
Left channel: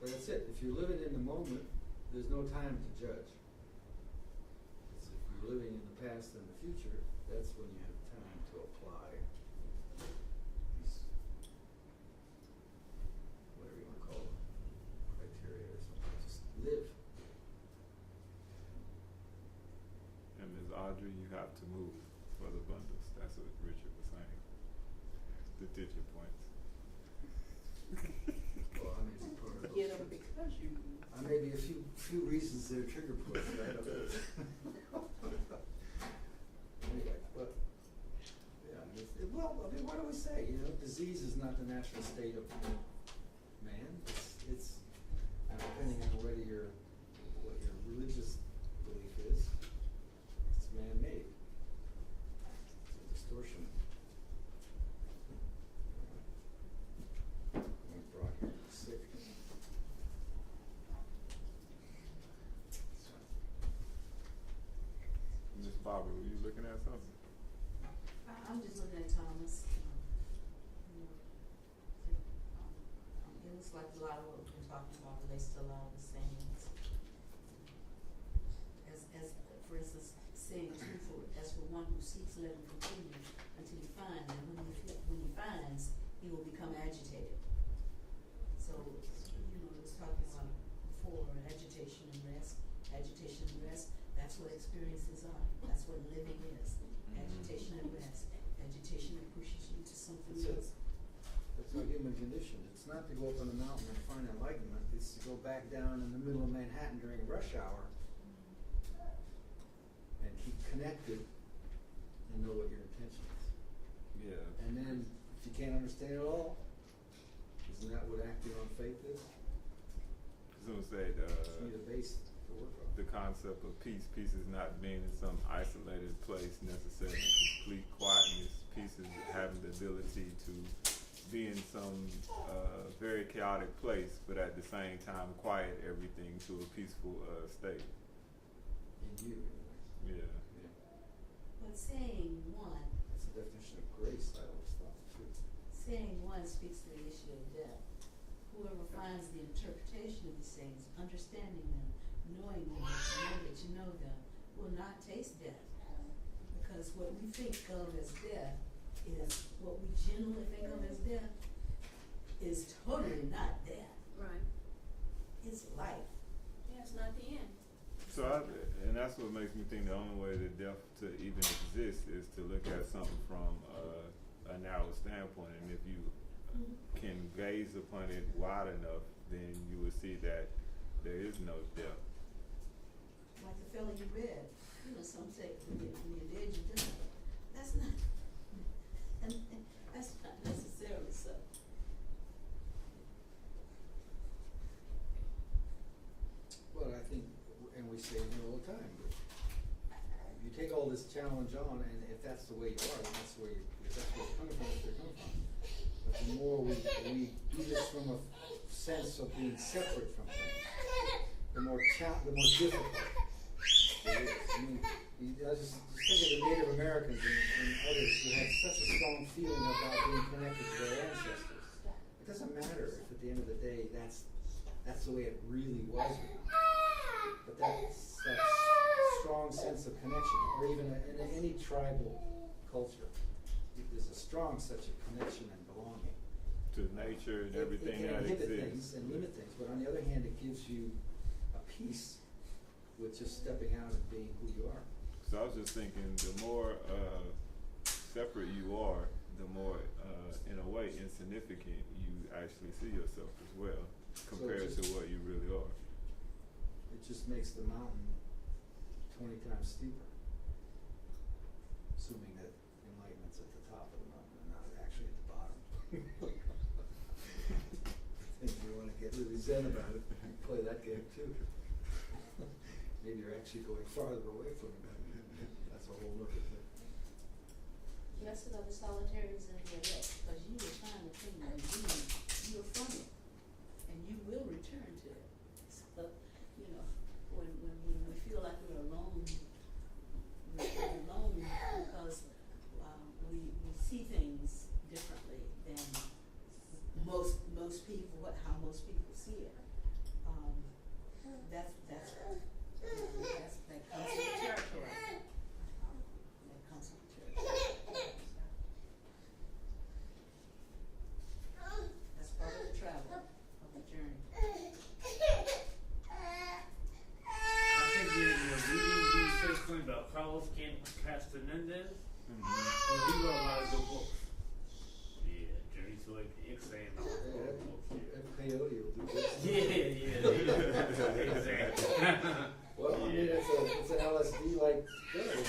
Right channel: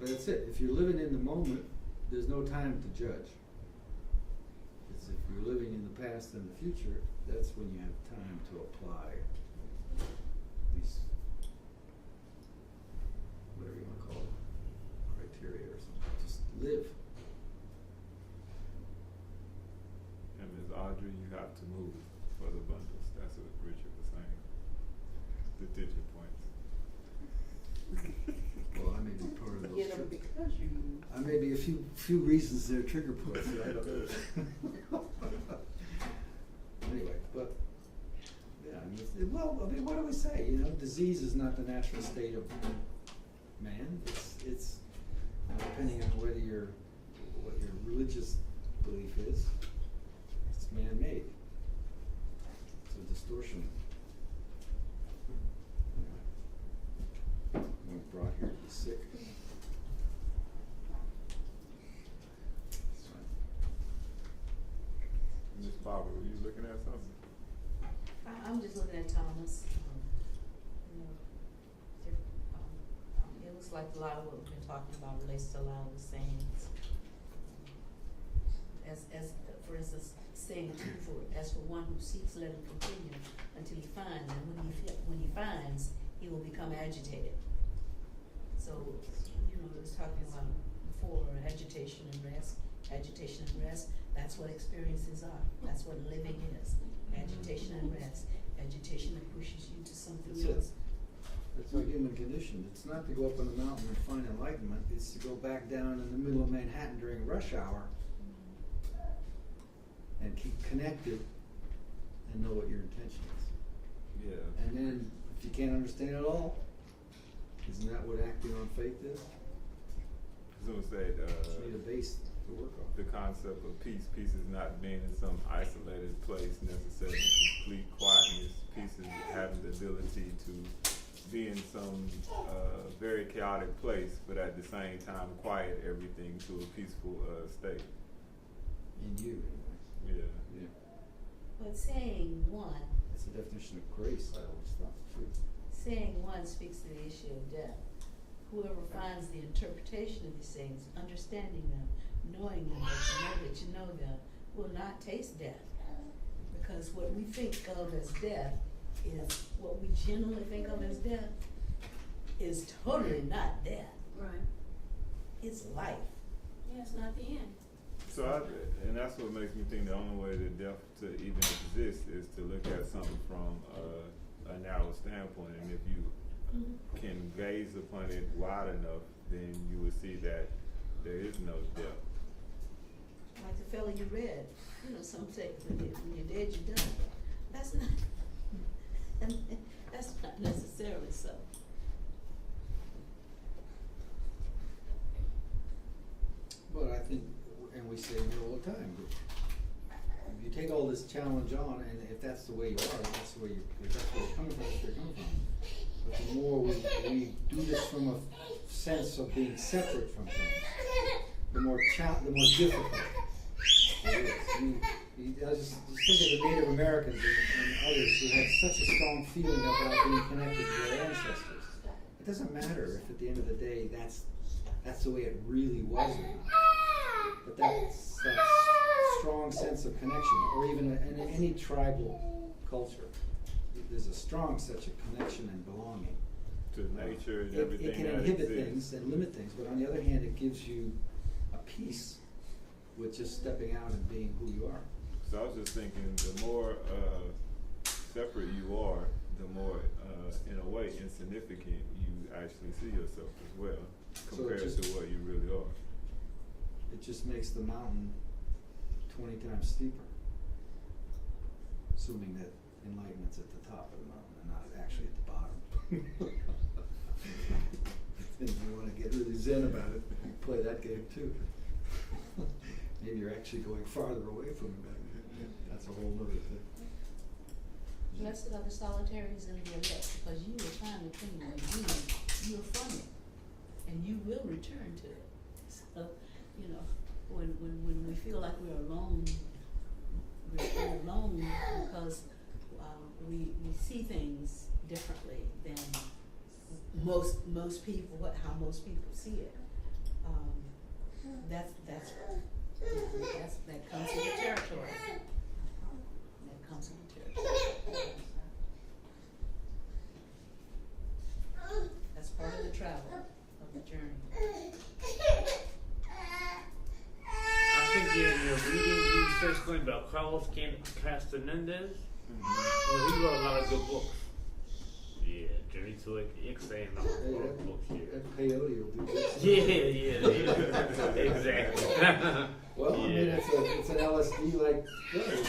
But that's it. If you're living in the moment, there's no time to judge. It's if you're living in the past and the future, that's when you have time to apply these, whatever you want to call them, criteria or something. Just live. And Ms. Audrey, you have to move for the bundles. That's what Richard was saying. The digit points. Well, I may be part of those. Get them because you move. I may be a few reasons they're trigger points. I don't know. Anyway, but yeah, I mean, what do we say? You know, disease is not the natural state of man. It's depending on what your religious belief is. It's man-made. It's a distortion. Anyway, brought here to be sick. Miss Barbara, were you looking at something? I'm just looking at Thomas. You know, it looks like a lot of what we've been talking about relates to a lot of the sayings. As for instance, saying as for one who seeks, let him continue until he finds, and when he finds, he will become agitated. So, you know, it was talking about before agitation and rest. Agitation and rest, that's what experiences are. That's what living is. Agitation and rest. Agitation that pushes you to something else. That's our human condition. It's not to go up on the mountain and find enlightenment. It's to go back down in the middle of Manhattan during rush hour and keep connected and know what your intention is. Yeah. And then, if you can't understand it all, isn't that what acting on faith is? Someone said, You need a base. to work on. the concept of peace. Peace is not being in some isolated place necessarily, complete quietness. Peace is having the ability to be in some very chaotic place, but at the same time quiet everything to a peaceful state. In you, Yeah. yeah. But saying one, That's the definition of grace, I always thought, too. saying one speaks to the issue of death. Whoever finds the interpretation of these things, understanding them, knowing them, that you know them, will not taste death. Because what we think of as death is what we generally think of as death is totally not death. Right. It's life. Yeah, it's not the end. So, and that's what makes me think the only way that death to even exist is to look at something from a narrow standpoint. And if you can gaze upon it wide enough, then you will see that there is no death. Like the fellow you read, you know, some say when you're dead, you're done. That's not, that's not necessarily so. But I think, and we say it all the time, but if you take all this challenge on, and if that's the way you are, that's the way if that's where you're coming from, that's where you're coming from. But the more we do this from a sense of being separate from things, the more difficult it is. I just think of the Native Americans and others who had such a strong feeling about being connected to their ancestors. It doesn't matter if at the end of the day that's the way it really was or not. But that's that strong sense of connection, or even in any tribal culture, there's a strong such a connection and belonging. To nature and everything it that can inhibit exists. things and limit things, but on the other hand, it gives you a peace with just stepping out and being who you are. So I was just thinking, the more separate you are, the more, in a way, insignificant you actually see yourself as well, compared to what you really are. It just makes the mountain 20 times steeper, assuming that enlightenment's at the top of the mountain and not actually at the bottom. I think you want to get really zen about it, play that game too. Maybe you're actually going farther away from it. That's a whole other thing. Blessed are the solitaries in the elect, because you will find the thing you're from it, and you will return to it. So, you know, when we feel like we're alone because we see things differently than most people, how most people see it. That comes with the territory. That comes with the territory. That's part of the travel, of the journey. I think in your reading, you said something about Carlos Castaneda. He wrote a lot of good books. Yeah, Journey to Ixay and all those books here. That peyote will do this. Yeah, exactly. Well, I mean, it's an LSD-like drug.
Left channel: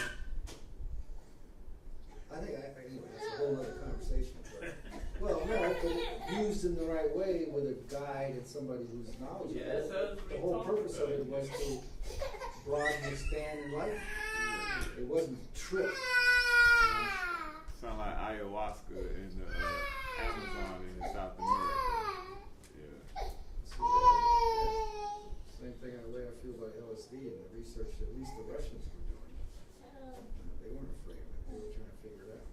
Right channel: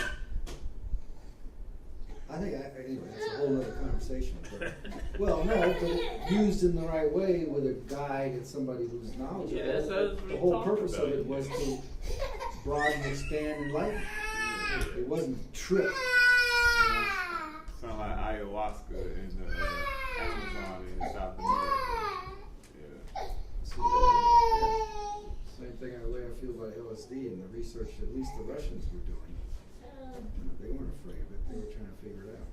I think, anyway, that's a whole other conversation. But, well, no, but used in the right way with a guide and somebody who's knowledgeable. Yeah, that's what the we whole talked purpose about. of it was to broaden, expand, and enlighten. It wasn't trick. You know? Sound like ayahuasca in the Amazon in South America. Yeah. So, yeah. Same thing the way I feel about LSD and the research that at least the Russians were doing. They weren't afraid of it. They were trying to figure it out.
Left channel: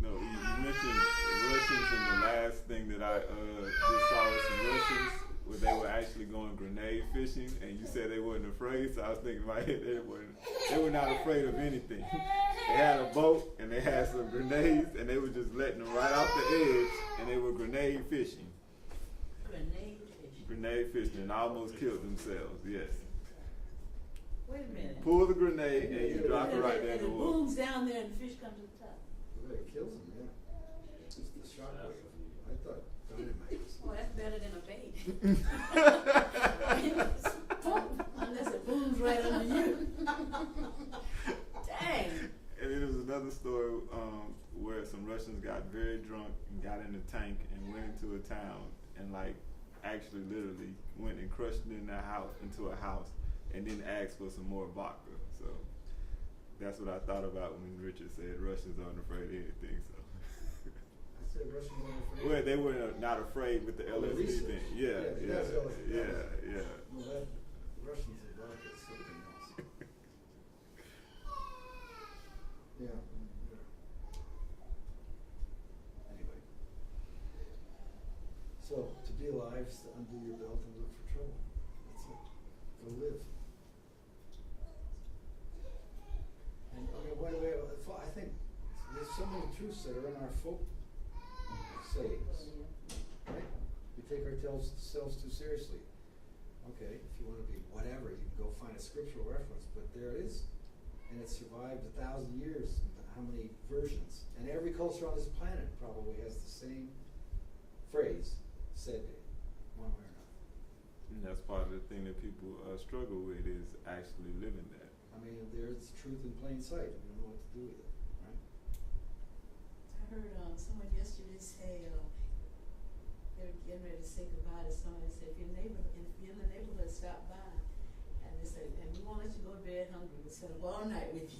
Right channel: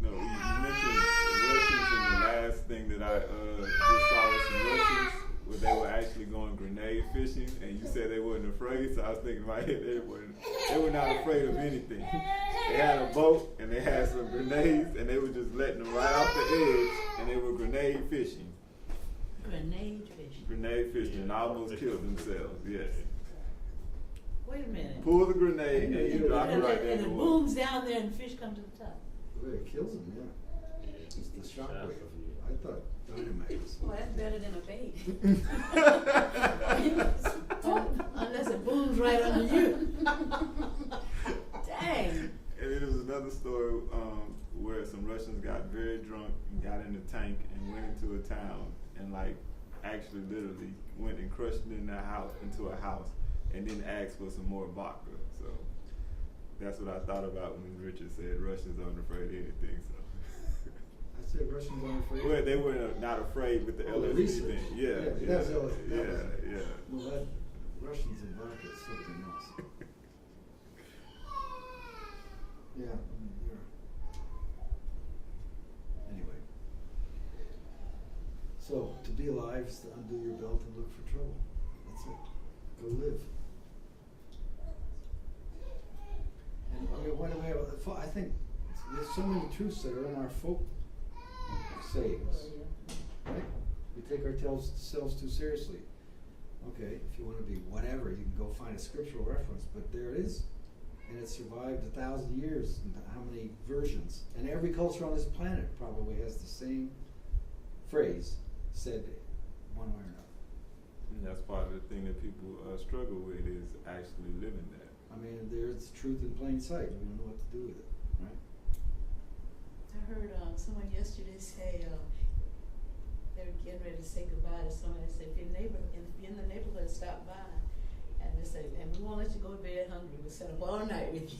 No, you mentioned Russians, and the last thing that I just saw was some Russians where they were actually going grenade fishing, and you said they wasn't afraid. So I was thinking in my head they were not afraid of anything. They had a boat and they had some grenades, and they were just letting them right off the edge, and they were grenade fishing. Grenade fishing. Grenade fishing, and almost killed themselves. Yes. Wait a minute. Pull the grenade and you drop it right there in and the it water. booms down there and the fish come to the top. Well, it kills them, yeah. It's the shockwave. I thought dynamite was. Well, that's better than a bait. Unless it booms right under you. Dang. And then there was another story where some Russians got very drunk and got in a tank and went into a town and like actually literally went and crushed it into a house, and then asked for some more vodka. So that's what I thought about when Richard said Russians aren't afraid of anything. So I said Russians aren't afraid. well, they were not afraid with the LSD thing. Yeah. Well, that Russians and vodka is something else. Yeah. Anyway. So, to be alive is to undo your belt and look for trouble. That's it. Go live. And I think there's so many truths that are in our folk sayings, right? We take ourselves too seriously. Okay, if you want to be whatever, you can go find a scriptural reference, but there it is. And it survived 1,000 years, and how many versions. And every culture on this planet probably has the same phrase said one way or another. And that's part of the thing that people struggle with is actually living that. I mean, there's truth in plain sight. We don't know what to do with it, right? I heard someone yesterday say they were getting ready to say goodbye to somebody. They said, if you're in the neighborhood, stop by. And they said, and we won't let you go to bed hungry. We'll set up all night with you.